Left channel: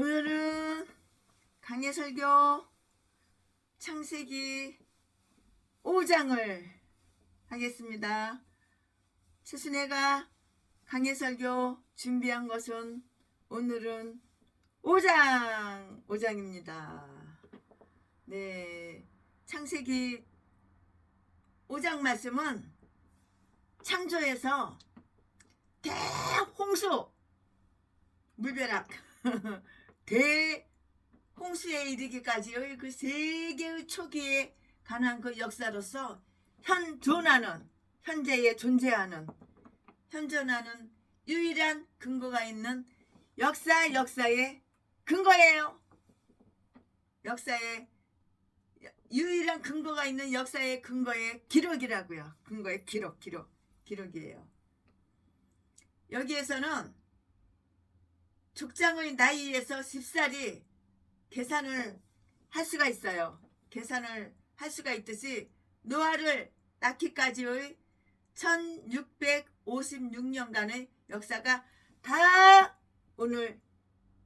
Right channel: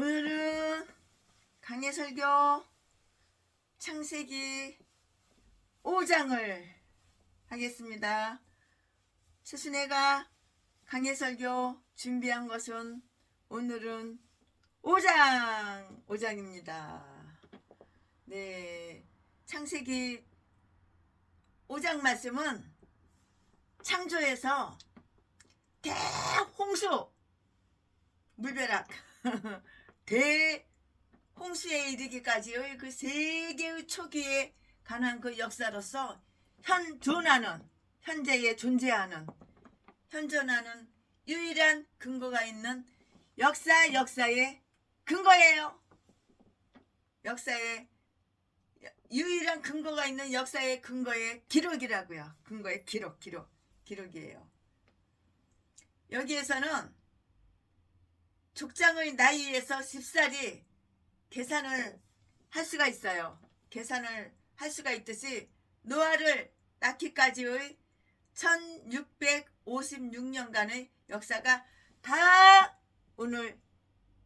오늘은 강해설교 창세기 5장을 하겠습니다. 스승네가 강해설교 준비한 것은 오늘은 5장입니다. 네, 창세기 5장 말씀은 창조에서 대홍수, 물벼락, 대홍수에 이르기까지의 그 세계의 초기에 관한 그 역사로서 현재에 존재하는 현존하는 유일한 근거가 있는 역사의 근거예요. 역사의 유일한 근거가 있는 역사의 근거의 기록이라고요. 근거의 기록이에요. 여기에서는 족장의 나이에서 10살이 계산을 할 수가 있어요. 계산을 할 수가 있듯이 노아를 낳기까지의 1656년간의 역사가 다 오늘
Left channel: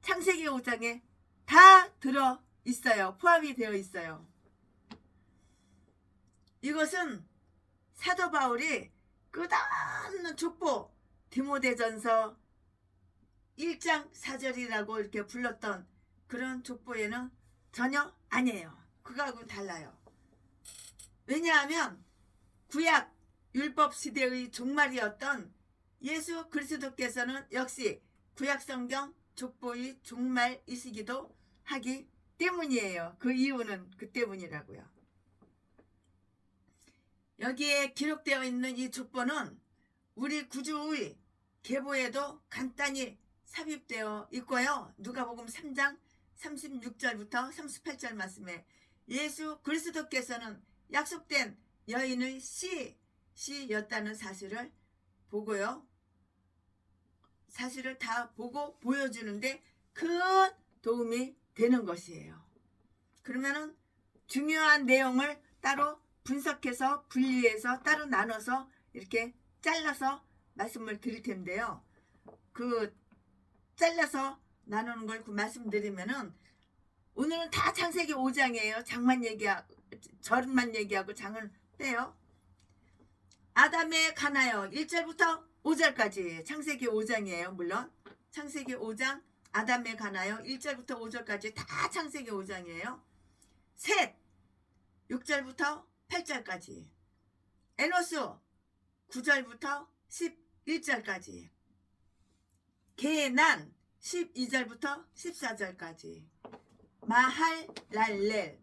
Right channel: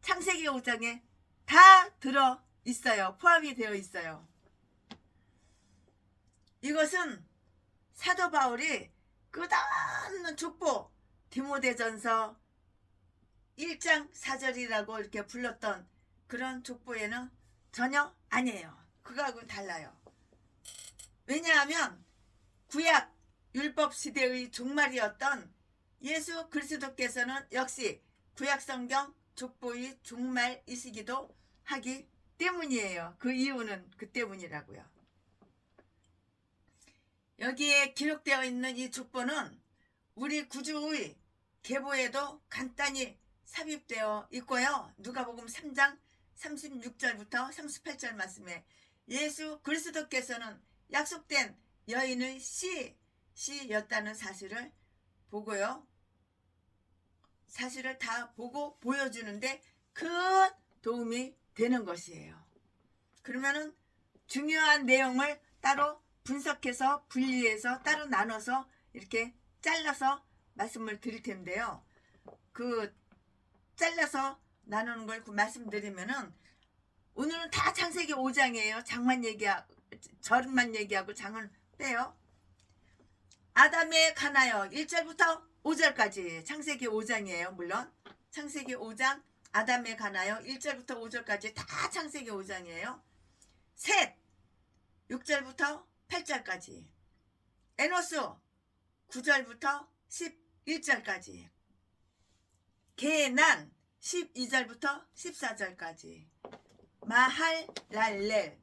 창세기 5장에 다 들어 있어요. 포함이 되어 있어요. 이것은 사도 바울이 끝없는 족보 디모데전서 1장 4절이라고 이렇게 불렀던 그런 족보에는 전혀 아니에요. 그거하고는 달라요. 왜냐하면 구약 율법 시대의 종말이었던 예수 그리스도께서는 역시 구약 성경 족보의 종말이시기도 하기 때문이에요. 그 이유는 그 때문이라고요. 여기에 기록되어 있는 이 족보는 우리 구주의 계보에도 간단히 삽입되어 있고요. 누가복음 3장 36절부터 38절 말씀에 예수 그리스도께서는 약속된 여인의 씨였다는 사실을 보고요. 사실을 다 보고 보여주는데 큰 도움이 되는 것이에요. 그러면은 중요한 내용을 따로 분석해서 분리해서 따로 나눠서 이렇게 잘라서 말씀을 드릴 텐데요. 그 잘라서 나누는 걸 말씀드리면은 오늘은 다 창세기 5장이에요. 절만 얘기하고 장은 빼요. 아담에 관하여 1절부터 5절까지 창세기 5장이에요. 물론 창세기 5장 아담에 관하여 1절부터 5절까지 다 창세기 5장이에요. 셋 6절부터 8절까지, 에노스 9절부터 11절까지, 게난 12절부터 14절까지, 마할랄렐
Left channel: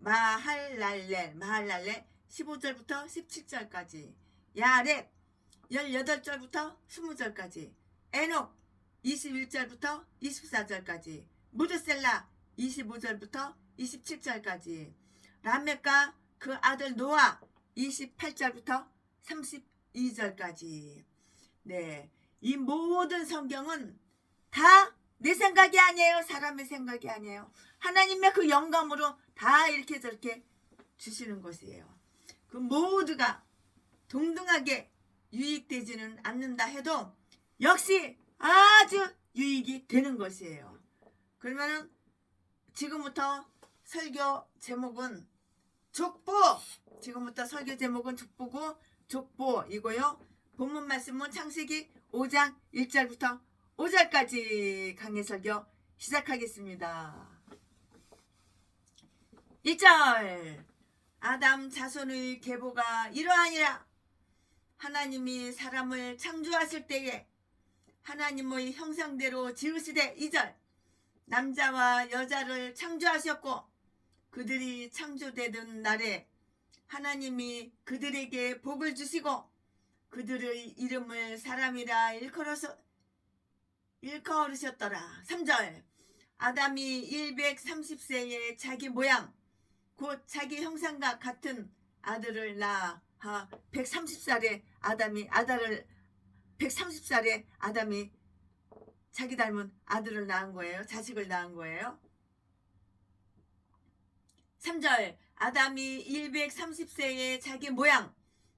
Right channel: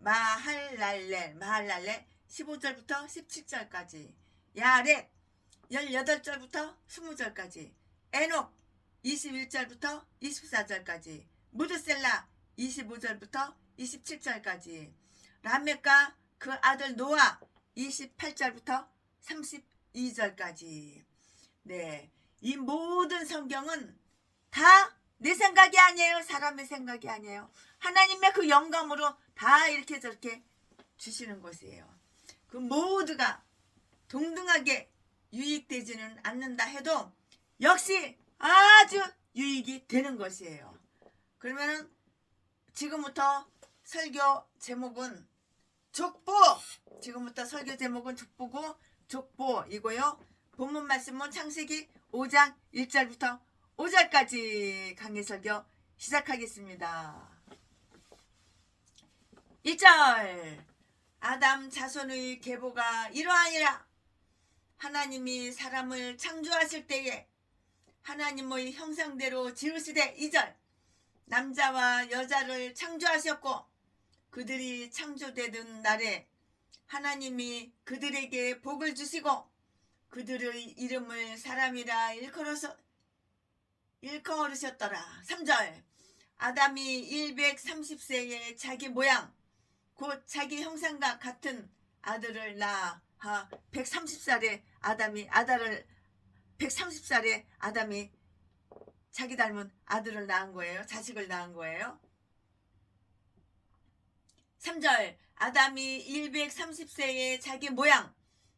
15절부터 17절까지, 야렛 18절부터 20절까지, 에녹 21절부터 24절까지, 무드셀라 25절부터 27절까지, 라멕과 그 아들 노아 28절부터 32절까지. 네, 이 모든 성경은 다 내 생각이 아니에요. 사람의 생각이 아니에요. 하나님의 그 영감으로 다 이렇게 저렇게 주시는 것이에요. 그 모두가 동등하게 유익되지는 않는다 해도 역시 아주 유익이 되는 것이에요. 그러면은 지금부터 설교 제목은 족보. 지금부터 설교 제목은 족보고 족보이고요. 본문 말씀은 창세기 5장 1절부터 5절까지 강해 설교 시작하겠습니다. 1절 아담 자손의 계보가 이러하니라. 하나님이 사람을 창조하실 때에 하나님의 형상대로 지으시되 2절 남자와 여자를 창조하셨고 그들이 창조되던 날에 하나님이 그들에게 복을 주시고 그들의 이름을 사람이라 일컬으셨더라. 3절 아담이 130세에 자기 모양 곧 자기 형상과 같은 아들을 낳아 130살에 아담이 자기 닮은 아들을 낳은 거예요. 자식을 낳은 거예요. 3절 아담이 130세에 자기 모양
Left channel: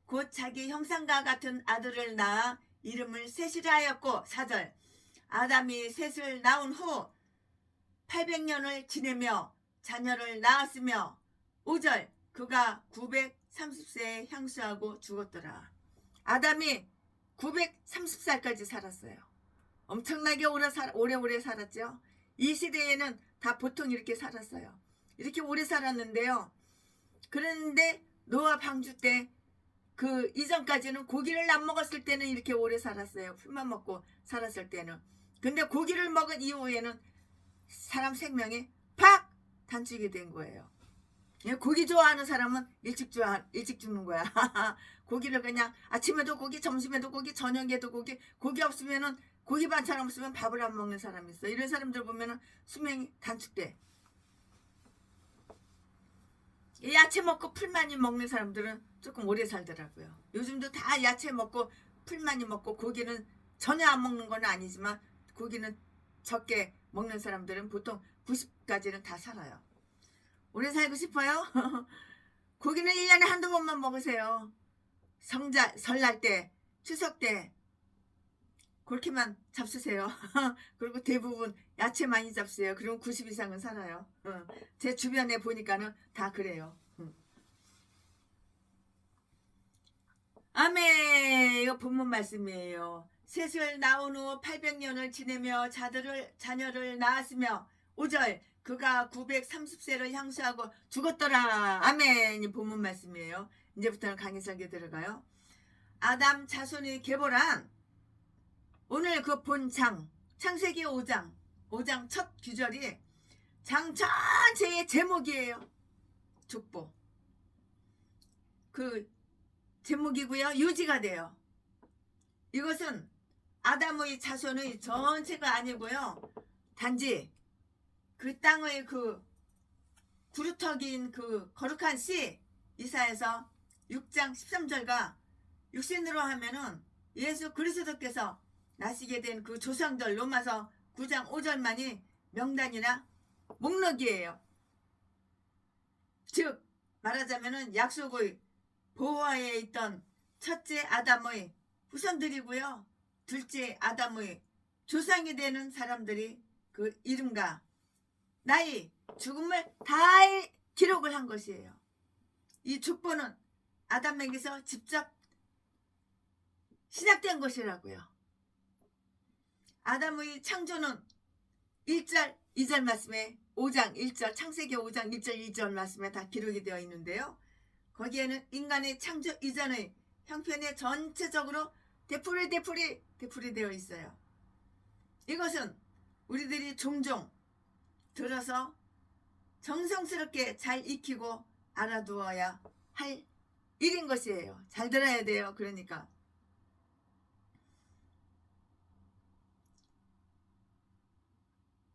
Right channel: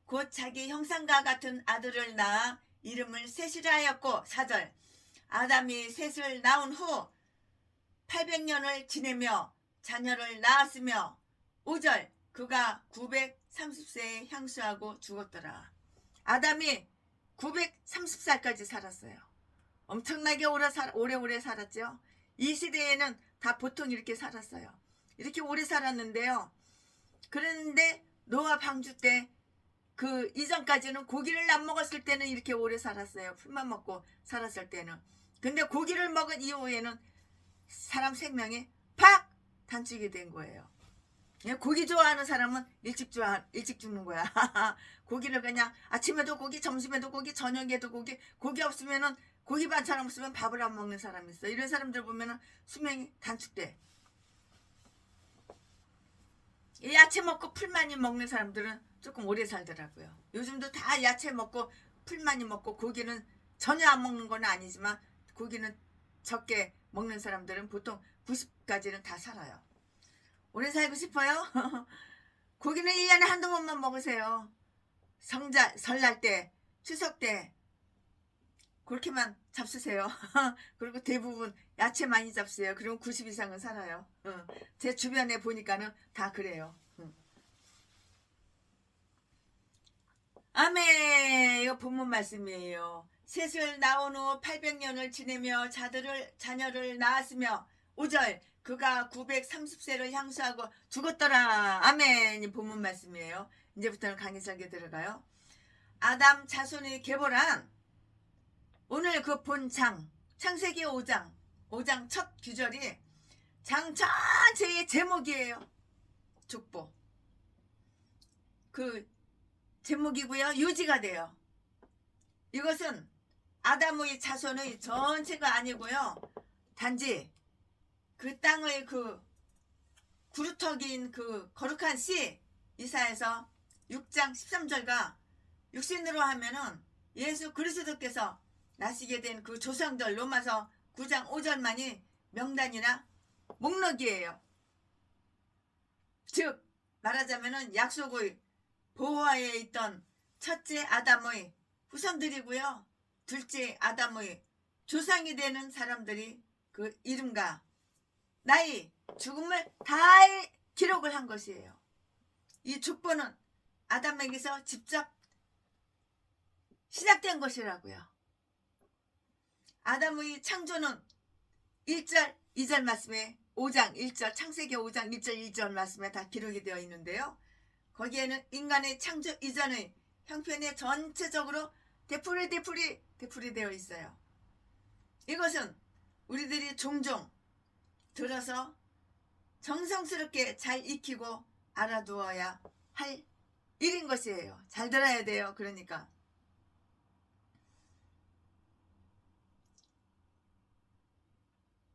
곧 자기 형상과 같은 아들을 낳아 이름을 셋이라 하였고 4절 아담이 셋을 낳은 후 800년을 지내며 자녀를 낳았으며 5절 그가 930세에 향수하고 죽었더라. 아담이 930살까지 살았어요. 엄청나게 오래오래 살았죠. 이 시대에는 다 보통 이렇게 살았어요. 이렇게 오래 살았는데요. 그런데 노아 방주 때 그 이전까지는 고기를 안 먹었을 때는 이렇게 오래 살았어요. 풀만 먹고 살았을 때는. 근데 고기를 먹은 이후에는 사람 생명이 팍 단축이 된 거예요. 고기 좋아하는 사람은 일찍 죽는 거야. 고기를 그냥 아침에도 고기, 점심에도 고기, 저녁에도 고기, 고기 없으면은 고기 반찬 없으면 밥을 안 먹는 사람이 있어. 이런 사람들 보면은 수명이 단축돼. 야채 먹고 풀 많이 먹는 사람들은 조금 오래 살더라고요. 요즘도 다 야채 먹고 풀 많이 먹고 고기는 전혀 안 먹는 건 아니지만 고기는 적게 먹는 사람들은 보통 90까지는 다 살아요. 오래 살고 싶어요? 고기는 1년에 한두 번만 먹으세요. 설날 때, 추석 때 그렇게만 잡수세요. 그리고 대부분 야채 많이 잡수세요. 그럼 90 이상은 살아요. 제 주변에 보니까는 다 그래요. 아멘. 이거 본문 말씀이에요. 셋을 낳은 후 800년을 지내며 자녀를 낳았으며 5절 그가 930세를 향수하고 죽었더라. 아멘. 이 본문 말씀이에요. 이제부터는 강의 설계 들어가요. 아담 자손이 계보란 오늘 그 본 창세기 5장 첫 규절이 장 전체의 제목이에요. 족보. 그 제목이고요. 유지가 돼요. 이것은 아담의 자손의 전체가 아니고요. 단지 그 땅의 그 구루터기인 그 거룩한 씨 이사에서 6장 13절과 육신으로 하면은 예수 그리스도께서 나시게 된 그 조상들 로마서 9장 5절만이 명단이나 목록이에요. 즉 말하자면은 약속의 보호하에 있던 첫째 아담의 후손들이고요. 둘째 아담의 조상이 되는 사람들이 그 이름과 나이, 죽음을 다 기록을 한 것이에요. 이 족보는 아담에게서 직접 시작된 것이라고요. 아담의 창조는 1절, 2절 말씀에 5장 1절, 창세기 5장 1절, 2절 말씀에 다 기록이 되어 있는데요. 거기에는 인간의 창조 이전의 형편이 전체적으로 되풀이 되어 있어요. 이것은 우리들이 종종 들어서 정성스럽게 잘 익히고 알아두어야 할 일인 것이에요. 잘 들어야 돼요. 그러니까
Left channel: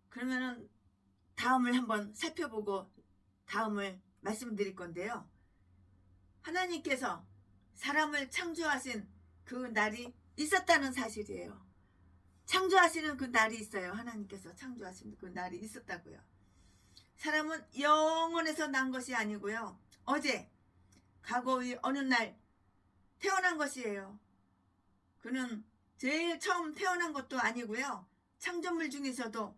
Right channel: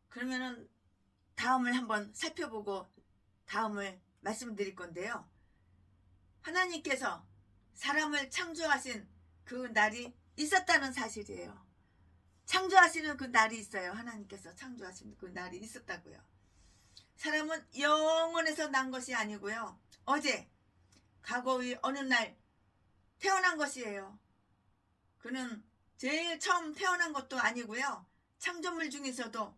그러면은 다음을 한번 살펴보고 다음을 말씀드릴 건데요. 하나님께서 사람을 창조하신 그 날이 있었다는 사실이에요. 창조하시는 그 날이 있어요. 하나님께서 창조하신 그 날이 있었다고요. 사람은 영원에서 난 것이 아니고요. 어제 과거의 어느 날 태어난 것이에요. 그는 제일 처음 태어난 것도 아니고요. 창조물 중에서도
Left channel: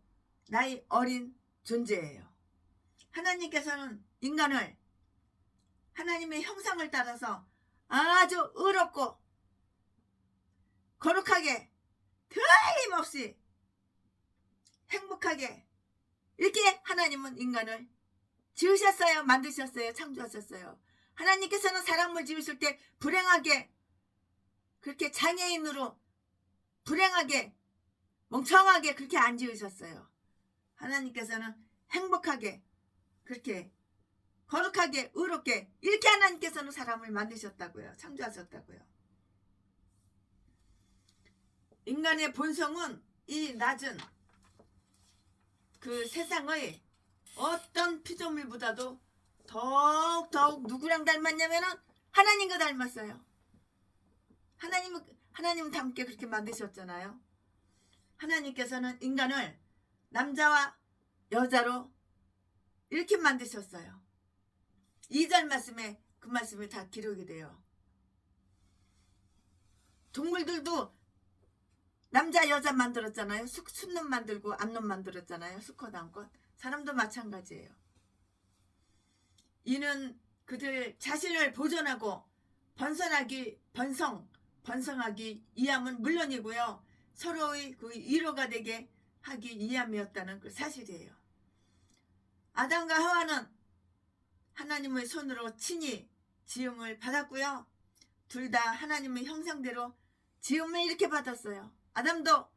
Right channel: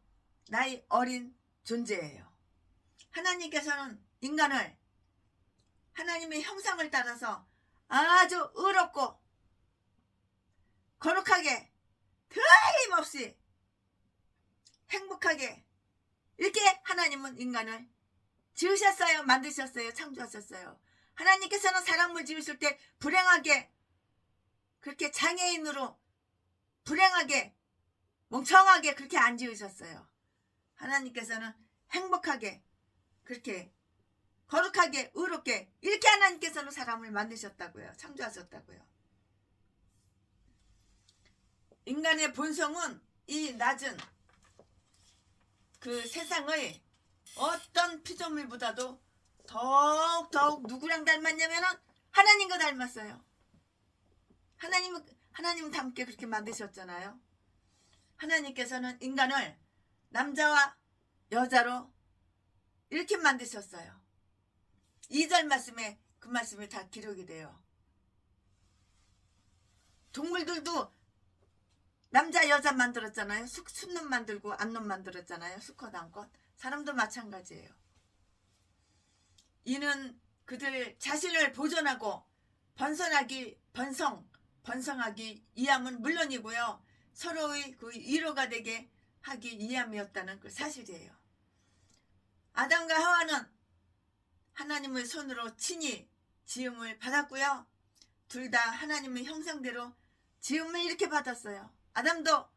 나이 어린 존재예요. 하나님께서는 인간을 하나님의 형상을 따라서 아주 의롭고 거룩하게 틀림없이 행복하게 이렇게 하나님은 인간을 지으셨어요. 만드셨어요. 창조하셨어요. 하나님께서는 사람을 지으실 때 불행하게 그렇게 장애인으로 불행하게 멍청하게 그렇게 안 지으셨어요. 하나님께서는 행복하게 그렇게 거룩하게 의롭게 이렇게 하나님께서는 사람을 만드셨다고요. 창조하셨다고요. 인간의 본성은 이 낮은 그 세상의 어떤 피조물보다도 더욱 누구랑 닮았냐면은 하나님과 닮았어요. 하나님은 함께 그렇게 만드셨잖아요. 하나님께서는 인간을 남자와 여자로 이렇게 만드셨어요. 2절 말씀에 그 말씀이 다 기록이 돼요. 동물들도 남자 여자 만들었잖아요. 순놈 만들고 암놈 만들었잖아요. 수컷 암컷. 사람도 마찬가지예요. 이는 그들 자신을 보존하고 번성하기 위함은 물론이고요. 서로의 그 위로가 되게 하기 위함이었다는 그 사실이에요. 아담과 하와는 하나님의 손으로 친히 지음을 받았고요. 둘 다 하나님의 형상대로 지음을 이렇게 받았어요. 아담도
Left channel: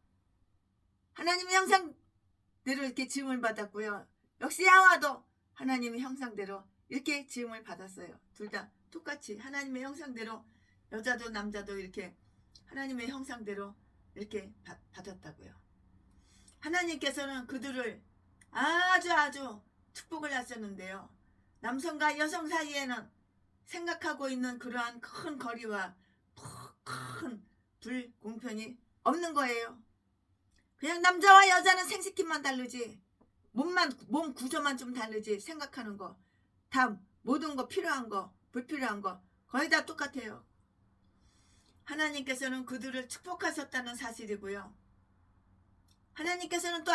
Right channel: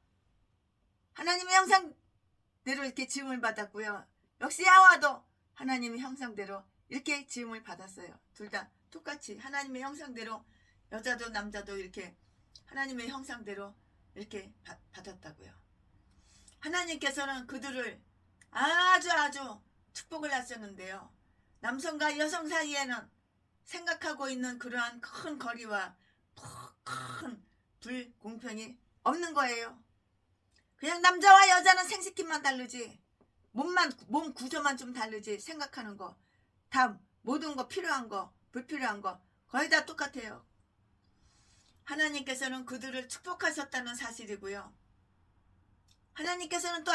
하나님의 형상대로 이렇게 지음을 받았고요. 역시 하와도 하나님의 형상대로 이렇게 지음을 받았어요. 둘 다 똑같이 하나님의 형상대로 여자도 남자도 이렇게 하나님의 형상대로 이렇게 받았다고요. 하나님께서는 그들을 아주 축복을 하셨는데요. 남성과 여성 사이에는 생각하고 있는 그러한 큰 거리와 큰 불공평이 없는 거예요. 그냥 남자와 여자는 생식기만 다르지, 몸 구조만 좀 다르지, 생각하는 거 다 모든 거, 필요한 거 불필요한 거 거의 다 똑같아요. 하나님께서는 그들을 축복하셨다는 사실이고요. 하나님께서는 또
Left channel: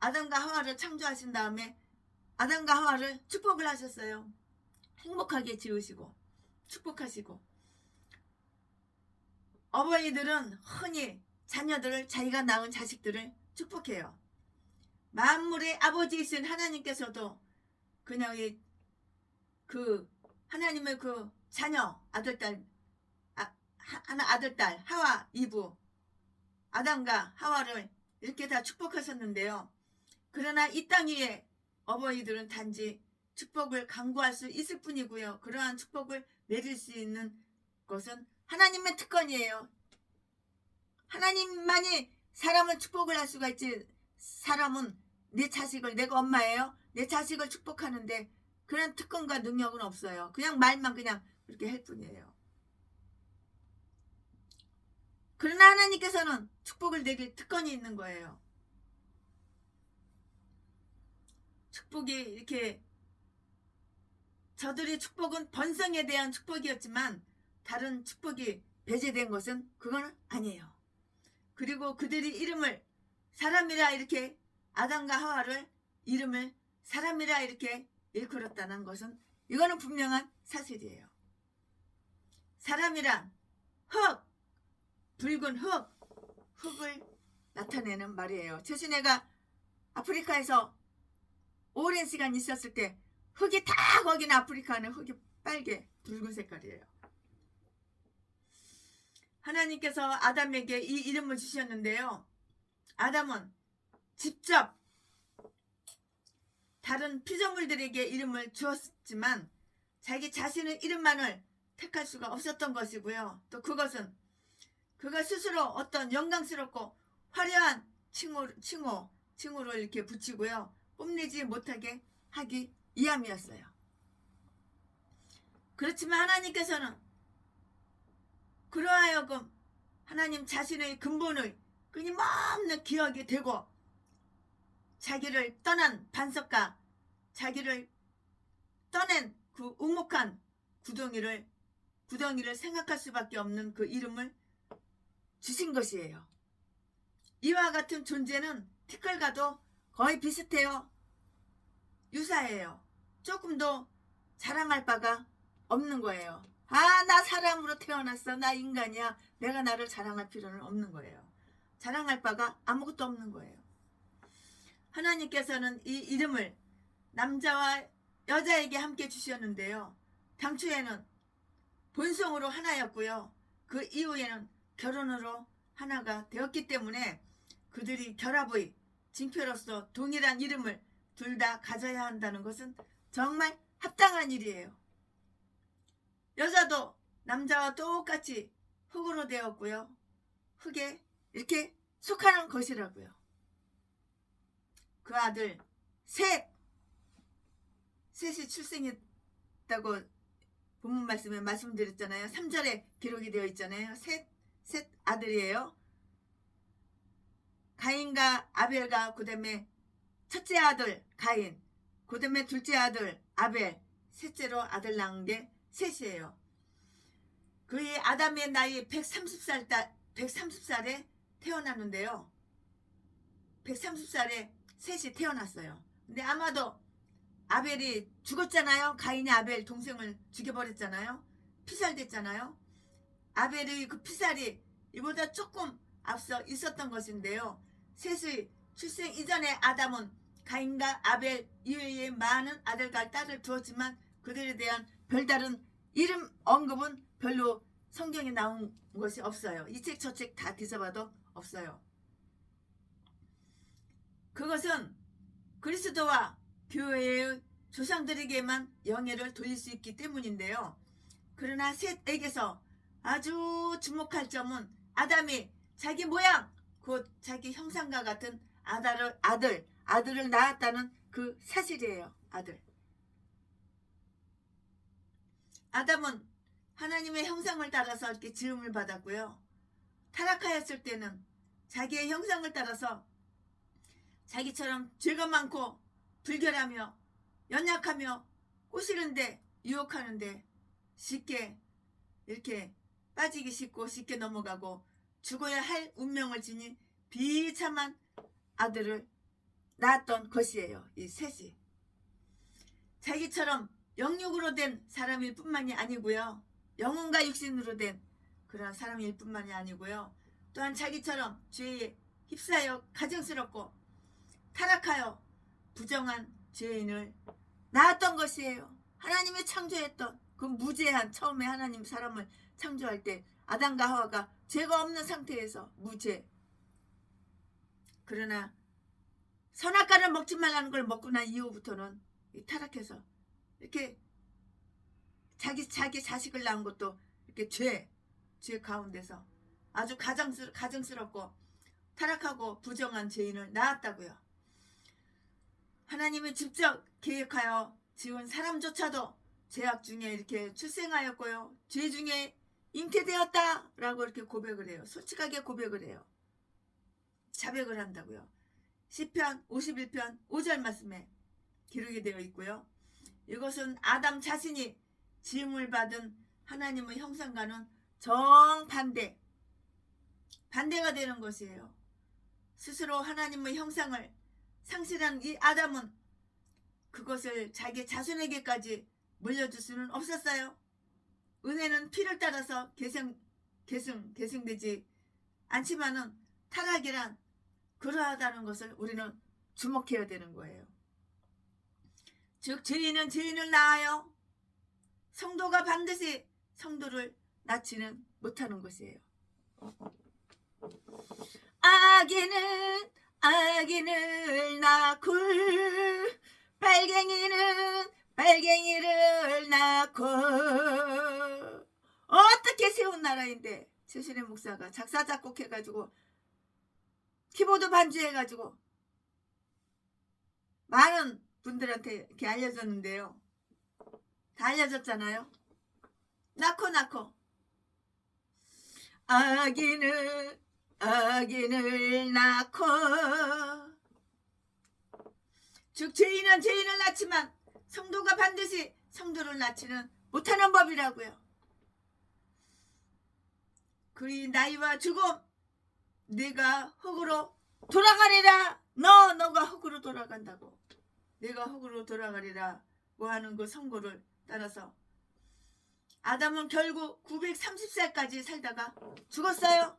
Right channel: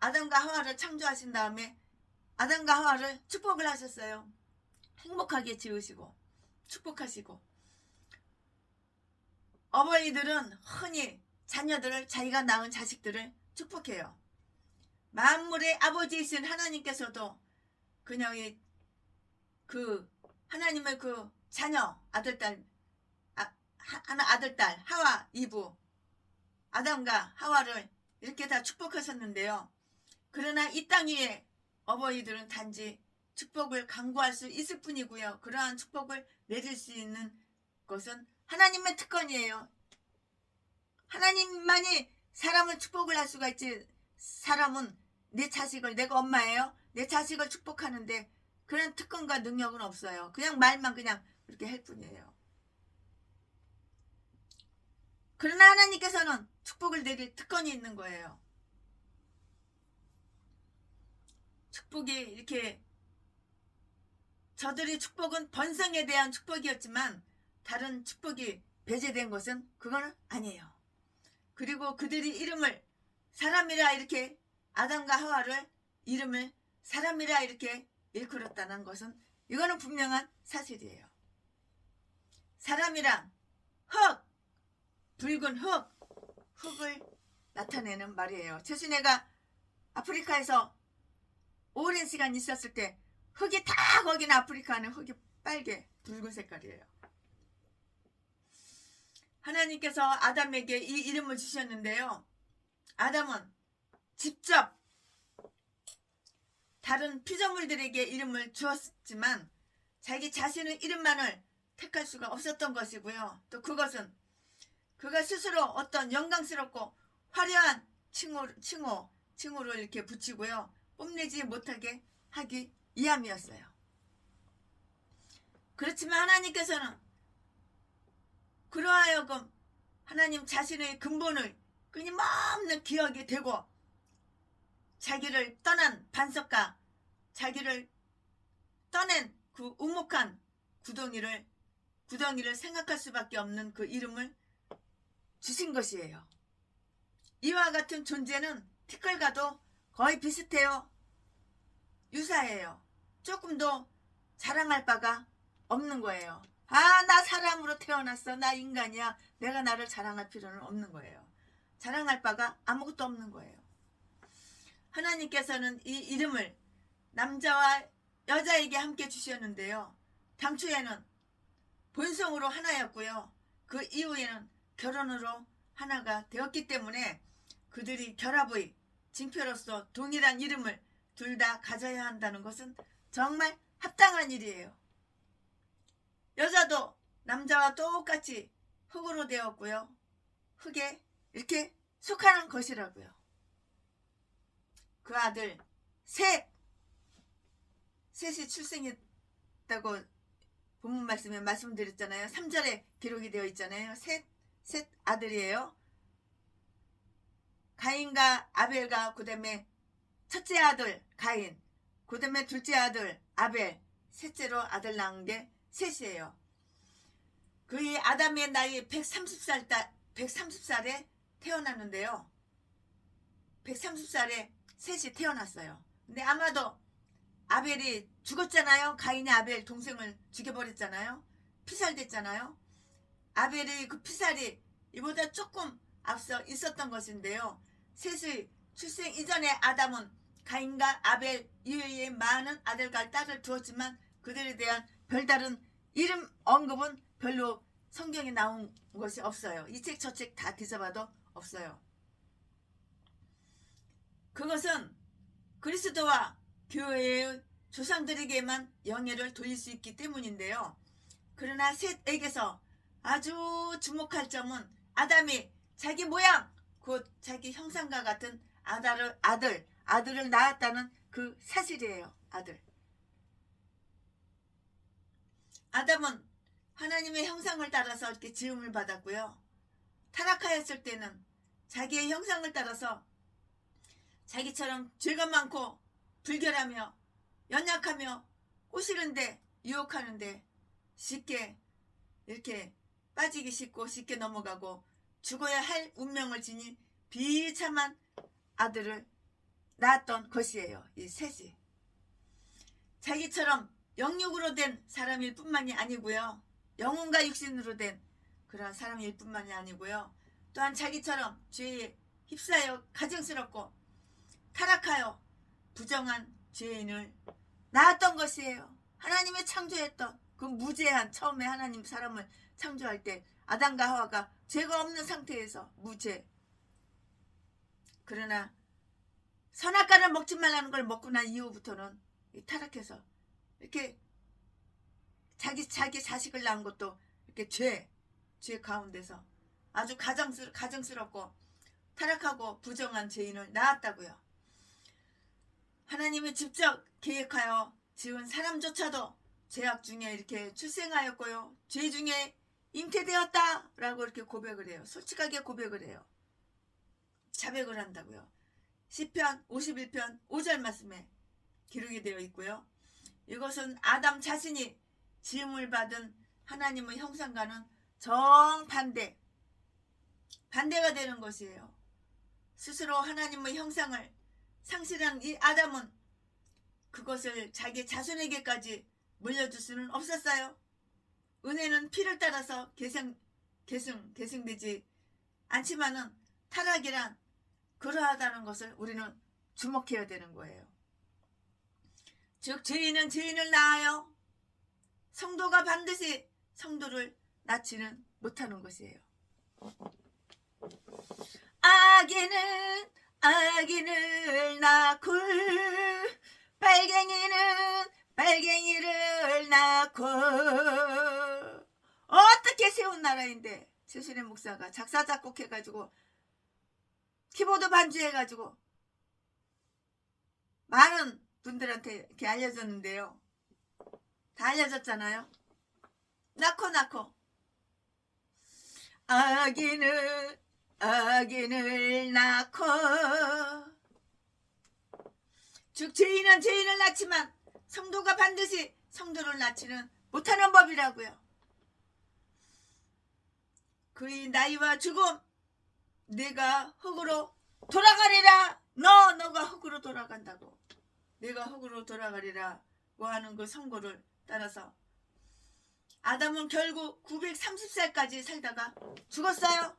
아담과 하와를 창조하신 다음에 아담과 하와를 축복을 하셨어요. 행복하게 지으시고 축복하시고. 어머니들은 흔히 자녀들을, 자기가 낳은 자식들을 축복해요. 만물의 아버지이신 하나님께서도 그냥 하나님의 그 자녀, 아들딸 하와 이브, 아담과 하와를 이렇게 다 축복하셨는데요. 그러나 이 땅 위에 어버이들은 단지 축복을 강구할 수 있을 뿐이고요. 그러한 축복을 내릴 수 있는 것은 하나님의 특권이에요. 하나님만이 사람을 축복을 할 수가 있지. 사람은 내 자식을, 내가 엄마예요, 내 자식을 축복하는데 그런 특권과 능력은 없어요. 그냥 말만 그냥 그렇게 할 뿐이에요. 그러나 하나님께서는 축복을 내릴 특권이 있는 거예요. 축복이 이렇게, 저들의 축복은 번성에 대한 축복이었지만 다른 축복이 배제된 것은 그건 아니에요. 그리고 그들이 이름을 사람이라, 이렇게 아담과 하와를 이름을 사람이라 이렇게 일컬었다는 것은 이거는 분명한 사실이에요. 사람이란 흙, 붉은 흙을 나타내는 말이에요. 최순애가 아프리카에서 오랜 시간 있었을 때 흙이 다, 거기는 아프리카는 흙이 빨개 붉은 색깔이에요. 하나님께서 아담에게 이 이름을 주셨는데요. 아담은 직접 다른 피조물들에게 이름을 주었지만 자기 자신의 이름만을 택할 수가 없었던 것이고요. 또 그것은 그가 스스로 어떤 영광스럽고 화려한 칭호를 이렇게 붙이고요. 뽐내지 못하게 하기 위함이었어요. 그렇지만 하나님께서는 그러하여금 하나님 자신의 근본을 끊임없는 기억이 되고, 자기를 떠난 반석과 자기를 떠낸 그 우묵한 구덩이를 생각할 수밖에 없는 그 이름을 주신 것이에요. 이와 같은 존재는 티끌과도 거의 비슷해요. 유사해요. 조금 더 자랑할 바가 없는 거예요. 나 사람으로 태어났어, 나 인간이야, 내가 나를 자랑할 필요는 없는 거예요. 자랑할 바가 아무것도 없는 거예요. 하나님께서는 이 이름을 남자와 여자에게 함께 주셨는데요. 당초에는 본성으로 하나였고요. 그 이후에는 결혼으로 하나가 되었기 때문에 그들이 결합의 징표로서 동일한 이름을 둘 다 가져야 한다는 것은 정말 합당한 일이에요. 여자도 남자와 똑같이 흙으로 되었고요. 흙에 이렇게 속하는 것이라고요. 그 아들 셋이 출생했다고 본문 말씀에 말씀드렸잖아요. 3절에 기록이 되어 있잖아요. 셋 아들이에요. 가인과 아벨과 그 다음에 첫째 아들 가인, 그 다음에 둘째 아들 아벨, 셋째로 아들 낳은 게 셋이에요. 그의 아담의 나이 130살에 태어났는데요. 130살에 셋이 태어났어요. 근데 아마도 아벨이 죽었잖아요. 가인이 아벨 동생을 죽여버렸잖아요. 피살됐잖아요. 아벨의 그 피살이 이보다 조금 앞서 있었던 것인데요. 셋의 출생 이전에 아담은 가인과 아벨 이외에 많은 아들과 딸을 두었지만 그들에 대한 별다른 이름 언급은 별로 성경에 나온 것이 없어요. 이 책 저 책 다 뒤져봐도 없어요. 그것은 그리스도와 교회의 조상들에게만 영예를 돌릴 수 있기 때문인데요. 그러나 셋에게서 아주 주목할 점은 아담이 자기 모양, 곧 자기 형상과 같은 아들을 낳았다는 그 사실이에요. 아담은 하나님의 형상을 따라서 이렇게 지음을 받았고요. 타락하였을 때는 자기의 형상을 따라서 자기처럼 죄가 많고 불결하며 연약하며 꼬시는데 유혹하는데 쉽게 이렇게 빠지기 쉽고 쉽게 넘어가고 죽어야 할 운명을 지닌 비참한 아들을 낳았던 것이에요. 이 셋이 자기처럼 영육으로 된 사람일 뿐만이 아니고요. 영혼과 육신으로 된 그런 사람일 뿐만이 아니고요. 또한 자기처럼 죄에 휩싸여 가증스럽고 타락하여 부정한 죄인을 낳았던 것이에요. 하나님이 창조했던 그 무죄한, 처음에 하나님 사람을 창조할 때 아담과 하와가 죄가 없는 상태에서 무죄. 그러나 선악과를 먹지 말라는 걸 먹고 난 이후부터는 타락해서 이렇게 자기 자식을 낳은 것도 이렇게 죄 가운데서 아주 가증스럽고 타락하고 부정한 죄인을 낳았다고요. 하나님이 직접 계획하여 지은 사람조차도 죄악 중에 이렇게 출생하였고요. 죄 중에 잉태되었다 라고 이렇게 고백을 해요. 솔직하게 고백을 해요. 자백을 한다고요. 시편 51편 5절 말씀에 기록이 되어 있고요. 이것은 아담 자신이 지음을 받은 하나님의 형상과는 정반대가 되는 것이에요. 스스로 하나님의 형상을 상실한 이 아담은 그것을 자기 자손에게까지 물려줄 수는 없었어요. 은혜는 피를 따라서 계승되지 않지만은 타락이란 그러하다는 것을 우리는 주목해야 되는 거예요. 즉 죄인은 죄인을 낳아요. 성도가 반드시 성도를 낳지는 못하는 것이에요. 아기는 아기를 낳고 빨갱이는 빨갱이를 낳고 어떻게 세운 나라인데 최순애 목사가 작사 작곡해가지고 키보드 반주해가지고 많은 분들한테 이렇게 알려졌는데요. 다 알려졌잖아요. 낳고 아기를 낳고 즉 죄인은 죄인을 낳지만 성도가 반드시 성도를 낳지는 못하는 법이라고요. 그의 나이와 죽음 내가 흙으로 돌아가리라. 너가 흙으로 돌아간다고. 내가 흙으로 돌아가리라고 하는 그 선고를 따라서 아담은 결국 930살까지 살다가 죽었어요.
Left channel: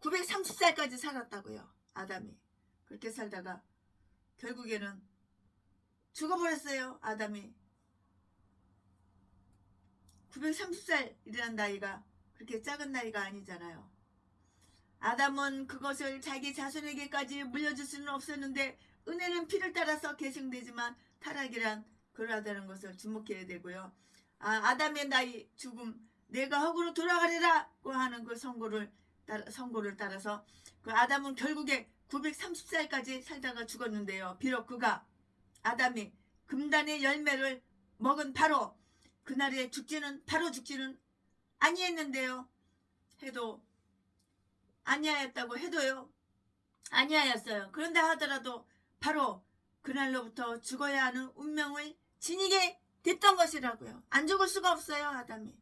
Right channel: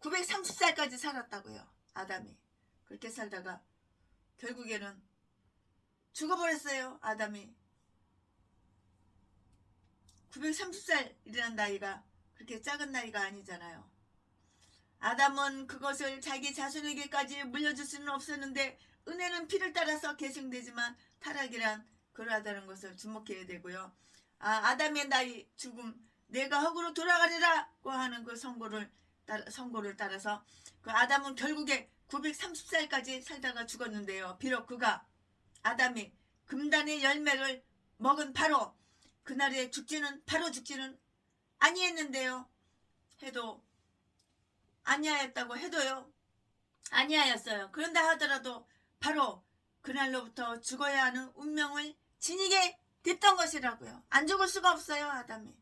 930살까지 살았다고요. 아담이 그렇게 살다가 결국에는 죽어버렸어요. 아담이 930살이라는 나이가 그렇게 작은 나이가 아니잖아요. 아담은 그것을 자기 자손에게까지 물려줄 수는 없었는데 은혜는 피를 따라서 계승되지만 타락이란 그러하다는 것을 주목해야 되고요. 아담의 나이 죽음 내가 흙으로 돌아가리라고 하는 그 선고를 따라서 그 아담은 결국에 930살까지 살다가 죽었는데요. 비록 그가 아담이 금단의 열매를 먹은 바로 그날에 죽지는 아니했는데요. 해도 아니하였다고 해도요. 아니하였어요. 그런다 하더라도 바로 그날로부터 죽어야 하는 운명을 지니게 됐던 것이라고요. 안 죽을 수가 없어요. 아담이.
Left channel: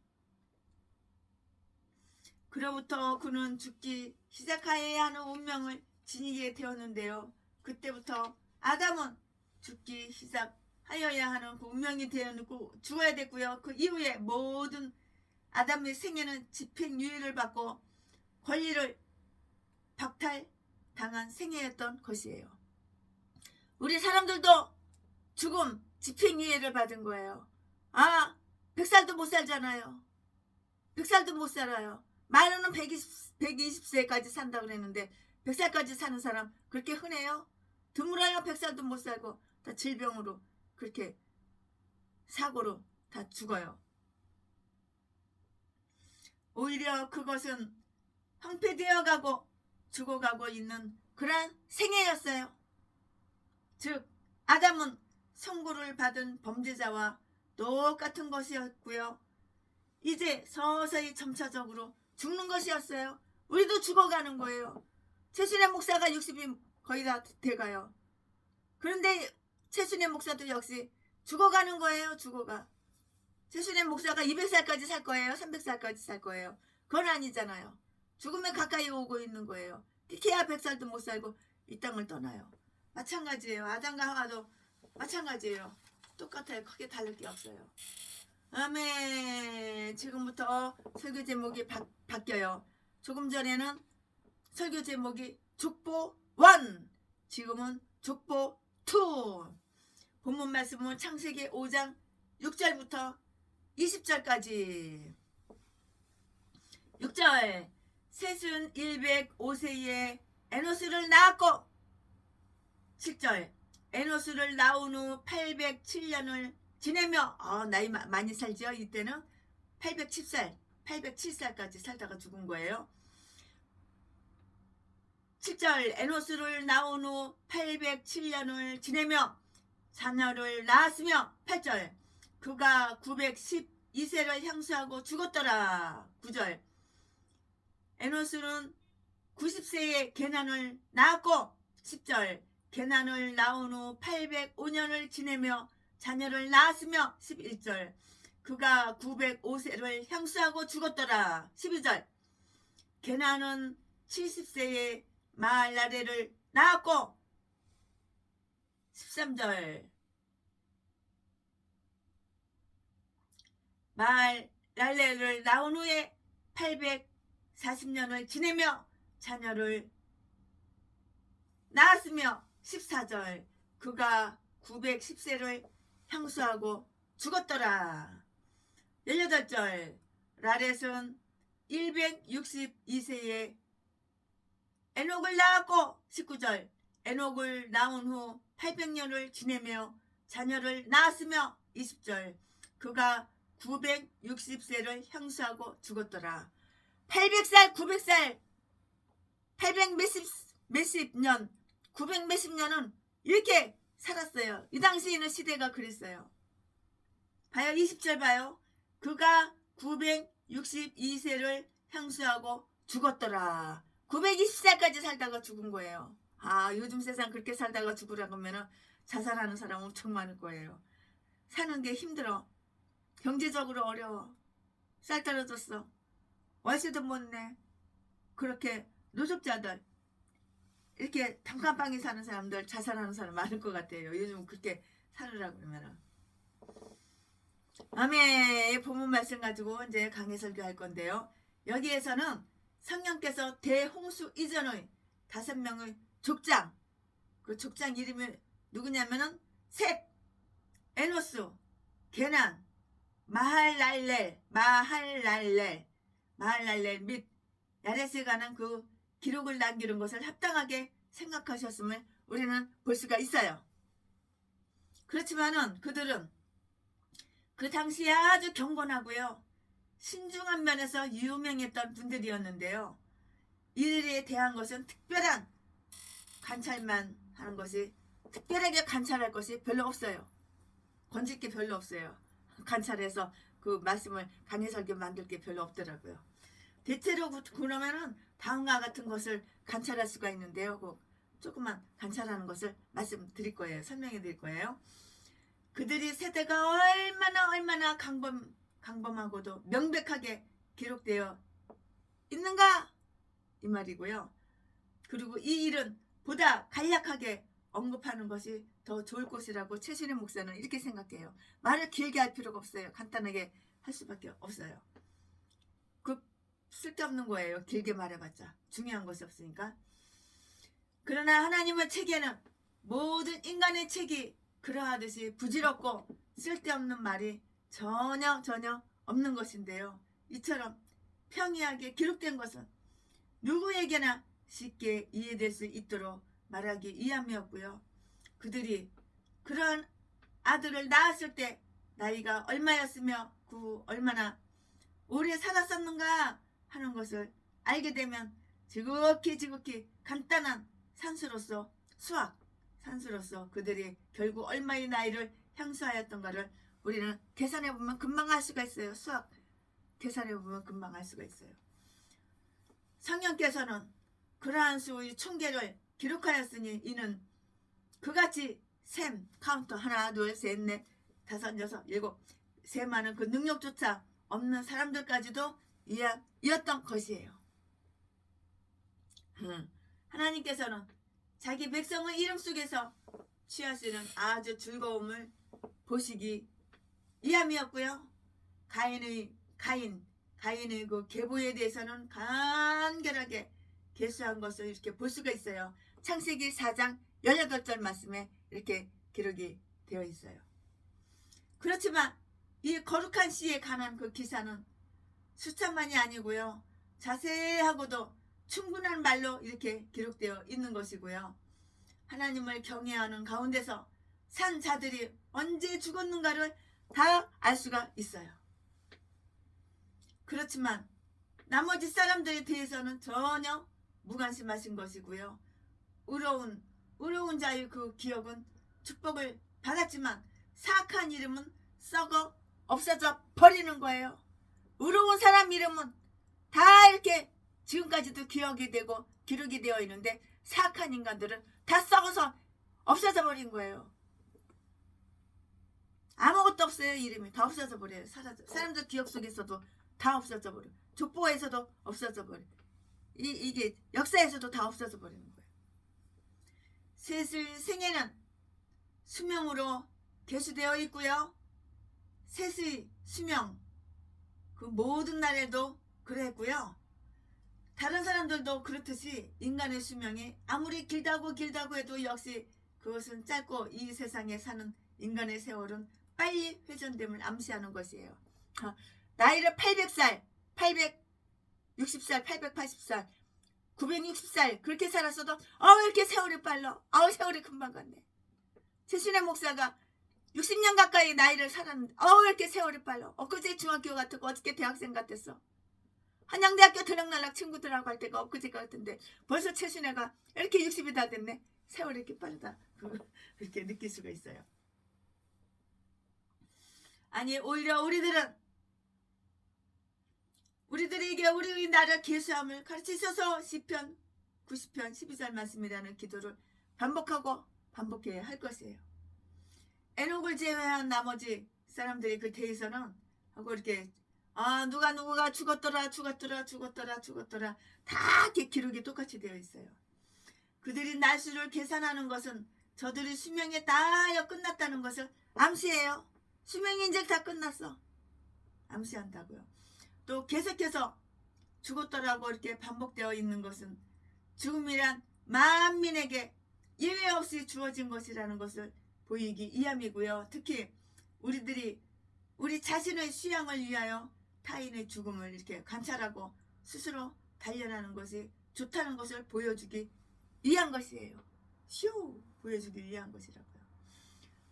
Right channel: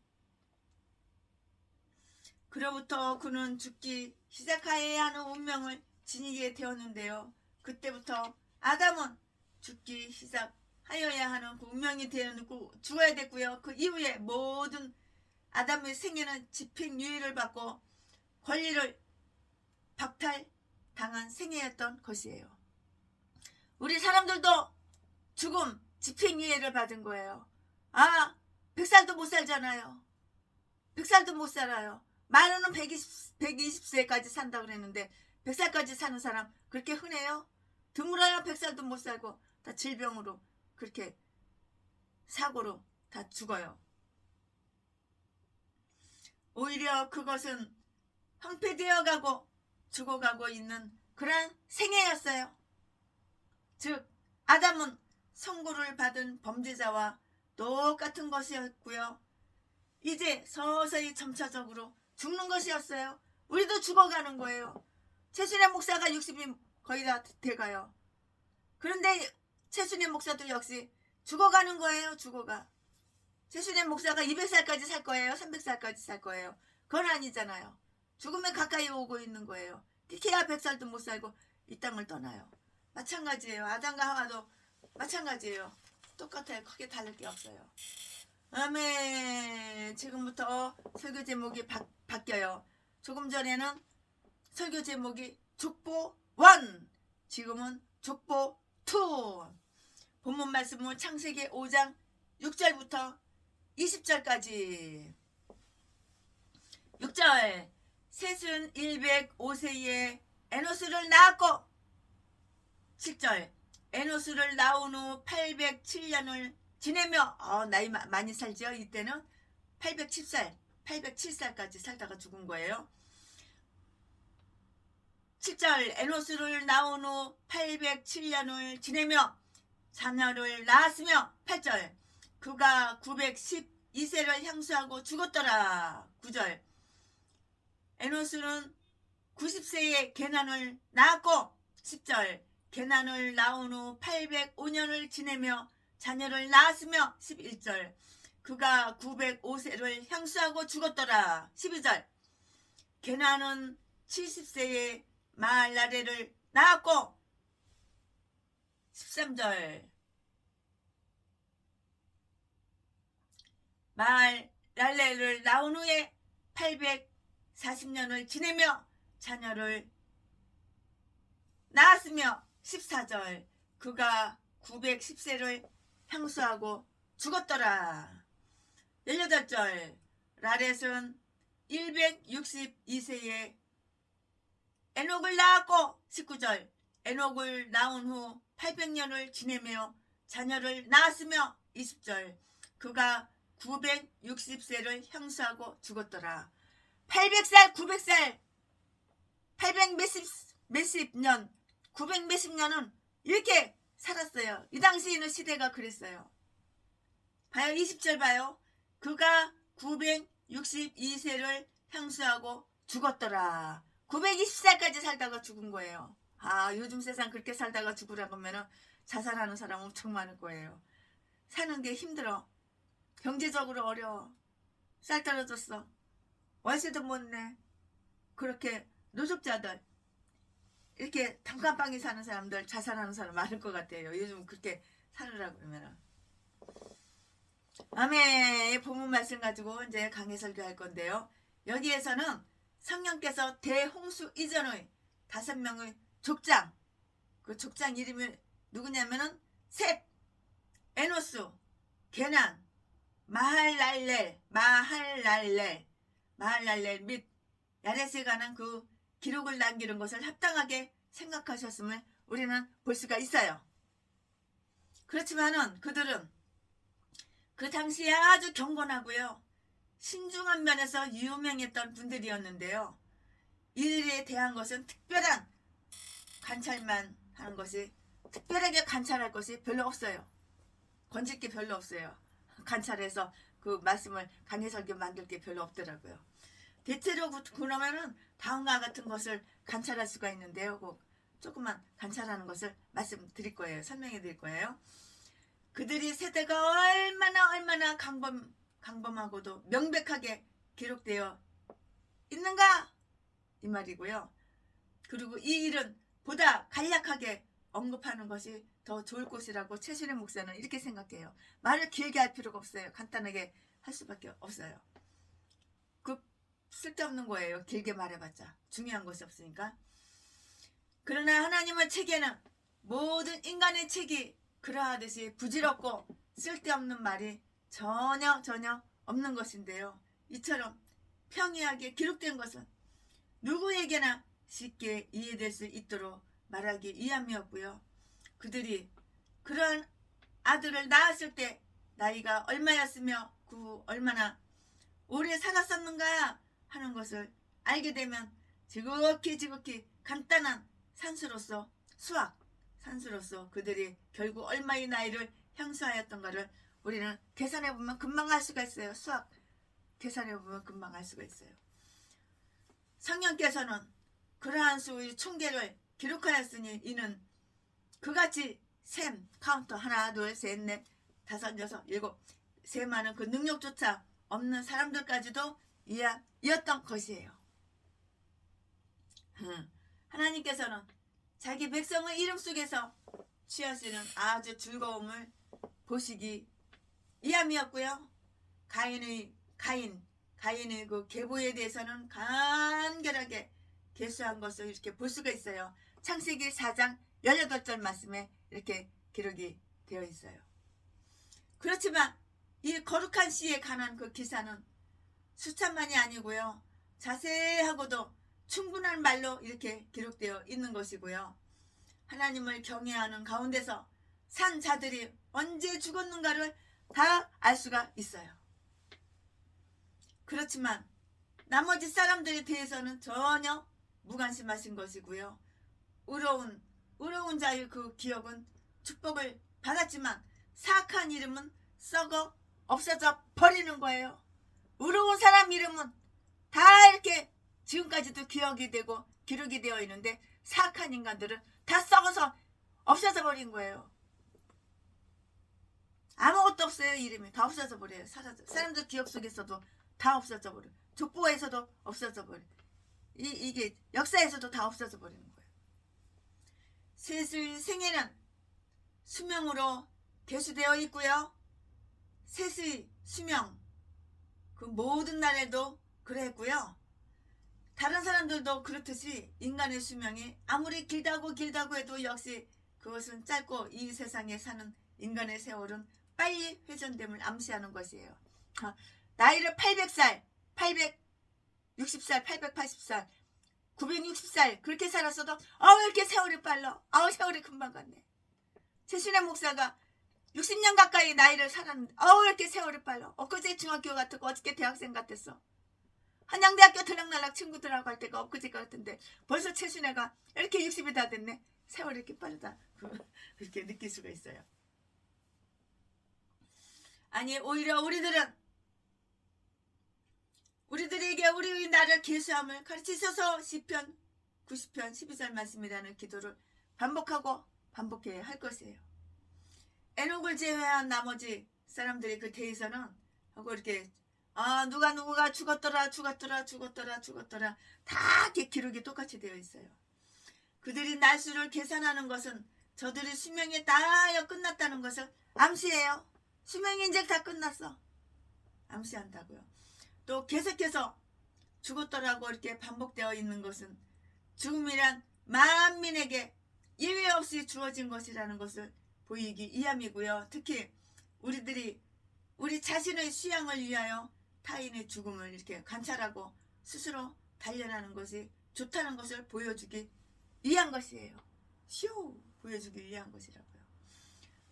그로부터 그는 죽기 시작하여야 하는 운명을 지니게 되었는데요. 그때부터 아담은 죽기 시작하여야 하는 그 운명이 되었고 죽어야 됐고요. 그 이후에 모든 아담의 생애는 집행유예를 받고 권리를 박탈당한 생애였던 것이에요. 우리 사람들도 죽음, 집행유예를 받은 거예요. 100살도 못 살잖아요. 100살도 못 살아요. 많으면 120세까지 산다 그랬는데 100살까지 사는 사람 그렇게 흔해요? 드물어야 100살도 못 살고 다 질병으로 그렇게 사고로 다 죽어요. 오히려 그것은 황폐되어 가고 죽어가고 있는 그런 생애였어요. 즉 아담은 선고를 받은 범죄자와 똑같은 것이었고요. 이제 서서히 점차적으로 죽는 것이었어요. 우리도 죽어가는 거예요. 최순애 목사가 60이 거의 다 돼가요. 그런데 최순애 목사도 역시 죽어가는 거예요. 죽어가. 최순애 목사가 200살까지 살 거예요? 300살까지 살 거예요? 그건 아니잖아요. 죽음에 가까이 오고 있는 거예요. 키야 100살도 못 살고 이 땅을 떠나요. 마찬가지예요. 아담과 하와도 마찬가지예요. 똑같아요. 크게 다를 게 없어요. 아멘. 지금부터 설교 제목이 바뀌어요. 조금 전에는 설교 제목이 족보 1, 지금은 족보 2. 본문 말씀은 창세기 5장 6절부터 20절까지. 6절. 셋은 105세에 에노스를 낳았고. 7절. 에노스를 낳은 후 807년을 지내며 나이 많이 살죠. 이때는 807살까지 살다가 죽은 거예요. 7절. 에노스를 낳은 후 807년을 지내며 자녀를 낳았으며. 8절. 그가 912세를 향수하고 죽었더라. 9절. 에노스는 90세에 게난을 낳았고. 10절. 게난을 낳은 후 805년을 지내며 자녀를 낳았으며. 11절. 그가 905세를 향수하고 죽었더라. 12절. 게난은 70세에 마할랄레를 낳았고. 13절. 마할랄레를 낳은 후에 840년을 지내며 자녀를 낳았으며. 14절. 그가 910세를 향수하고 죽었더라. 18절. 라렛은 162세에 에녹을 낳았고. 19절. 에녹을 낳은 후 800년을 지내며 자녀를 낳았으며. 20절. 그가 960세를 향수하고 죽었더라. 800살, 900살, 800 몇십 년, 900 몇십 년은 이렇게 살았어요. 이 당시 있는 시대가 그랬어요. 봐요. 20절 봐요. 그가 962세를 향수하고 죽었더라. 920살까지 살다가 죽은 거예요. 요즘 세상 그렇게 살다가 죽으라고 하면 자살하는 사람 엄청 많을 거예요. 사는 게 힘들어. 경제적으로 어려워. 쌀 떨어졌어. 월세도 못 내. 그렇게 노숙자들, 이렇게 단칸방에 사는 사람들, 자살하는 사람 많을 것 같아요. 요즘 그렇게 살으라고 그러면. 아멘. 본문 말씀 가지고 이제 강해 설교할 건데요. 여기에서는 성령께서 대홍수 이전의 5명의 족장, 그 족장 이름이 누구냐면은 셋, 에노스, 게난, 마할랄렐 및 야렛에 관한 그 기록을 남기는 것을 합당하게 생각하셨음을 우리는 볼 수가 있어요. 그렇지만은 그들은 그 당시에 아주 경건하고요, 신중한 면에서 유명했던 분들이었는데요. 이들에 대한 것은 특별한 관찰만 하는 것이, 특별하게 관찰할 것이 별로 없어요. 건질 게 별로 없어요. 관찰해서 그 말씀을 강해설교 만들 게 별로 없더라고요. 대체로 그러면은 다음과 같은 것을 관찰할 수가 있는데요. 그 조금만 관찰하는 것을 말씀드릴 거예요. 설명해 드릴 거예요. 그들이 세대가 얼마나 강범하고도 명백하게 기록되어 있는가 이 말이고요. 그리고 이 일은 보다 간략하게 언급하는 것이 더 좋을 것이라고 최신의 목사는 이렇게 생각해요. 말을 길게 할 필요가 없어요. 간단하게 할 수밖에 없어요. 그 쓸데없는 거예요. 길게 말해봤자 중요한 것이 없으니까. 그러나 하나님의 책에는 모든 인간의 책이 그러하듯이 부질없고 쓸데없는 말이 전혀 없는 것인데요. 이처럼 평이하게 기록된 것은 누구에게나 쉽게 이해될 수 있도록 말하기 위함이었고요. 그들이 그러한 아들을 낳았을 때 나이가 얼마였으며 그 얼마나 오래 살았었는가 하는 것을 알게 되면 지극히 간단한 산수로서 산수로서 그들이 결국 얼마의 나이를 향수하였던가를 우리는 계산해보면 금방 알 수가 있어요. 수학 계산해보면 금방 알 수가 있어요. 성령께서는 그러한 수의 총계를 기록하였으니 이는 그같이 셈 카운터 하나 둘 셋 넷 다섯 여섯 일곱 세많은 그 능력조차 없는 사람들까지도 이었던 것이에요. 하나님께서는 자기 백성의 이름 속에서 취하시는 아주 즐거움을 보시기 위함이었고요. 가인의 그 계보에 대해서는 간결하게 계수한 것을 이렇게 볼 수가 있어요. 창세기 4장 18절 말씀에 이렇게 기록이 되어 있어요. 그렇지만 이 거룩한 시에 관한 그 기사는 수천만이 아니고요. 자세하고도 충분한 말로 이렇게 기록되어 있는 것이고요. 하나님을 경외하는 가운데서 산 자들이 언제 죽었는가를 다 알 수가 있어요. 그렇지만 나머지 사람들에 대해서는 전혀 무관심하신 것이고요. 의로운 자의 그 기억은 축복을 받았지만 사악한 이름은 썩어 없어져 버리는 거예요. 의로운 사람 이름은 다 이렇게 지금까지도 기억이 되고 기록이 되어 있는데 사악한 인간들은 다 썩어서 없어져 버린 거예요. 아무것도 없어요. 이름이 다 없어져 버려요. 사람들 기억 속에서도 다 없어져 버려요. 족보에서도 없어져 버려요. 이게 역사에서도 다 없어져 버리는 거예요. 셋의 생애는 수명으로 계수되어 있고요. 셋의 수명 그 모든 날에도 그랬고요. 다른 사람들도 그렇듯이 인간의 수명이 아무리 길다고 해도 역시 그것은 짧고 이 세상에 사는 인간의 세월은 빨리 회전됨을 암시하는 것이에요. 나이를 800살, 860살, 880살, 960살 그렇게 살았어도 왜 이렇게 세월이 빨라? 세월이 금방 갔네. 최신의 목사가 60년 가까이 나이를 살았는데 왜 이렇게 세월이 빨라? 엊그제 중학교 같았고 어저께 대학생 같았어. 한양대학교 들락날락 친구들하고 할 때가 엊그제 같은데 벌써 최신애가 이렇게 60이 다 됐네. 세월이 이렇게 빠르다. 그렇게 느낄 수가 있어요. 아니 오히려 우리들에게 우리의 나를 계수함을 가르치셔서 시편 90편 12절 말씀이라는 기도를 반복해야 할 것이에요. 에녹을 제외한 나머지 사람들이 그 대에서는 하고 이렇게 누가 죽었더라 다 이렇게 기록이 똑같이 되어 있어요. 그들이 날수를 계산하는 것은 저들의 수명이 다 끝났다는 것을 암시해요. 수명이 이제 다 끝났어. 암시한다고요. 또 계속해서 죽었더라고 이렇게 반복되어 있는 것은 죽음이란 만민에게 예외 없이 주어진 것이라는 것을 보이기 위함이고요. 특히 우리 자신의 수양을 위하여 타인의 죽음을 이렇게 관찰하고 스스로 단련하는 것이 좋다는 것을 보여주기 위한 것이에요. 보여주기 위한 것이라고요.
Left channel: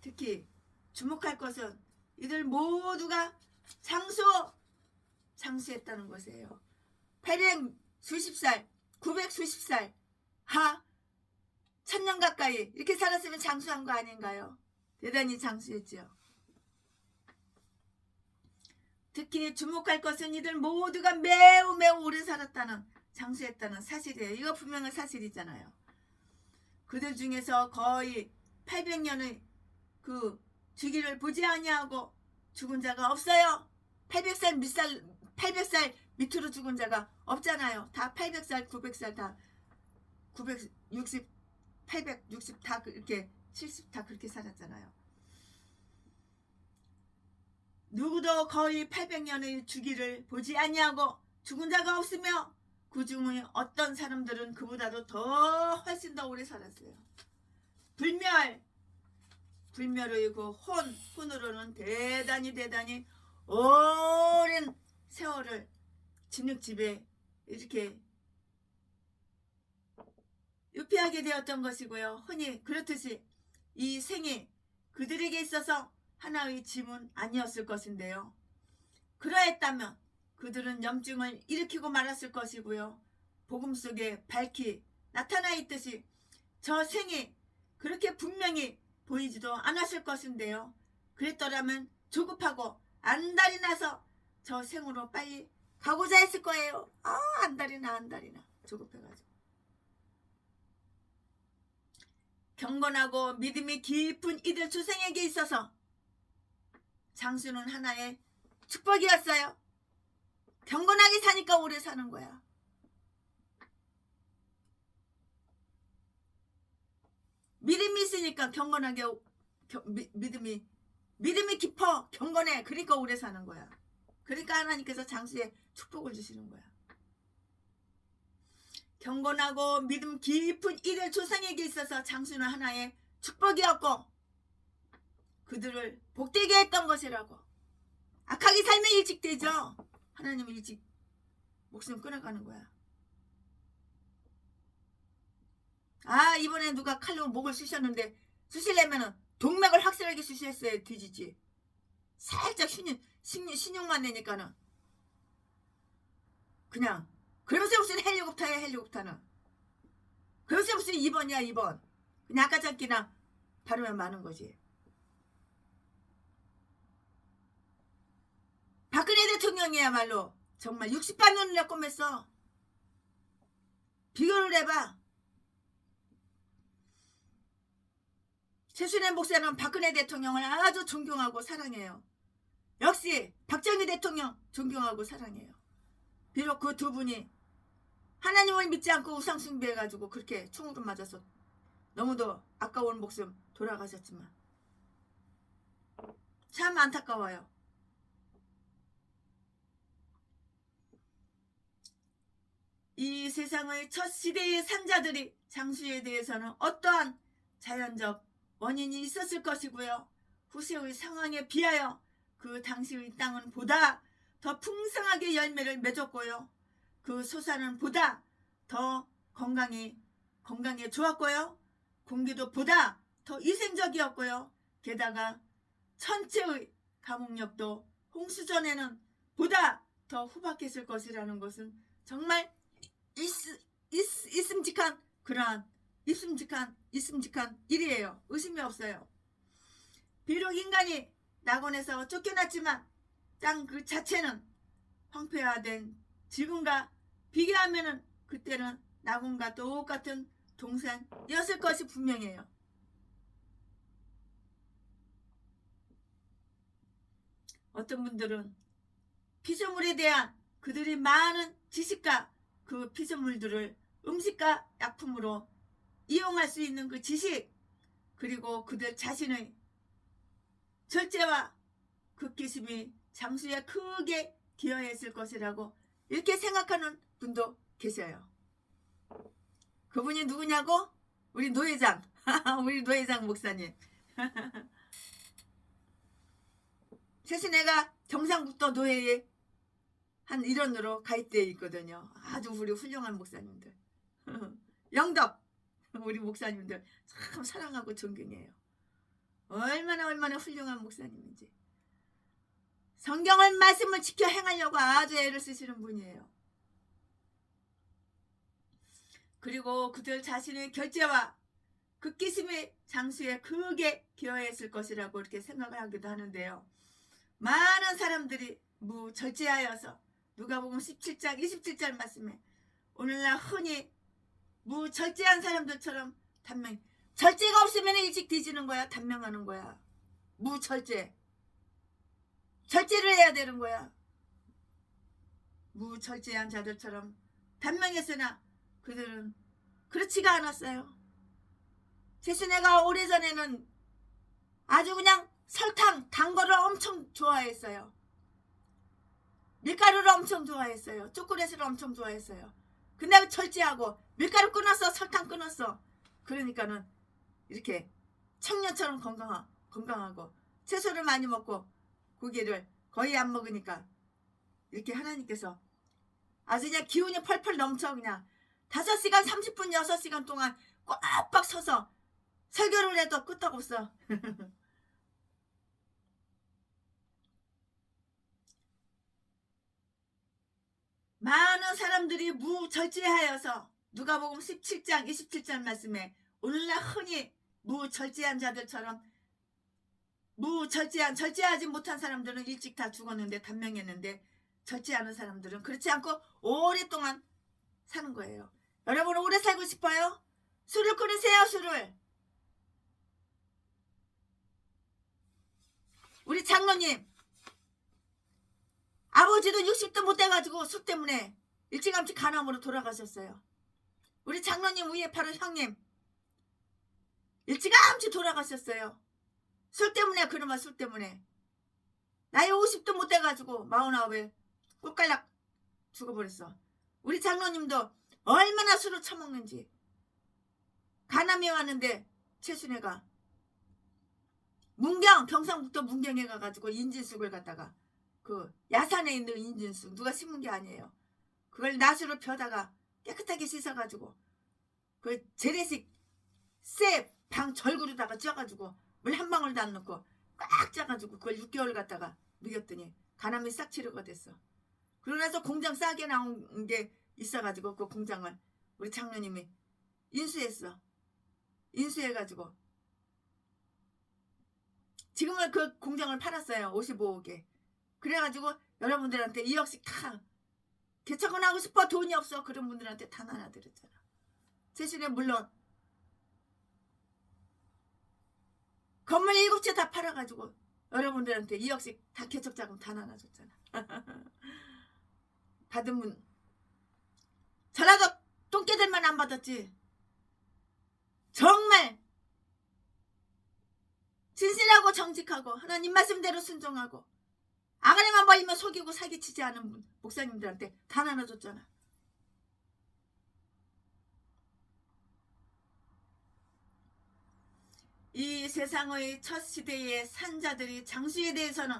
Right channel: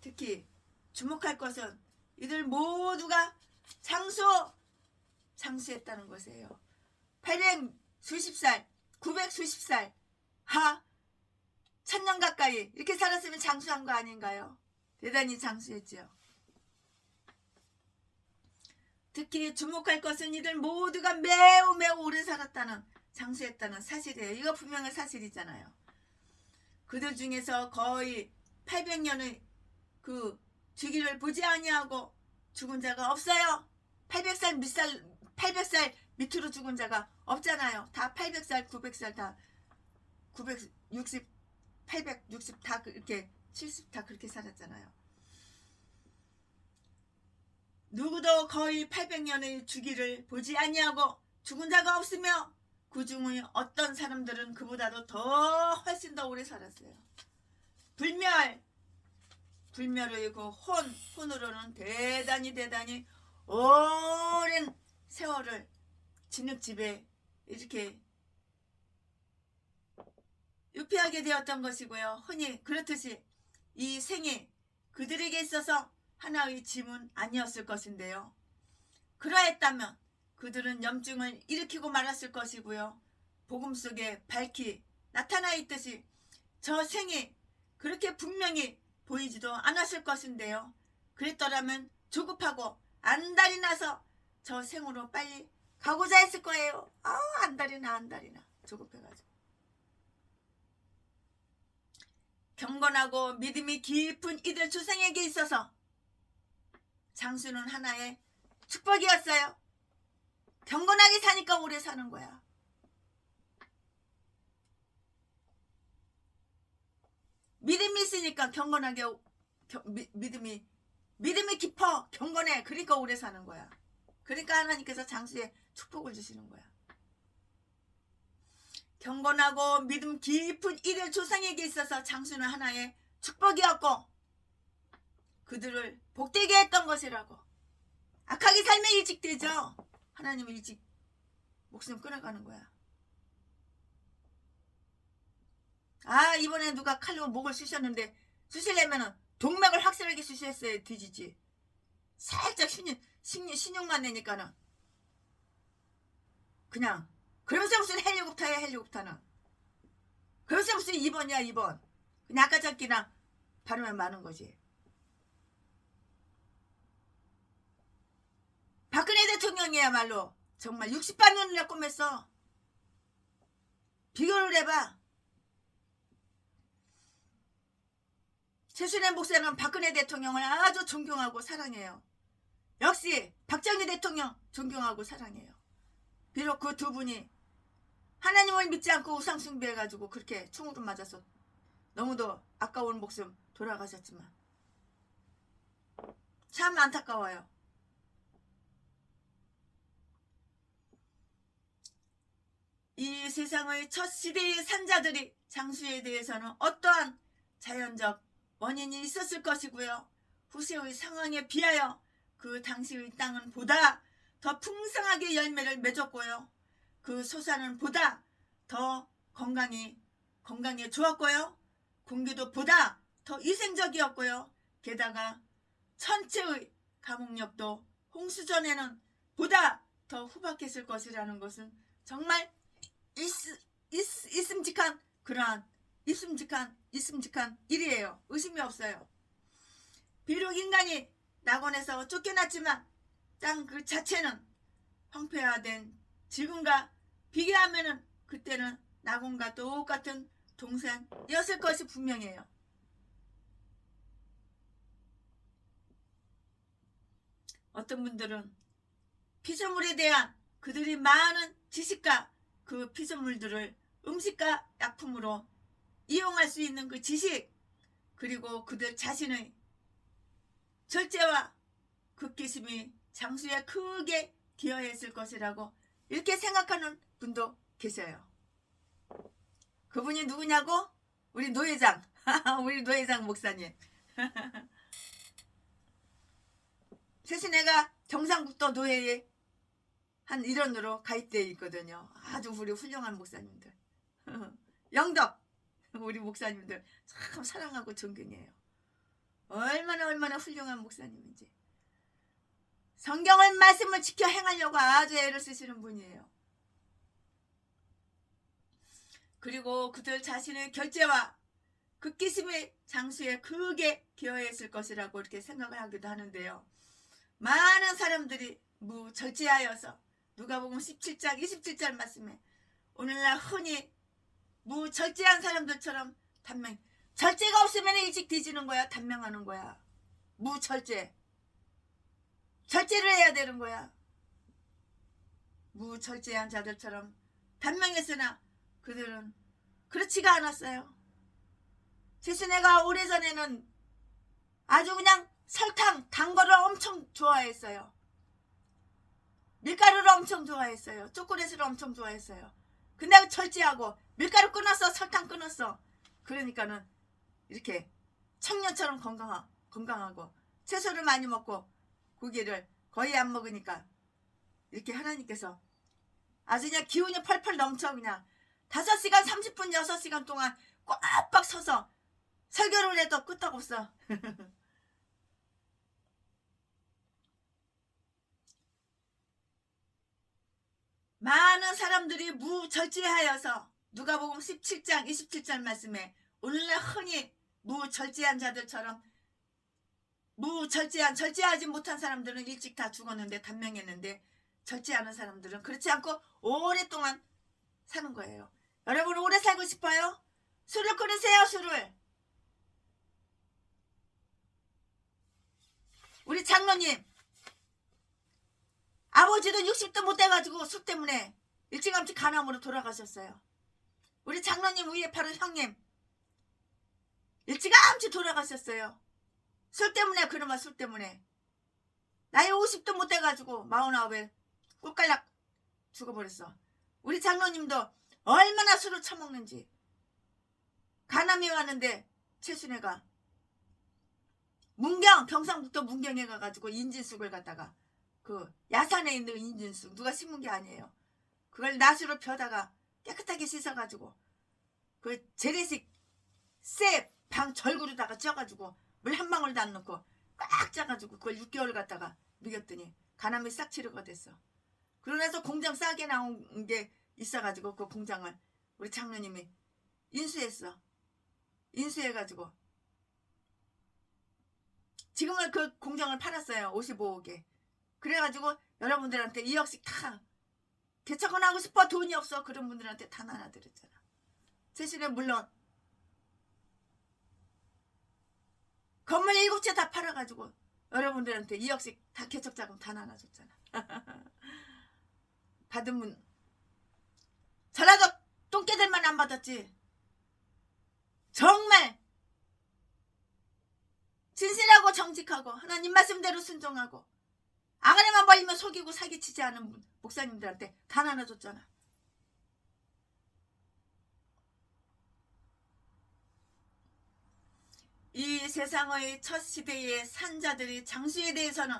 특히 주목할 것은 이들 모두가 장수했다는 것이에요. 800 수십살, 900 수십살, 1000년 가까이 이렇게 살았으면 장수한 거 아닌가요? 대단히 장수했죠. 특히 주목할 것은 이들 모두가 매우 오래 살았다는 장수했다는 사실이에요. 이거 분명한 사실이잖아요. 그들 중에서 거의 800년의 그 주기를 보지 아니하고 죽은 자가 없어요. 800살 밑으로 죽은 자가 없잖아요. 다 800살, 900살 다 960 860 다 그렇게 70 다 그렇게 살았잖아요. 누구도 거의 800년의 주기를 보지 아니하고 죽은 자가 없으며 그 중에 어떤 사람들은 그보다도 더 훨씬 더 오래 살았어요. 불멸의 그 혼으로는 대단히 오랜 세월을 진흙집에 이렇게 유폐하게 되었던 것이고요. 흔히 그렇듯이 이 생이 그들에게 있어서 하나의 짐은 아니었을 것인데요. 그러했다면 그들은 염증을 일으키고 말았을 것이고요. 복음 속에 밝히 나타나 있듯이 저 생이 그렇게 분명히 보이지도 않았을 것인데요. 그랬더라면 조급하고 안달이 나서 저 생으로 빨리 가고자 했을 거예요. 안달이나 조급해가지고. 경건하고 믿음이 깊은 이들 조상에게 있어서 장수는 하나의 축복이었어요. 경건하게 사니까 오래 사는 거야. 믿음이 있으니까 경건하게 믿음이 깊어 경건해. 그러니까 오래 사는 거야. 그러니까 하나님께서 장수에 축복을 주시는 거야. 경건하고 믿음 깊은 이들 조상에게 있어서 장수는 하나의 축복이었고 그들을 복되게 했던 것이라고. 악하게 살면 일찍 되죠. 하나님은 일찍 목숨 끊어가는 거야. 이번에 누가 칼로 목을 쑤셨는데 쑤시려면은 동맥을 확실하게 쑤셨어야 뒤지지. 살짝 신용만 내니까는 그냥 그러면서 무슨 헬리콥터야 헬리콥터는. 그러면서 무슨 2번이야 2번. 그냥 아까 잡기나 바르면 많은 거지. 박근혜 대통령이야말로 정말 60반 눈을 꼬맸어. 비교를 해봐. 최순애 목사는 박근혜 대통령을 아주 존경하고 사랑해요. 역시 박정희 대통령 존경하고 사랑해요. 비록 그 두 분이 하나님을 믿지 않고 우상 숭배해가지고 그렇게 총으로 맞아서 너무도 아까운 목숨 돌아가셨지만 참 안타까워요. 이 세상의 첫 시대의 산자들이 장수에 대해서는 어떠한 자연적 원인이 있었을 것이고요. 후세의 상황에 비하여 그 당시의 땅은 보다 더 풍성하게 열매를 맺었고요. 그 소산은 보다 더 건강에 좋았고요. 공기도 보다 더 위생적이었고요. 게다가 천체의 가뭄력도 홍수전에는 보다 더 후박했을 것이라는 것은 정말 있음직한 그러한 있음직한 일이에요. 의심이 없어요. 비록 인간이 낙원에서 쫓겨났지만 땅 그 자체는 황폐화된 지금과 비교하면은 그때는 낙원과 똑같은 동산이었을 것이 분명해요. 어떤 분들은 피조물에 대한 그들이 많은 지식과 그 피조물들을 음식과 약품으로 이용할 수 있는 그 지식, 그리고 그들 자신의 절제와 극기심이 장수에 크게 기여했을 것이라고 이렇게 생각하는 분도 계셔요. 그분이 누구냐고? 우리 노회장 우리 노회장 목사님. 최신애가 경상북도 노회에 한 일원으로 가입되어 있거든요. 아주 우리 훌륭한 목사님들. 영덕 우리 목사님들 참 사랑하고 존경해요. 얼마나 훌륭한 목사님인지. 성경을 말씀을 지켜 행하려고 아주 애를 쓰시는 분이에요. 그리고 그들 자신의 결제와 극기심의 장수에 크게 기여했을 것이라고 이렇게 생각을 하기도 하는데요. 많은 사람들이 무절제하여서 누가복음 17장 27절 말씀에 오늘날 흔히 무절제한 사람들처럼 절제가 없으면 일찍 뒤지는 거야. 단명하는 거야. 무절제. 절제를 해야 되는 거야. 무절제한 자들처럼 단명했으나 그들은 그렇지가 않았어요. 제수네가 오래전에는 아주 그냥 설탕, 단 거를 엄청 좋아했어요. 밀가루를 엄청 좋아했어요. 초콜릿을 엄청 좋아했어요. 근데 절제하고 밀가루 끊었어, 설탕 끊었어. 그러니까는 이렇게 청년처럼 건강하고 채소를 많이 먹고 고기를 거의 안 먹으니까 이렇게 하나님께서 아주 그냥 기운이 펄펄 넘쳐 그냥 5시간 30분 6시간 동안 꽉꽉 서서 설교를 해도 끄떡없어. 많은 사람들이 무절제하여서 누가복음 17장 27절 말씀에 오늘날 흔히 무절제한 자들처럼 절제하지 못한 사람들은 일찍 다 죽었는데 단명했는데 절제하는 사람들은 그렇지 않고 오랫동안 사는 거예요. 여러분 오래 살고 싶어요? 술을 끊으세요. 술을. 우리 장로님 아버지도 60도 못 돼가지고 술 때문에 일찌감치 간암으로 돌아가셨어요. 우리 장로님 위에 바로 형님 일찌감치 돌아가셨어요. 술 때문에. 그놈아 술 때문에 나이 50도 못 돼가지고 49에 꽃갈락 죽어버렸어. 우리 장로님도 얼마나 술을 처먹는지 간암이 왔는데 최순애가 경상북도 문경에 가가지고 인진쑥을 갖다가 그 야산에 있는 인진쑥 누가 심은 게 아니에요. 그걸 낫으로 펴다가 깨끗하게 씻어가지고 그 재래식 쇠 방 절구로다가 쪄가지고 물 한 방울도 안 넣고 꽉 짜가지고 그걸 6개월 갖다가 먹였더니 간암이 싹 치료가 됐어. 그러면서 공장 싸게 나온 게 있어가지고 그 공장을 우리 장로님이 인수했어. 인수해가지고 지금은 그 공장을 팔았어요. 55억에. 그래가지고 여러분들한테 2억씩 다 개척은 하고 싶어 돈이 없어 그런 분들한테 다 나눠드렸잖아. 세신에 물론 건물 7채 다 팔아가지고 여러분들한테 2억씩 다 개척자금 다 나눠줬잖아. 받은 분 저라도 똥개들만 안 받았지. 정말 진실하고 정직하고 하나님 말씀대로 순종하고 아가리만 벌리면 속이고 사기치지 않은 목사님들한테 다 나눠줬잖아. 이 세상의 첫 시대의 산자들이 장수에 대해서는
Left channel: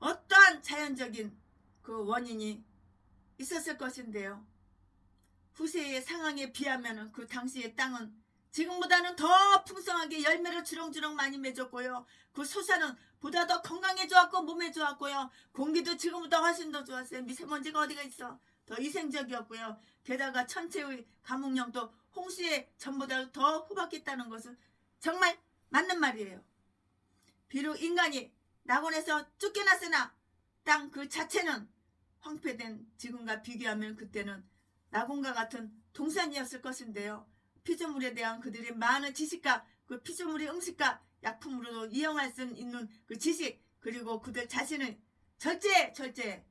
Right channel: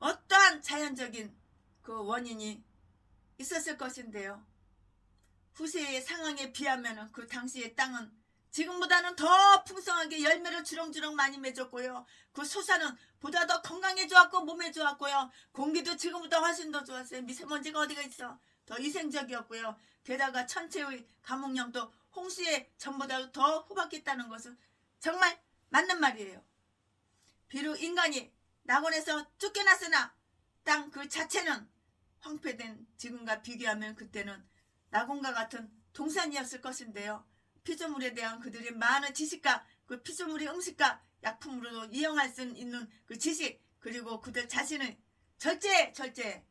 어떠한 자연적인 그 원인이 있었을 것인데요. 후세의 상황에 비하면 그 당시의 땅은 지금보다는 더 풍성하게 열매를 주렁주렁 많이 맺었고요. 그 소사는 보다 더 건강에 좋았고 몸에 좋았고요. 공기도 지금보다 훨씬 더 좋았어요. 미세먼지가 어디가 있어. 더 위생적이었고요. 게다가 천체의 감옥령도 홍수에 전보다 더 호박했다는 것은 정말 맞는 말이에요. 비록 인간이 낙원에서 쫓겨났으나 땅 그 자체는 황폐된 지금과 비교하면 그때는 낙원과 같은 동산이었을 것인데요. 피조물에 대한 그들의 많은 지식과 그 피조물의 음식과 약품으로도 이용할 수 있는 그 지식 그리고 그들 자신의 절제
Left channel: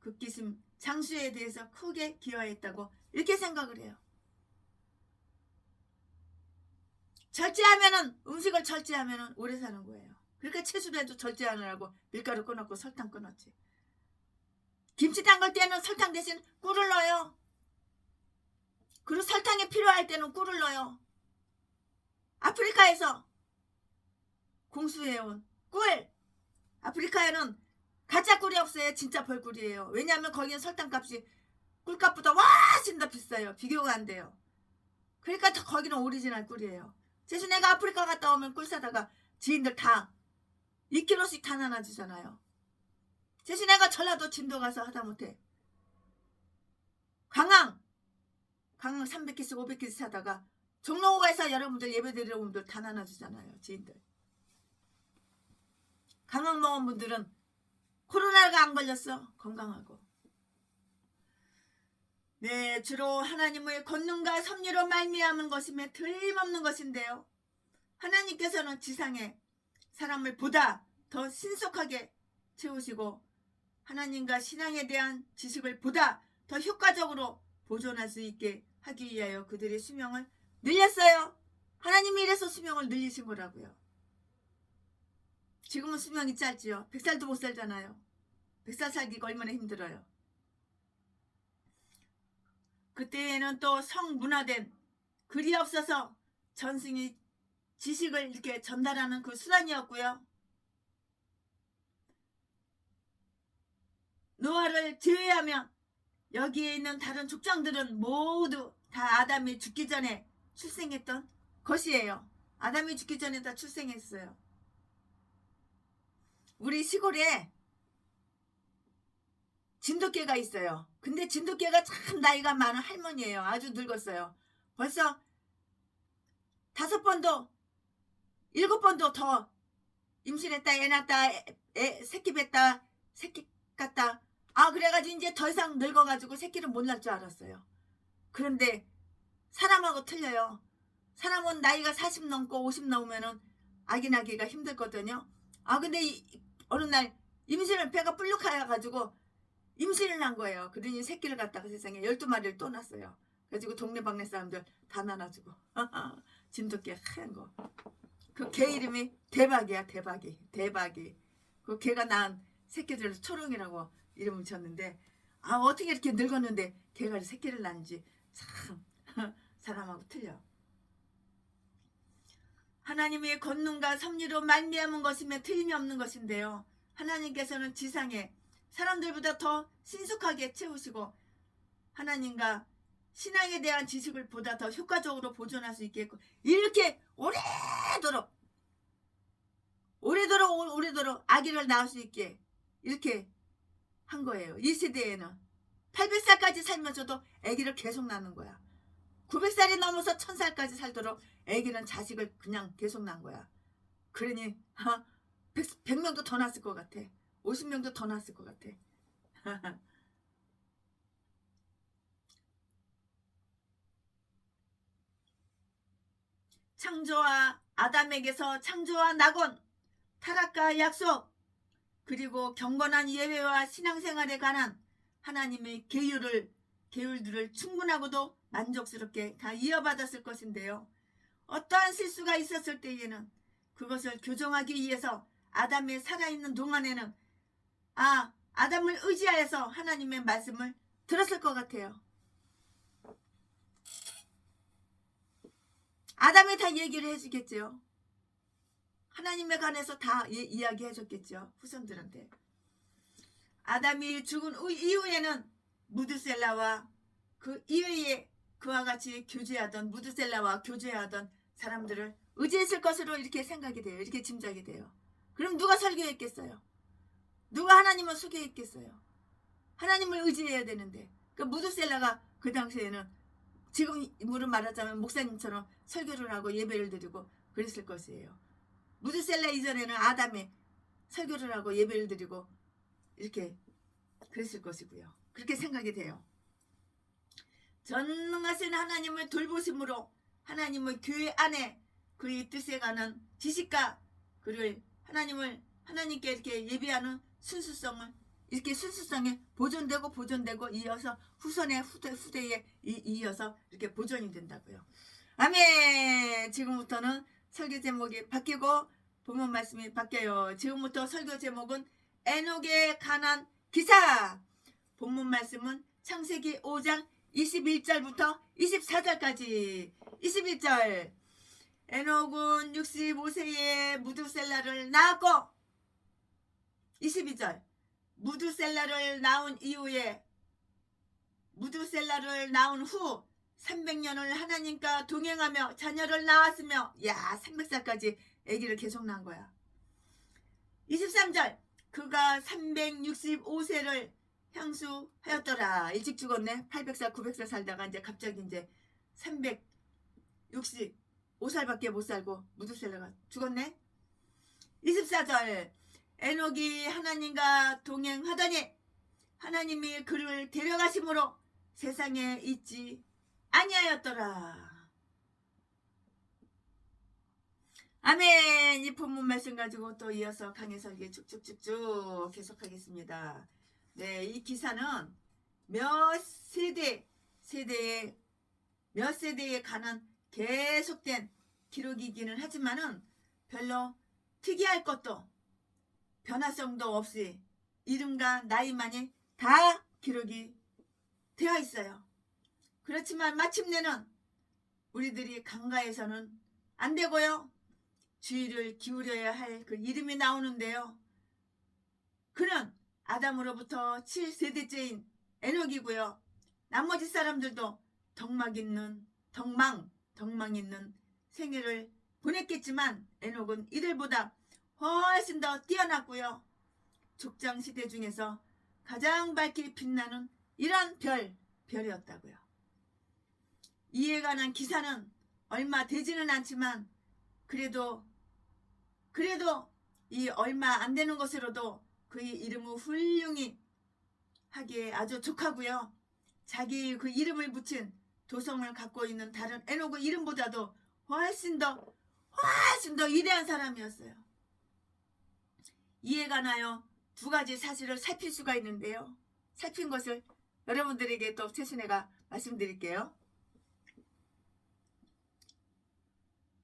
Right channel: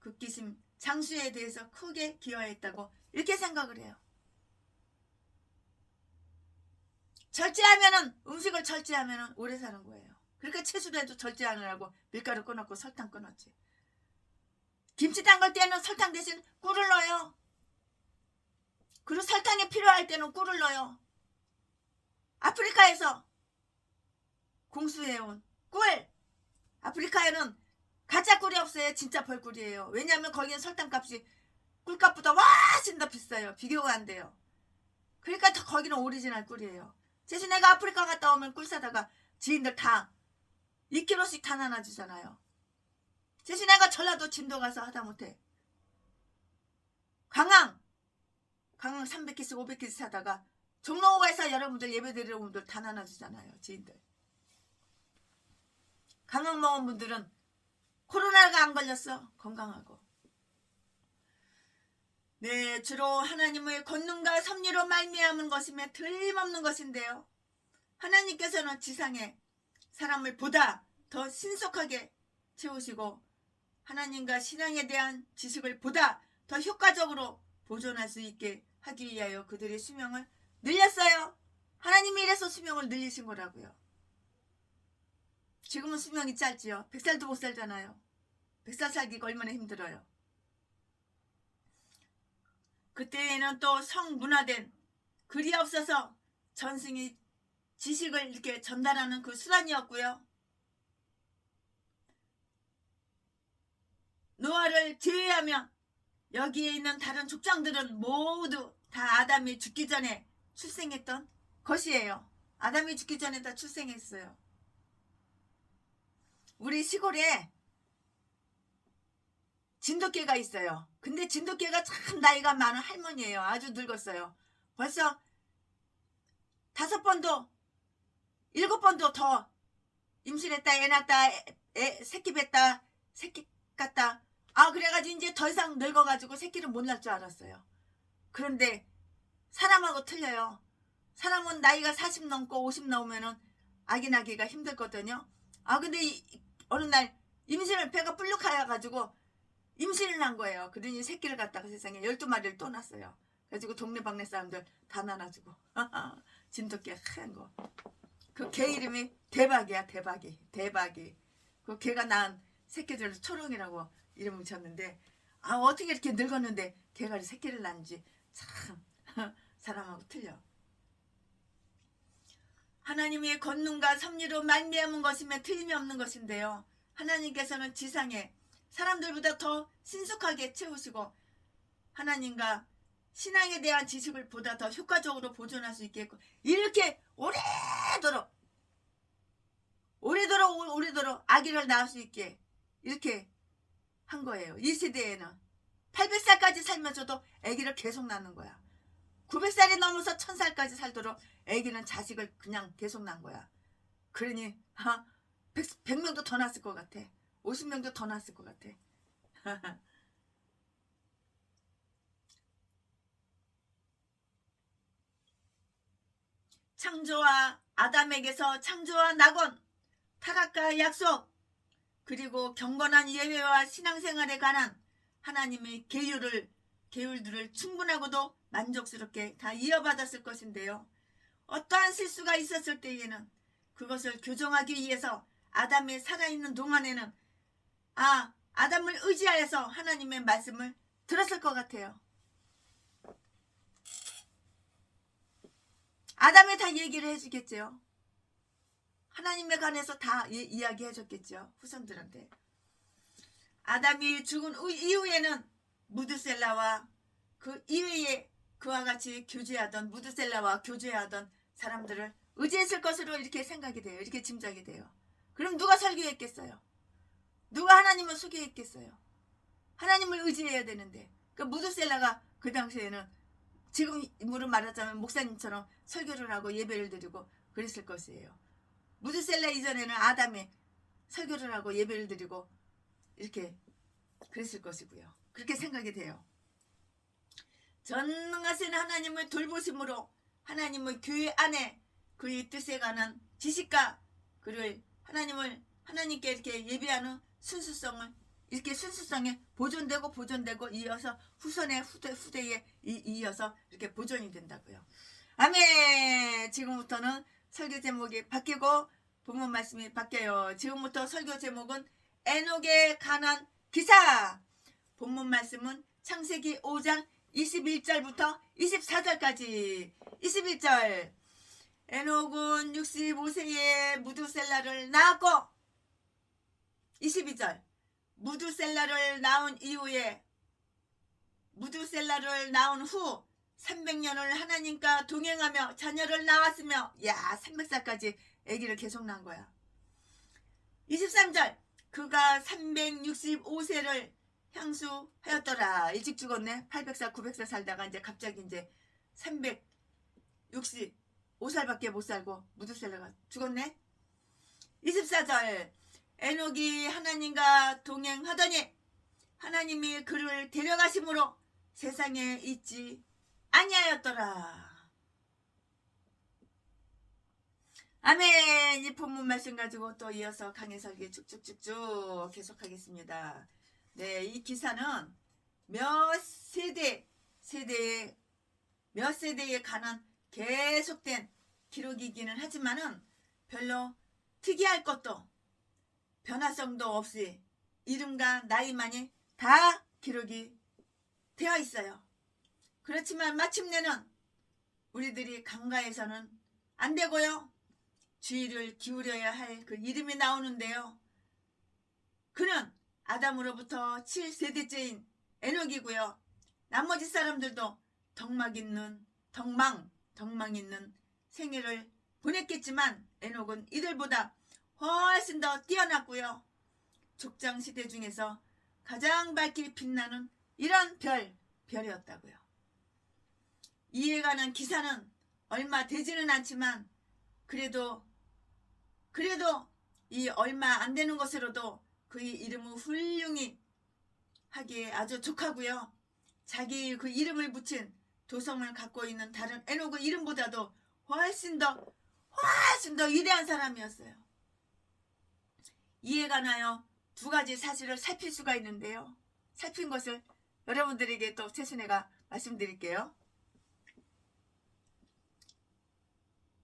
극기심 장수에 대해서 크게 기여했다고 이렇게 생각을 해요. 절제하면은 음식을 절제하면은 오래 사는 거예요. 그러니까 채소도 절제하느라고 밀가루 끊었고 설탕 끊었지. 김치 담글 때는 설탕 대신 꿀을 넣어요. 그리고 설탕이 필요할 때는 꿀을 넣어요. 아프리카에서 공수해온 꿀. 아프리카에는 가짜 꿀이 없어요. 진짜 벌꿀이에요. 왜냐하면 거기는 설탕값이 꿀값보다 훨씬 더 비싸요. 비교가 안 돼요. 그러니까 거기는 오리지널 꿀이에요. 대신 내가 아프리카 갔다 오면 꿀 사다가 지인들 다 2kg씩 다 나눠주잖아요. 대신 내가 전라도 진도 가서 하다못해 강황 300개씩 500개씩 사다가 종로가에서 여러분들 예배드리는 분들 다 나눠주잖아요. 지인들. 강황 먹은 분들은 코로나가 안 걸렸어. 건강하고. 네, 주로 하나님의 권능과 섭리로 말미암은 것이며 틀림없는 것인데요. 하나님께서는 지상에 사람을 보다 더 신속하게 채우시고 하나님과 신앙에 대한 지식을 보다 더 효과적으로 보존할 수 있게 하기 위하여 그들의 수명을 늘렸어요. 하나님 하나님이 이래서 수명을 늘리신 거라고요. 지금은 수명이 짧지요. 100살도 못 살잖아요. 100살 살기가 얼마나 힘들어요. 그때에는 또 성문화된 글이 없어서 전승이 지식을 이렇게 전달하는 그 수단이었고요. 노아를 제외하면 여기에 있는 다른 족장들은 모두 다 아담이 죽기 전에 출생했던 것이에요. 아담이 죽기 전에 다 출생했어요. 우리 시골에 진돗개가 있어요. 근데 진돗개가 참 나이가 많은 할머니예요. 아주 늙었어요. 벌써 5번도 7번도 더 임신했다, 애 낳았다, 새끼 뱉다, 새끼 깠다. 그래가지고 이제 더 이상 늙어가지고 새끼를 못 낳을 줄 알았어요. 그런데 사람하고 틀려요. 사람은 나이가 40 넘고 50 넘으면은 아기 낳기가 힘들거든요. 근데 어느 날 임신을 배가 불룩하여가지고 임신을 한 거예요. 그러니 새끼를 갖다가 세상에 12마리를 또 낳았어요. 그래가지고 동네방네 사람들 다 나눠주고. 진돗개 하얀 거. 그 개 이름이 대박이야. 대박이. 그 개가 낳은 새끼들 초롱이라고 이름을 쳤는데 어떻게 이렇게 늙었는데 개가 새끼를 낳는지 참 사람하고 틀려. 하나님의 권능과 섭리로 말미암은 것이며 틀림이 없는 것인데요. 하나님께서는 지상에 사람들보다 더 신속하게 채우시고 하나님과 신앙에 대한 지식을 보다 더 효과적으로 보존할 수 있겠고 이렇게 오래도록 아기를 낳을 수 있게 이렇게 한 거예요. 이 세대에는 800살까지 살면서도 아기를 계속 낳는 거야. 900살이 넘어서 1000살까지 살도록 아기는 자식을 그냥 계속 낳은 거야. 그러니 100명도 더 낳았을 것 같아. 50명도 더 낳았을 것 같아. 창조와 아담에게서 창조와 낙원, 타락과 약속, 그리고 경건한 예배와 신앙생활에 관한 하나님의 계율들을 충분하고도 만족스럽게 다 이어받았을 것인데요. 어떠한 실수가 있었을 때에는 그것을 교정하기 위해서 아담이 살아있는 동안에는 아담을 의지하여서 하나님의 말씀을 들었을 것 같아요. 아담이 다 얘기를 해주겠죠. 하나님에 관해서 다 이야기해 줬겠죠. 후손들한테. 아담이 죽은 이후에는 무드셀라와 그 이후에 그와 같이 무드셀라와 교제하던 사람들을 의지했을 것으로 이렇게 생각이 돼요. 이렇게 짐작이 돼요. 그럼 누가 설교했겠어요? 누가 하나님을 소개했겠어요? 하나님을 의지해야 되는데 그 무드셀라가 그 당시에는 지금으로 말하자면 목사님처럼 설교를 하고 예배를 드리고 그랬을 것이에요. 무드셀라 이전에는 아담이 설교를 하고 예배를 드리고 이렇게 그랬을 것이고요. 그렇게 생각이 돼요. 전능하신 하나님의 돌보심으로 하나님의 교회 안에 그의 뜻에 관한 지식과 그를 하나님께 이렇게 예배하는 순수성에 보존되고 이어서 후대에 이어서 이렇게 보존이 된다고요. 아멘. 지금부터는 설교 제목이 바뀌고 본문 말씀이 바뀌어요. 지금부터 설교 제목은 에녹에 관한 기사. 본문 말씀은 창세기 5장 21절부터 24절까지. 21절. 에녹은 65세에 무드셀라를 낳았고 22절. 무드셀라를 낳은 후 300년을 하나님과 동행하며 자녀를 낳았으며 300살까지 아기를 계속 낳은 거야. 23절. 그가 365세를 향수하였더라. 일찍 죽었네. 800살 900살 살다가 이제 갑자기 이제 365살밖에 못 살고 무드셀라가 죽었네. 24절. 에녹이 하나님과 동행하더니 하나님이 그를 데려가심으로 세상에 있지 아니하였더라. 아멘. 이 본문 말씀 가지고 또 이어서 강의 설교 쭉쭉쭉쭉 계속하겠습니다. 네, 이 기사는 몇 세대에 관한 계속된 기록이기는 하지만은 별로 특이할 것도 변화성도 없이 이름과 나이만이 다 기록이 되어 있어요. 그렇지만 마침내는 우리들이 간과해서는 안 되고요. 주의를 기울여야 할 그 이름이 나오는데요. 그는 아담으로부터 7세대째인 에녹이고요. 나머지 사람들도 덕망 있는 생애를 보냈겠지만 에녹은 이들보다 훨씬 더 뛰어났고요. 족장시대 중에서 가장 밝게 빛나는 이런 별이었다고요. 이에 관한 기사는 얼마 되지는 않지만 그래도 이 얼마 안 되는 것으로도 그의 이름을 훌륭히 하기에 아주 족하고요. 자기 그 이름을 붙인 도성을 갖고 있는 다른 에녹의 이름보다도 훨씬 더 위대한 사람이었어요. 이에 관하여 두 가지 사실을 살필 수가 있는데요. 살핀 것을 여러분들에게 또 최순애가 말씀드릴게요.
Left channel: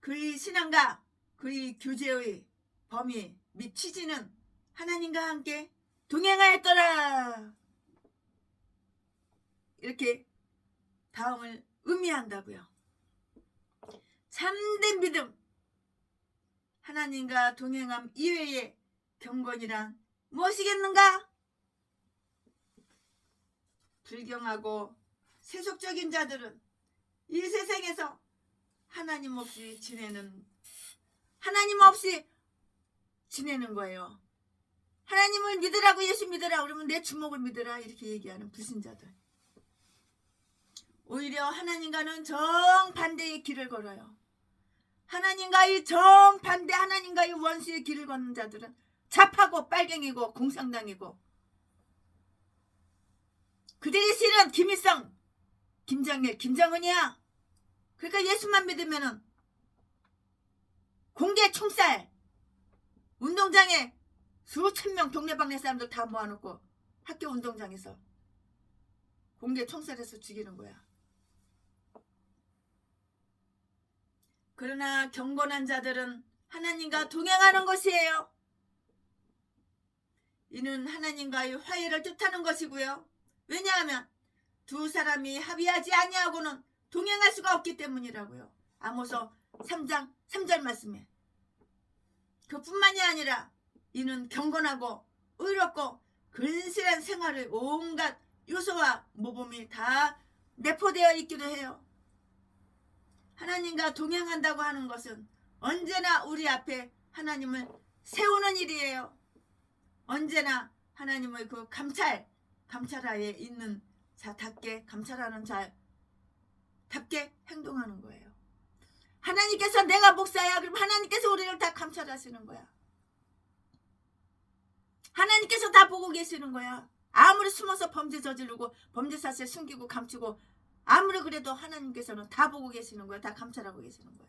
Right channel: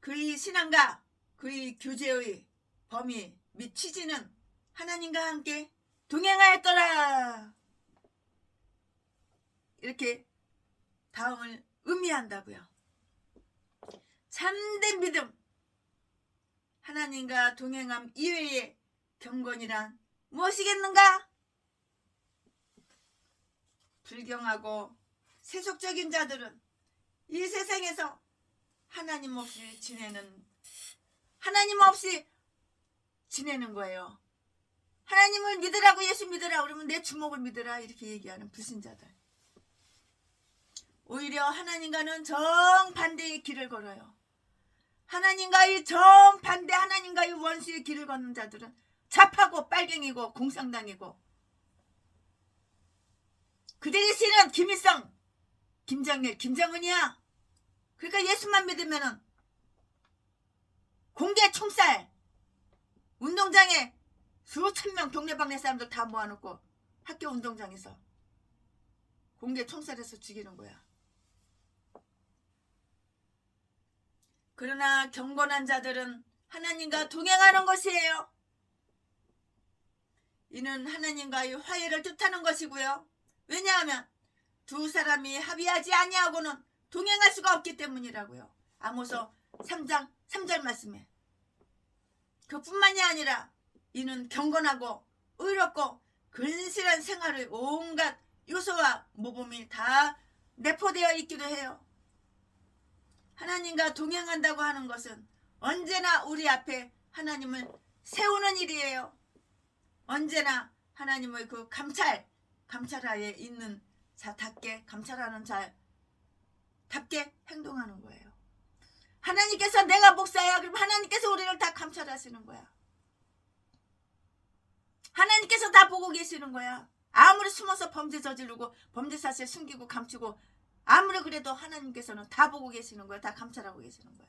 그의 신앙과 그의 교제의 범위 및 취지는 하나님과 함께 동행하였더라. 이렇게 다음을 의미한다고요. 참된 믿음, 하나님과 동행함 이외의 경건이란 무엇이겠는가? 불경하고 세속적인 자들은 이 세상에서 하나님 없이 지내는 거예요. 하나님을 믿으라고, 예수 믿으라 그러면 내 주먹을 믿으라 이렇게 얘기하는 불신자들. 오히려 하나님과는 정반대의 길을 걸어요. 하나님과의 정반대, 하나님과의 원수의 길을 걷는 자들은 잡하고 빨갱이고 공상당이고, 그들의 신은 김일성, 김정일, 김정은이야. 그러니까 예수만 믿으면은 공개 총살, 운동장에 수천 명 동네방네 사람들 다 모아놓고 학교 운동장에서 공개 총살해서 죽이는 거야. 그러나 경건한 자들은 하나님과 동행하는 것이에요. 이는 하나님과의 화해를 뜻하는 것이고요. 왜냐하면 두 사람이 합의하지 아니하고는 동행할 수가 없기 때문이라고요. 아모스 3장 3절 말씀에. 그뿐만이 아니라 이는 경건하고 의롭고 근실한 생활의 온갖 요소와 모범이 다 내포되어 있기도 해요. 하나님과 동행한다고 하는 것은 언제나 우리 앞에 하나님을 세우는 일이에요. 언제나 하나님의 그 감찰하에 있는 자답게, 감찰하는 자답게 행동하는 거예요. 하나님께서 내가 목사야 그럼 하나님께서 우리를 다 감찰하시는 거야. 하나님께서 다 보고 계시는 거야. 아무리 숨어서 범죄 저지르고 범죄 사실 숨기고 감추고 아무리 그래도 하나님께서는 다 보고 계시는 거야. 다 감찰하고 계시는 거야.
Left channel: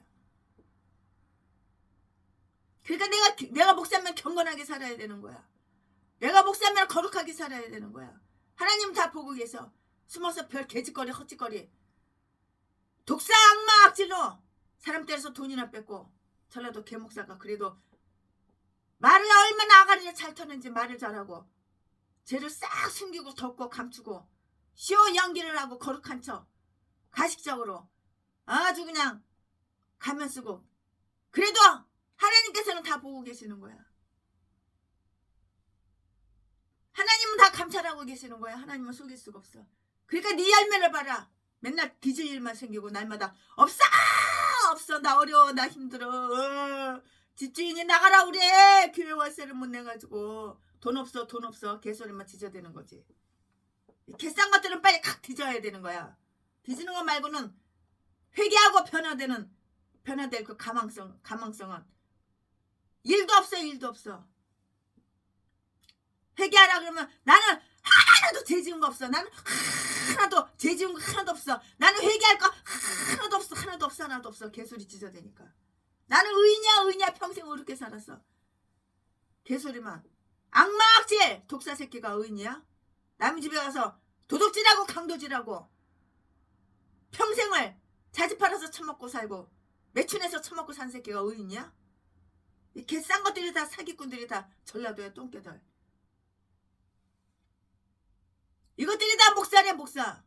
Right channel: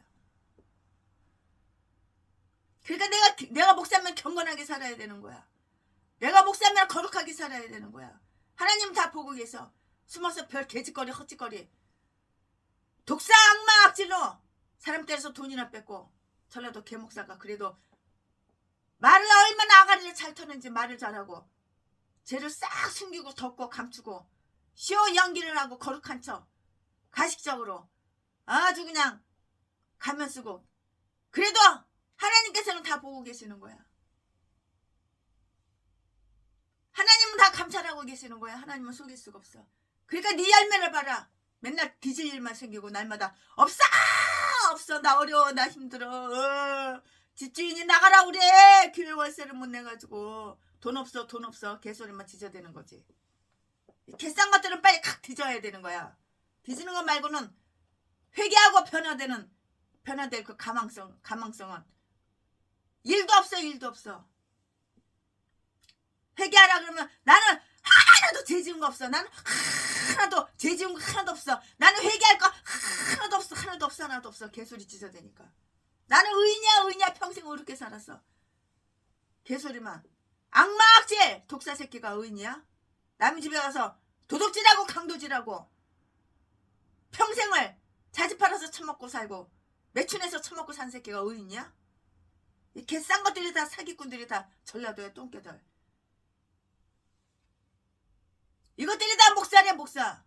그러니까 내가 목사면 경건하게 살아야 되는 거야. 내가 목사면 거룩하게 살아야 되는 거야. 하나님 다 보고 계셔. 숨어서 별 개짓거리 헛짓거리 독사 악마 악질로 사람 때려서 돈이나 뺏고, 전라도 개목사가 그래도 말을 얼마나 아가리를 잘 터는지 말을 잘하고 죄를 싹 숨기고 덮고 감추고 쇼 연기를 하고 거룩한 척 가식적으로 아주 그냥 가면 쓰고, 그래도 하나님께서는 다 보고 계시는 거야. 하나님은 다 감찰하고 계시는 거야. 하나님은 속일 수가 없어. 그러니까 네 열매를 봐라. 맨날 뒤질 일만 생기고 날마다 없어 나 어려워 나 힘들어 집주인이 나가라 그래. 교회 월세를 못 내가지고 돈 없어 개소리만 지저대는 거지. 개싼 것들은 빨리 칵 뒤져야 되는 거야. 뒤지는 거 말고는 회개하고 변화될 그 가망성은 일도 없어. 회개하라 그러면 나는 하나도 죄 지은 거 없어. 나는 하나도 죄 지은 거 하나도 없어. 나는 회개할 거 하나도 없어. 개소리 찢어대니까. 나는 의냐 평생 어렵게 살았어. 개소리만. 악마악질 독사 새끼가 의냐? 남의 집에 가서 도둑질하고 강도질하고 평생을 자지 팔아서 처먹고 살고 매춘해서 처먹고 산 새끼가 어디 있냐? 이 개싼 것들이 다 사기꾼들이 다 전라도의 똥개들. 이것들이 다 목사래 목사.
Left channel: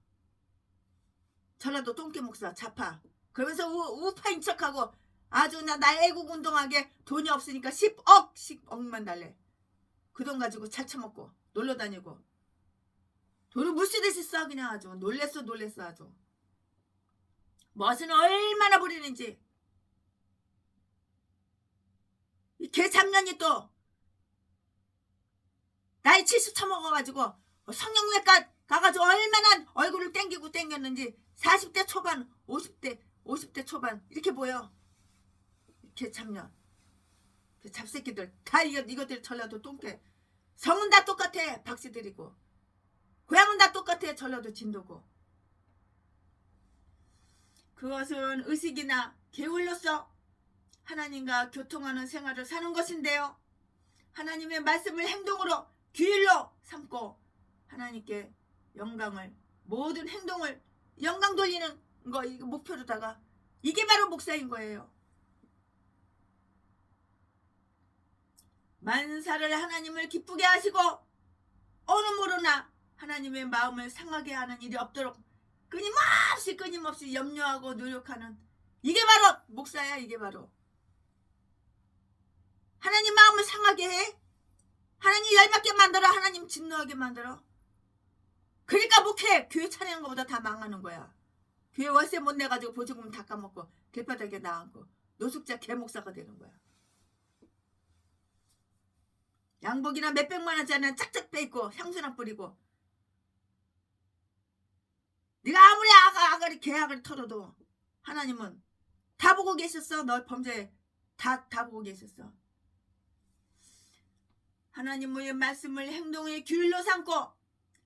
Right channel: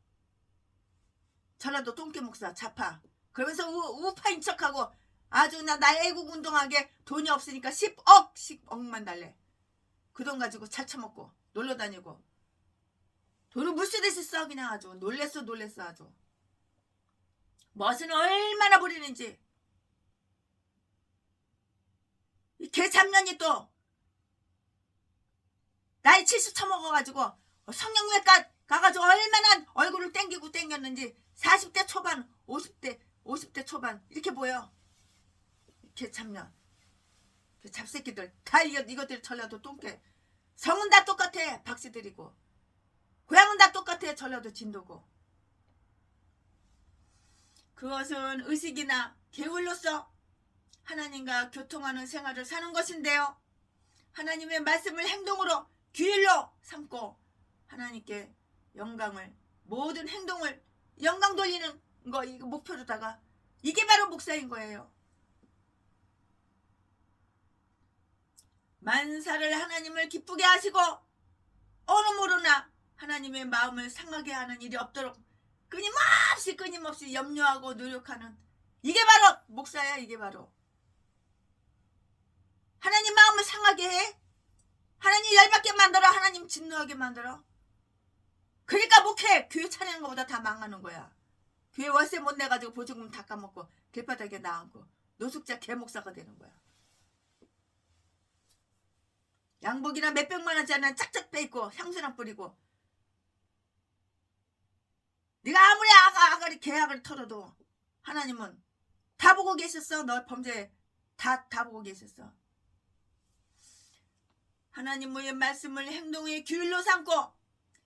전라도 똥개 목사 좌파. 그러면서 우파인 척하고 아주 나 애국 운동하게 돈이 없으니까 10억만 달래. 그 돈 가지고 잘 처먹고 놀러다니고 돈을 물쓰듯이 써. 그냥 아주 놀랬어 아주. 멋은 얼마나 부리는지. 이 개잡년이 또 나이 70 처먹어가지고 성형외과 가가지고 얼마나 얼굴을 땡겼는지 40대 초반 50대 초반 이렇게 보여. 개잡년 잡새끼들 다 이것들 전라도 똥개. 성은 다 똑같아. 박씨들이고 고향은 다 똑같아. 전라도 진도고. 그것은 의식이나 계율로서 하나님과 교통하는 생활을 사는 것인데요. 하나님의 말씀을 행동으로 규율로 삼고 하나님께 영광을 모든 행동을 영광 돌리는 거 이거 목표로다가 이게 바로 목사인 거예요. 만사를 하나님을 기쁘게 하시고 어느 모르나 하나님의 마음을 상하게 하는 일이 없도록 끊임없이 염려하고 노력하는 이게 바로 목사야. 이게 바로 하나님 마음을 상하게 해? 하나님 열받게 만들어? 하나님 진노하게 만들어? 그러니까 목회 교회 차리는 것보다 다 망하는 거야. 교회 월세 못 내가지고 보조금 다 까먹고 길바닥에 나앉고 노숙자 개목사가 되는 거야. 양복이나 몇백만 원짜리는 짝짝 빼입고 향수나 뿌리고 네가 아무리 아가리 계약을 털어도 하나님은 다 보고 계셨어. 너 범죄 다 보고 계셨어. 하나님의 말씀을 행동의 규율로 삼고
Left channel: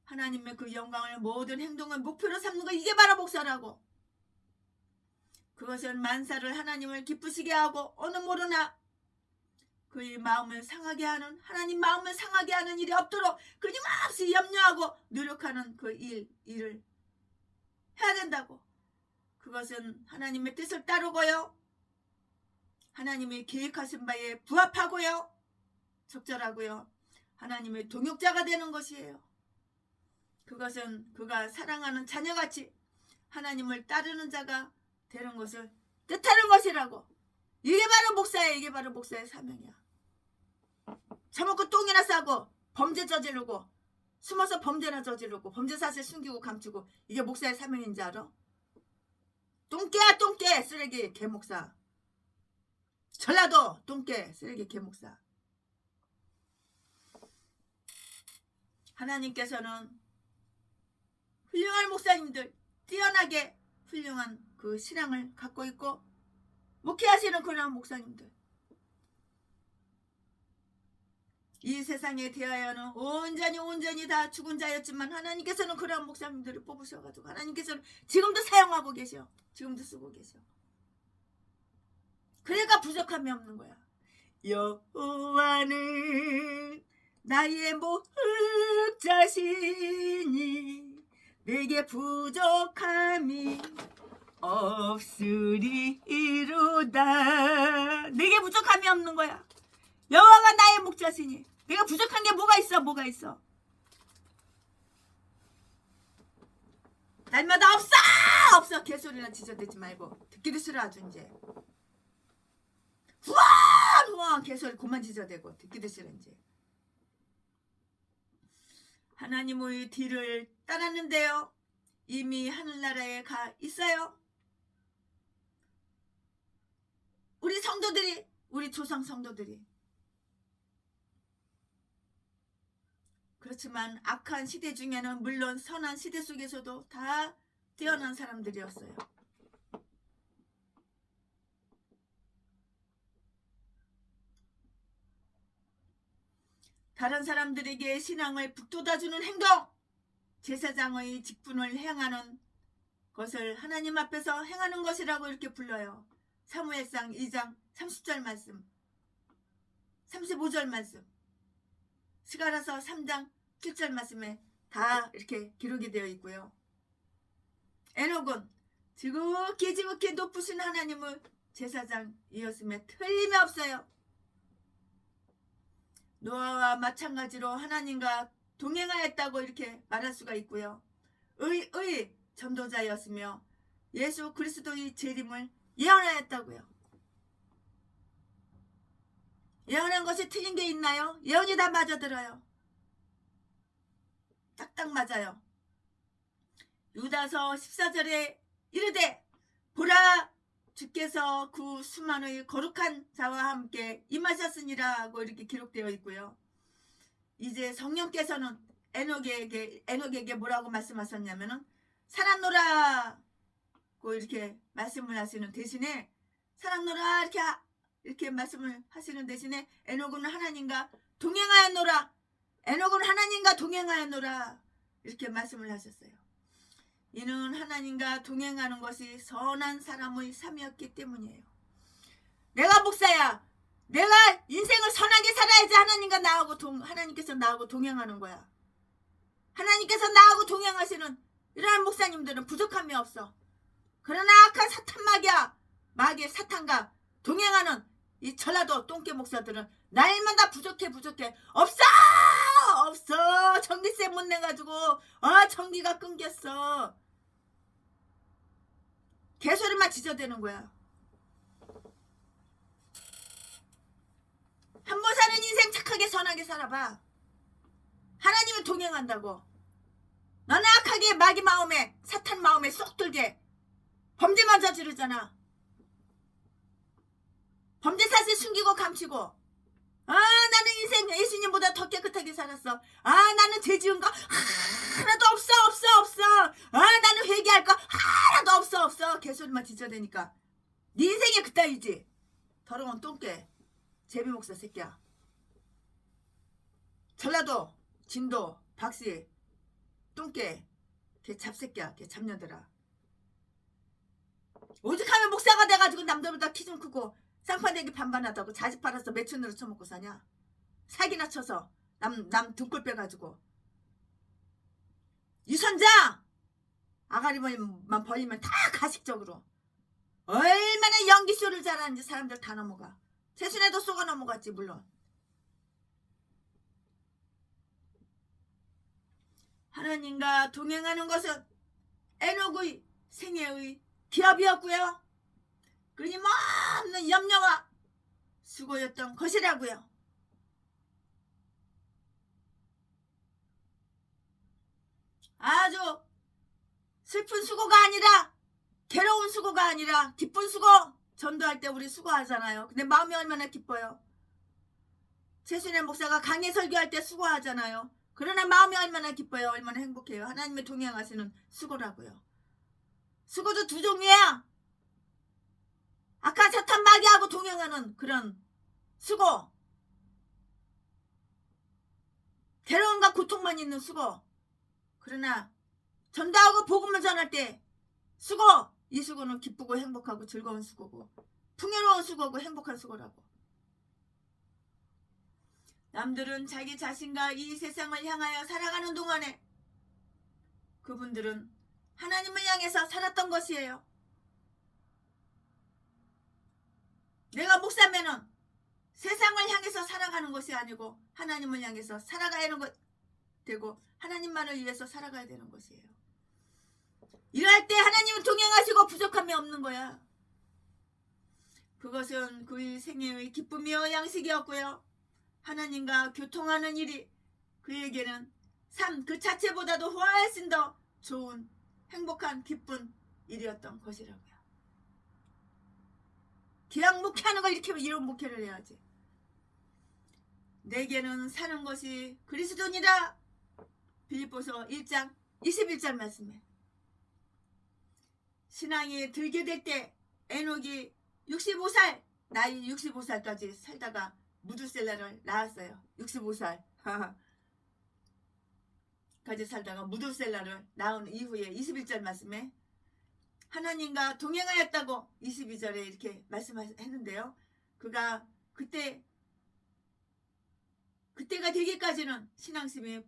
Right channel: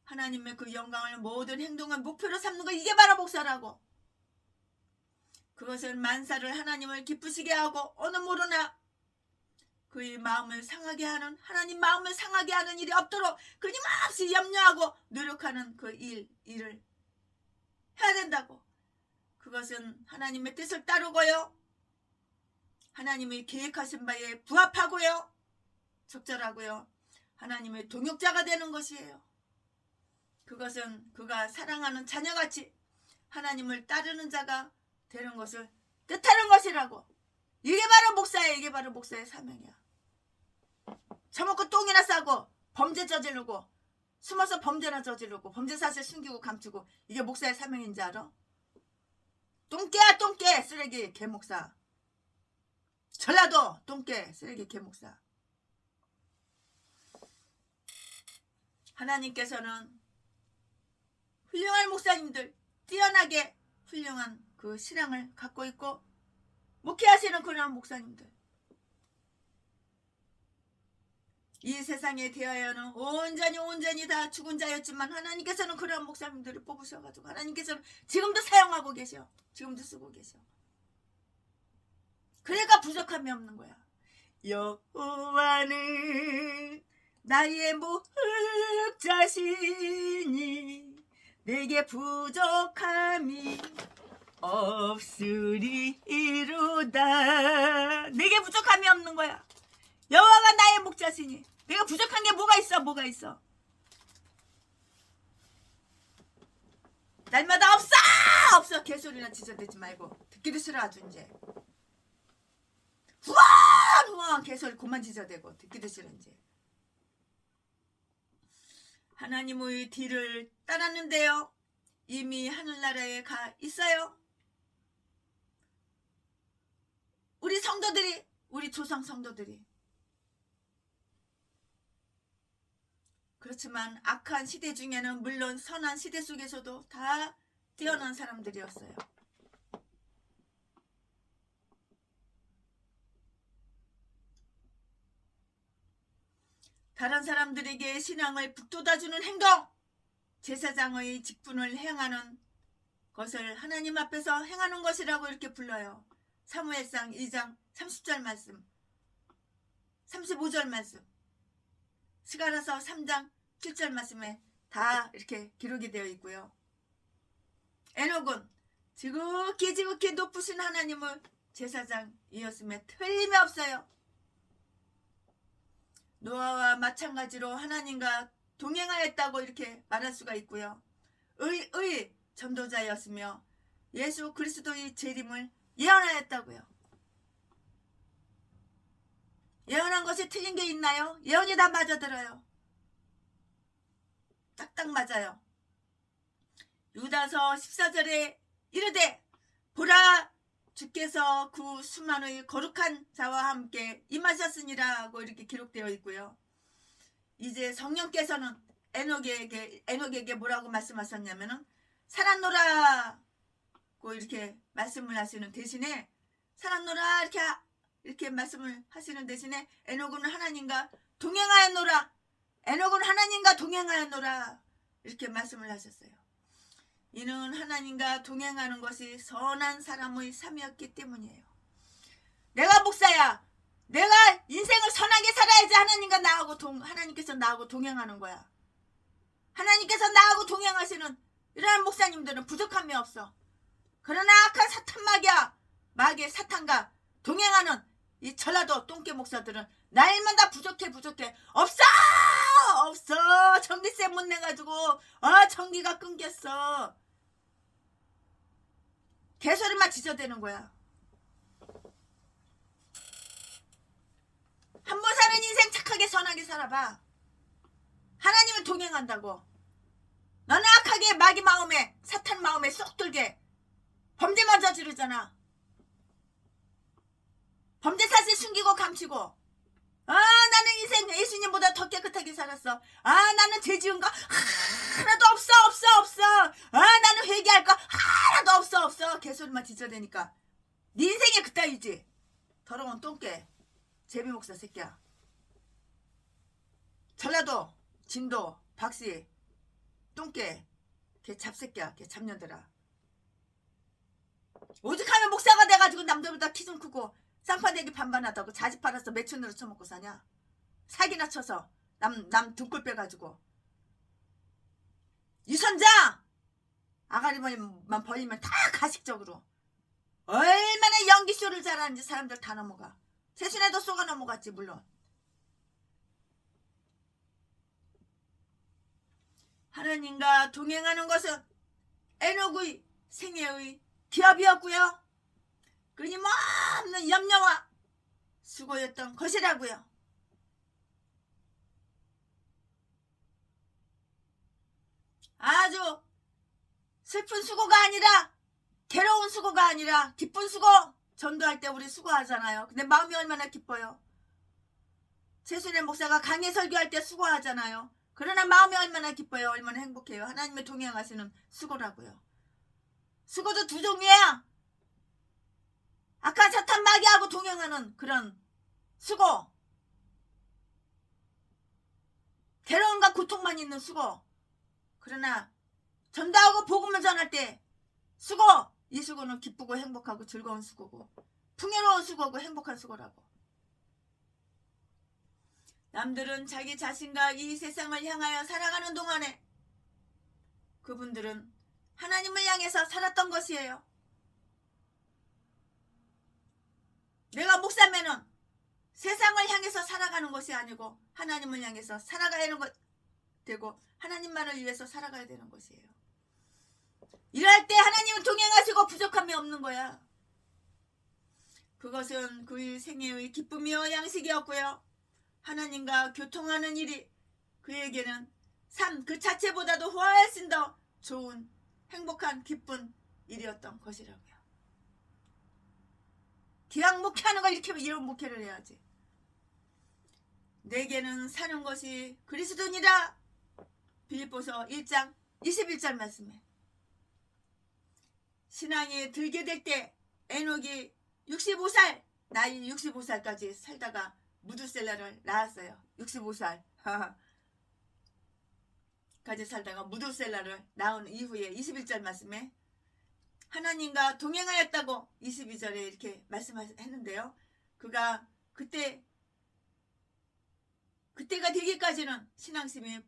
하나님의 그 영광을 모든 행동을 목표로 삼는 거 이게 바로 목사라고. 그것은 만사를 하나님을 기쁘시게 하고 어느 모르나 그의 마음을 상하게 하는 하나님 마음을 상하게 하는 일이 없도록 끊임없이 염려하고 노력하는 그 일을 해야 된다고. 그것은 하나님의 뜻을 따르고요. 하나님의 계획하신 바에 부합하고요. 적절하고요. 하나님의 동역자가 되는 것이에요. 그것은 그가 사랑하는 자녀같이 하나님을 따르는 자가 되는 것을 뜻하는 것이라고. 이게 바로 목사예요. 이게 바로 목사의 사명이야. 처먹고 똥이나 싸고 범죄 저지르고 숨어서 범죄나 저지르고 범죄 사실 숨기고 감추고 이게 목사의 사명인지 알아? 똥개야 똥개 쓰레기 개목사. 전라도 똥개 쓰레기 개목사. 하나님께서는 훌륭한 목사님들 뛰어나게 훌륭한 그 신앙을 갖고 있고 목회하시는 그런 목사님들 이 세상에 대하여는 온전히 다 죽은 자였지만 하나님께서는 그런 목사님들을 뽑으셔가지고 하나님께서는 지금도 사용하고 계셔. 지금도 쓰고 계셔. 그러니까 부족함이 없는 거야. 여호와는 나의 목자시니 내게 부족함이 없으리로다. 내게 부족함이 없는 거야. 여호와가 나의 목자시니 내가 부족한 게 뭐가 있어? 날마다 없어 개소리나 지저대지 말고 듣기도 싫어. 아주 이제 후원 개소리 그만 지저대고 듣기도 싫어. 이제 하나님의 뒤를 따랐는데요. 이미 하늘나라에 가 있어요. 우리 성도들이 우리 조상 성도들이. 그렇지만 악한 시대 중에는 물론 선한 시대 속에서도 다 뛰어난 사람들이었어요. 다른 사람들에게 신앙을 북돋아주는 행동, 제사장의 직분을 행하는 것을 하나님 앞에서 행하는 것이라고 이렇게 불러요. 사무엘상 2장 30절 말씀, 35절 말씀, 스가랴서 3장 7절 말씀에 다 이렇게 기록이 되어 있고요. 에녹은 지극히 높으신 하나님을 제사장이었음에 틀림이 없어요. 노아와 마찬가지로 하나님과 동행하였다고 이렇게 말할 수가 있고요. 의 전도자였으며 예수 그리스도의 재림을 예언하였다고요. 예언한 것이 틀린 게 있나요? 예언이 다 맞아들어요. 딱딱 맞아요. 유다서 14절에 이르되 보라 주께서 그 수만의 거룩한 자와 함께 임하셨으니라 하고 이렇게 기록되어 있고요. 이제 성령께서는 에녹에게 뭐라고 말씀하셨냐면은 살았노라고 이렇게 말씀을 하시는 대신에 살았노라 이렇게 말씀을 하시는 대신에 에녹은 하나님과 동행하였노라. 에녹은 하나님과 동행하였노라 이렇게 말씀을 하셨어요. 이는 하나님과 동행하는 것이 선한 사람의 삶이었기 때문이에요. 내가 목사야. 내가 인생을 선하게 살아야지 하나님께서 나하고 동행하는 거야. 하나님께서 나하고 동행하시는 이러한 목사님들은 부족함이 없어. 그러나 악한 사탄 마귀의 사탄과 동행하는 이 전라도 똥개 목사들은 날마다 부족해. 없어. 전기세 못 내가지고 전기가 끊겼어. 개소리만 지저대는 거야. 한 번 사는 인생 착하게 선하게 살아봐. 하나님은 동행한다고. 너는 악하게 마귀 마음에 사탄 마음에 쏙 들게 범죄만 저지르잖아. 범죄 사실 숨기고 감추고 나는 인생 예수님보다 더 깨끗하게 살았어. 나는 죄 지은 거 하나도 없어. 나는 회개할 거 하나도 없어. 개소리만 지저대니까 네 인생이 그따위지. 더러운 똥개 제비 목사 새끼야. 전라도 진도 박씨 똥개 걔 잡새끼야. 걔 잡녀들아. 오죽하면 목사가 돼가지고 남들보다 키 좀 크고 쌍판대기 반반하다고 자식 팔아서 매춘으로 처먹고 사냐. 사기나 쳐서 남 등골 빼가지고. 유선장 아가리만 벌리면 다 가식적으로 얼마나 연기쇼를 잘하는지 사람들 다 넘어가. 최순애도 쏘가 넘어갔지 물론. 하나님과 동행하는 것은 에녹의 생애의 기업이었고요. 끊임없는 염려와 수고였던 것이라고요. 아주 슬픈 수고가 아니라 괴로운 수고가 아니라 기쁜 수고. 전도할 때 우리 수고하잖아요. 근데 마음이 얼마나 기뻐요. 최순애 목사가 강의 설교할 때 수고하잖아요. 그러나 마음이 얼마나 기뻐요. 얼마나 행복해요. 하나님의 동행하시는 수고라고요. 수고도 두 종류야. 악한 사탄 마귀하고 동행하는 그런 수고. 괴로움과 고통만 있는 수고. 그러나 전도하고 복음을 전할 때 수고. 이 수고는 기쁘고 행복하고 즐거운 수고고 풍요로운 수고고 행복한 수고라고. 남들은 자기 자신과 이 세상을 향하여 살아가는 동안에 그분들은 하나님을 향해서 살았던 것이에요. 내가 목사면은 세상을 향해서 살아가는 것이 아니고 하나님을 향해서 살아가야 하는 것 되고 하나님만을 위해서 살아가야 되는 것이에요. 이럴 때 하나님은 동행하시고 부족함이 없는 거야. 그것은 그의 생애의 기쁨이요 양식이었고요. 하나님과 교통하는 일이 그에게는 삶 그 자체보다도 훨씬 더 좋은 행복한 기쁜 일이었던 것이라고요. 기왕 목회하는 걸 이렇게 이런 목회를 해야지. 내게는 사는 것이 그리스도니라. 빌립보서 1장 21절 말씀에 신앙이 들게 될 때 에녹이 65살 나이 65살까지 살다가 무두셀라를 낳았어요. 65살 까지 살다가 무두셀라를 낳은 이후에 21절 말씀에 하나님과 동행하였다고 22절에 이렇게 말씀했는데요. 그가 그때가 되기까지는 신앙심이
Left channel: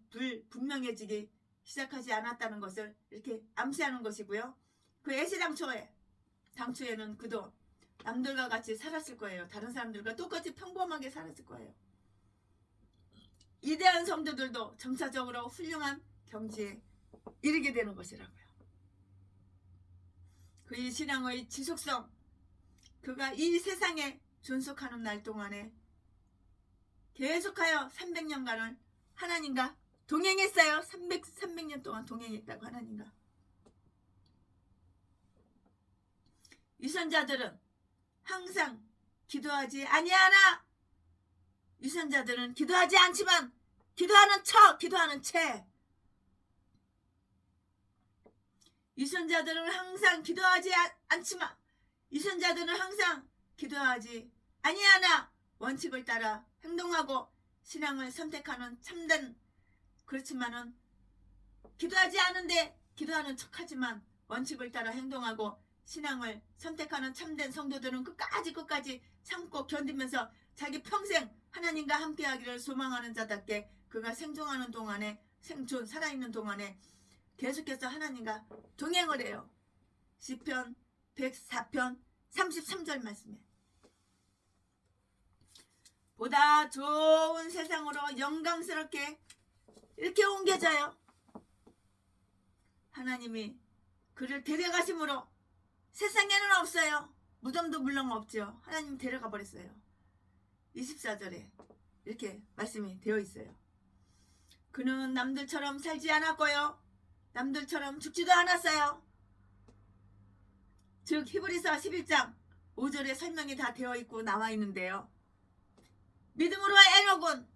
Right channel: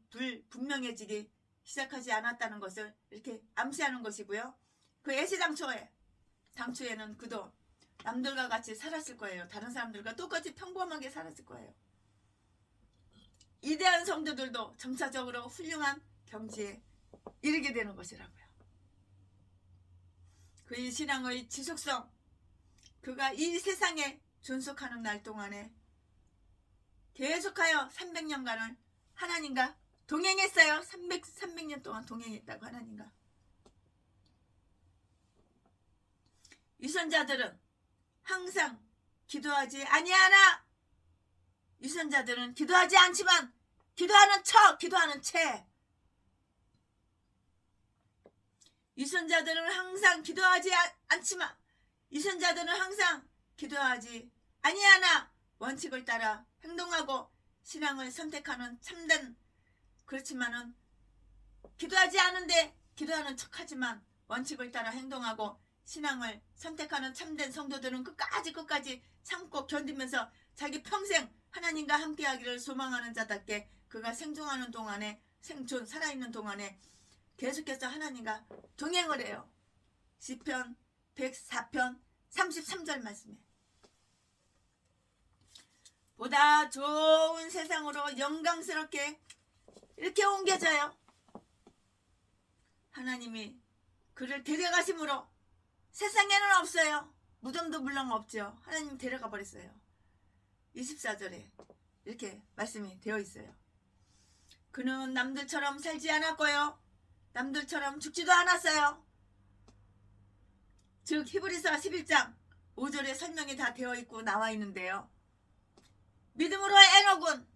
분명해지기 시작하지 않았다는 것을 이렇게 암시하는 것이고요. 그 당초에는 그도 남들과 같이 살았을 거예요. 다른 사람들과 똑같이 평범하게 살았을 거예요. 이대한 성도들도 점차적으로 훌륭한 경지에 이르게 되는 것이라고요. 그의 신앙의 지속성, 그가 이 세상에 존속하는 날 동안에 계속하여 300년간을 하나님과 동행했어요. 300년 동안 동행했다고 하나님과. 유선자들은 항상 기도하지 아니하나. 유선자들은 기도하지 않지만 기도하는 채. 유선자들은 항상 기도하지 않지만 유선자들은 항상 기도하지 아니하나 원칙을 따라 행동하고 신앙을 선택하는 참된, 그렇지만은 기도하지 않은데 기도하는 척하지만 원칙을 따라 행동하고 신앙을 선택하는 참된 성도들은 끝까지 참고 견디면서 자기 평생 하나님과 함께하기를 소망하는 자답게 그가 생존하는 동안에, 살아있는 동안에 계속해서 하나님과 동행을 해요. 시편 104편 33절 말씀에 보다 좋은 세상으로 영광스럽게 이렇게 옮겨져요. 하나님이 그를 데려가심으로 세상에는 없어요. 무덤도 물론 없죠. 하나님 데려가 버렸어요. 24절에 이렇게 말씀이 되어 있어요. 그는 남들처럼 살지 않았고요. 남들처럼 죽지도 않았어요. 즉 히브리서 11장 5절에 설명이 다 되어 있고 나와 있는데요. 믿음으로 에녹은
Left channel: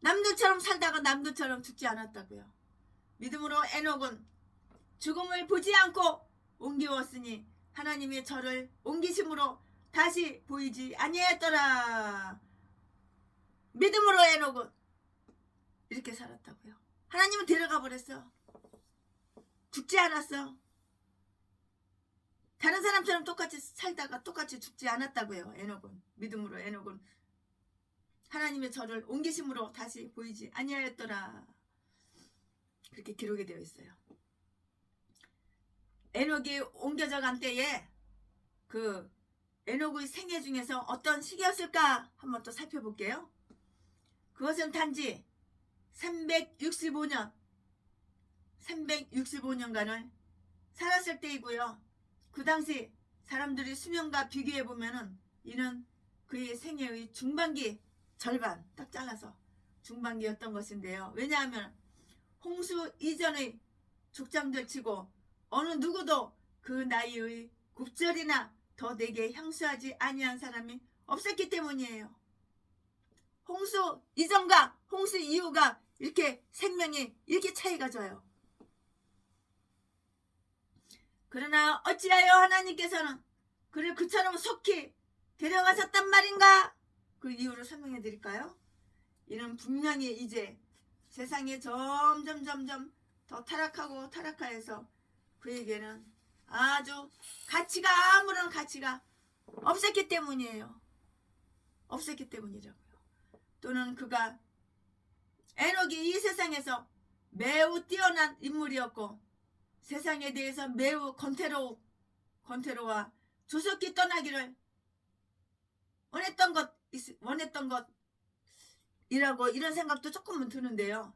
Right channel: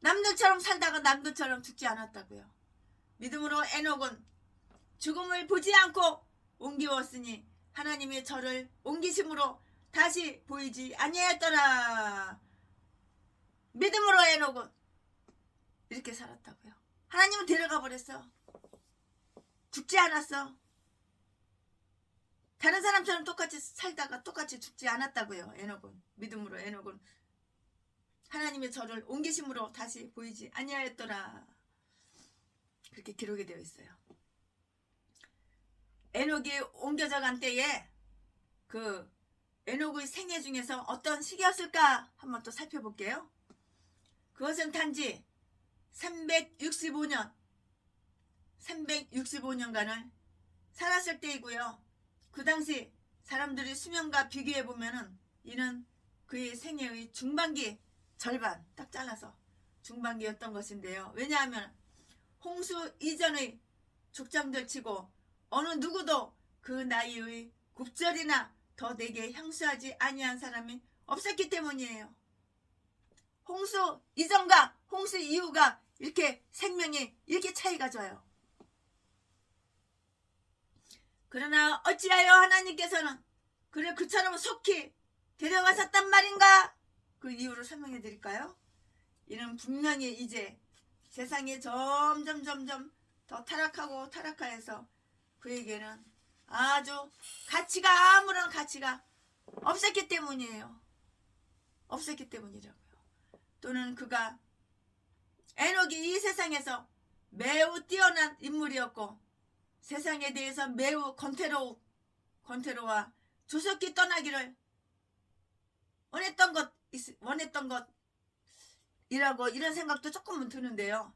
남들처럼 살다가 남들처럼 죽지 않았다고요. 믿음으로 에녹은 죽음을 보지 않고 옮기웠으니 하나님의 저를 옮기심으로 다시 보이지 아니하였더라. 믿음으로 에녹은 이렇게 살았다고요. 하나님은 데려가 버렸어. 죽지 않았어. 다른 사람처럼 똑같이 살다가 똑같이 죽지 않았다고요. 에녹은. 믿음으로 에녹은 하나님의 저를 옮기심으로 다시 보이지 아니하였더라. 그렇게 기록이 되어 있어요. 에녹이 옮겨져 간 때에 그 에녹의 생애 중에서 어떤 시기였을까 한번 또 살펴볼게요. 그것은 단지 365년간을 살았을 때이고요. 그 당시 사람들이 수명과 비교해 보면은 이는 그의 생애의 중반기 절반 딱 잘라서 중반기였던 것인데요. 왜냐하면 홍수 이전의 족장들 치고 어느 누구도 그 나이의 곱절이나 더 내게 향수하지 아니한 사람이 없었기 때문이에요. 홍수 이전과 홍수 이후가 이렇게 생명이 이렇게 차이가 져요. 그러나 어찌하여 하나님께서는 그를 그처럼 속히 데려가셨단 말인가? 그 이유를 설명해 드릴까요? 이는 분명히 이제 세상이 점점 더 타락해서 그에게는 아주 아무런 가치가 없었기 때문이에요. 없었기 때문이라고요. 또는 그가 에녹이 이 세상에서 매우 뛰어난 인물이었고 세상에 대해서 매우 권태로와 조속히 떠나기를 원했던 것이라고 이런 생각도 조금은 드는데요.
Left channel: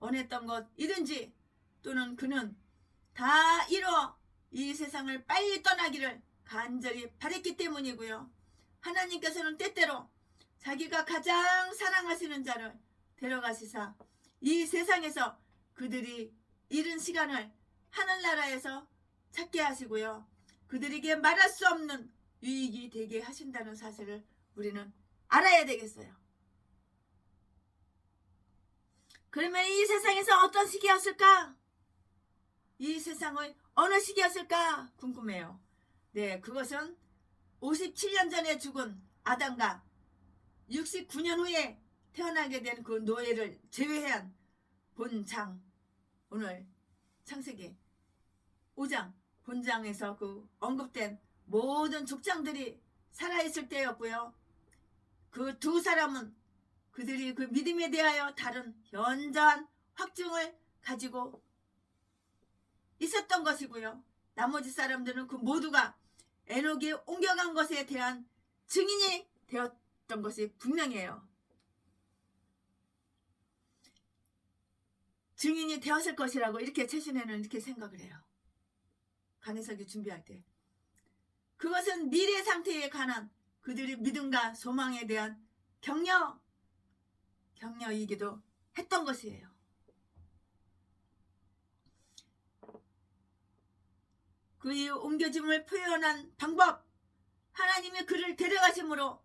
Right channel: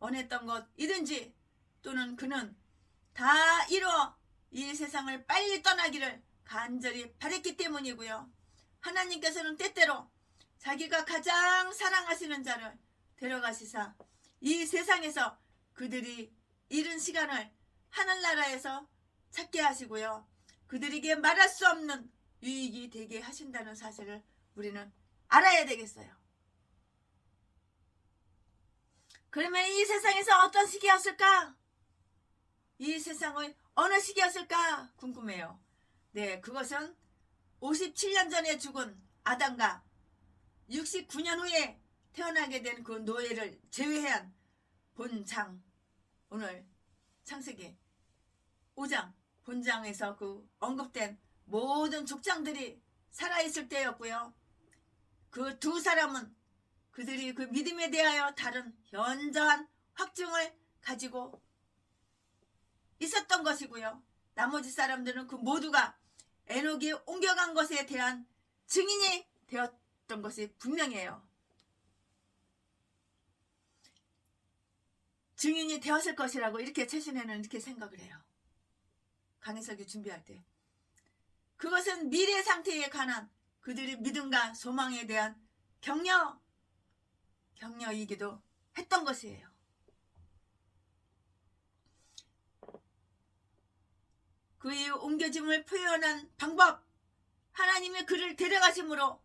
원했던 것이든지 또는 그는 다 이뤄 이 세상을 빨리 떠나기를 간절히 바랬기 때문이고요. 하나님께서는 때때로 자기가 가장 사랑하시는 자를 데려가시사 이 세상에서 그들이 이른 시간을 하늘나라에서 찾게 하시고요. 그들에게 말할 수 없는 유익이 되게 하신다는 사실을 우리는 알아야 되겠어요. 그러면 이 세상에서 어떤 시기였을까? 이 세상의 어느 시기였을까 궁금해요. 네, 그것은 57년 전에 죽은 아담과 69년 후에 태어나게 된 그 노예를 제외한 본장, 오늘 창세기 5장 본장에서 그 언급된 모든 족장들이 살아있을 때였고요. 그 두 사람은 그들이 그 믿음에 대하여 다른 현저한 확증을 가지고 있었던 것이고요. 나머지 사람들은 그 모두가 에녹이 옮겨간 것에 대한 증인이 되었던 것이 분명해요. 증인이 되었을 것이라고 이렇게 최순애는 이렇게 생각을 해요. 강해석이 준비할 때. 그것은 미래 상태에 관한 그들의 믿음과 소망에 대한 격려이기도 했던 것이에요. 그의 옮겨짐을 표현한 방법, 하나님의 그를 데려가심으로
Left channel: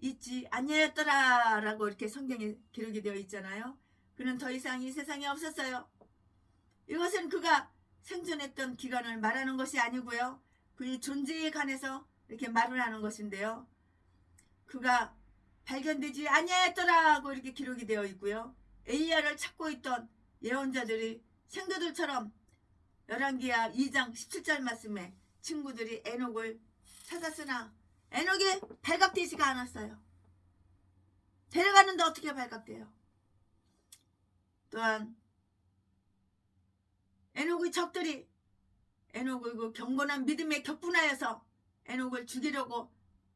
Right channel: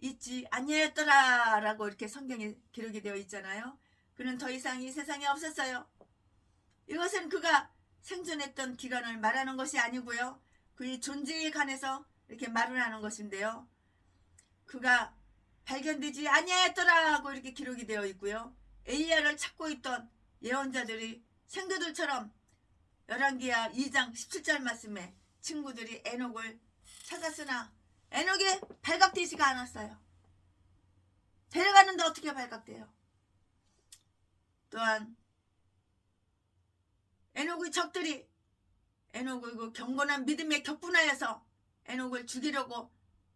잊지 아니하였더라 라고 이렇게 성경에 기록이 되어 있잖아요. 그는 더 이상 이 세상에 없었어요. 이것은 그가 생존했던 기간을 말하는 것이 아니고요. 그의 존재에 관해서 이렇게 말을 하는 것인데요. 그가 발견되지 아니하였더라고 이렇게 기록이 되어 있고요. 엘리야를 찾고 있던 예언자들이 생도들처럼 열왕기하 2장 17절 말씀에 친구들이 에녹을 찾았으나 에녹이 발각되지가 않았어요. 데려가는데 어떻게 발각돼요? 또한 에녹의 적들이 에녹의 그 경건한 믿음에 격분하여서 에녹을 죽이려고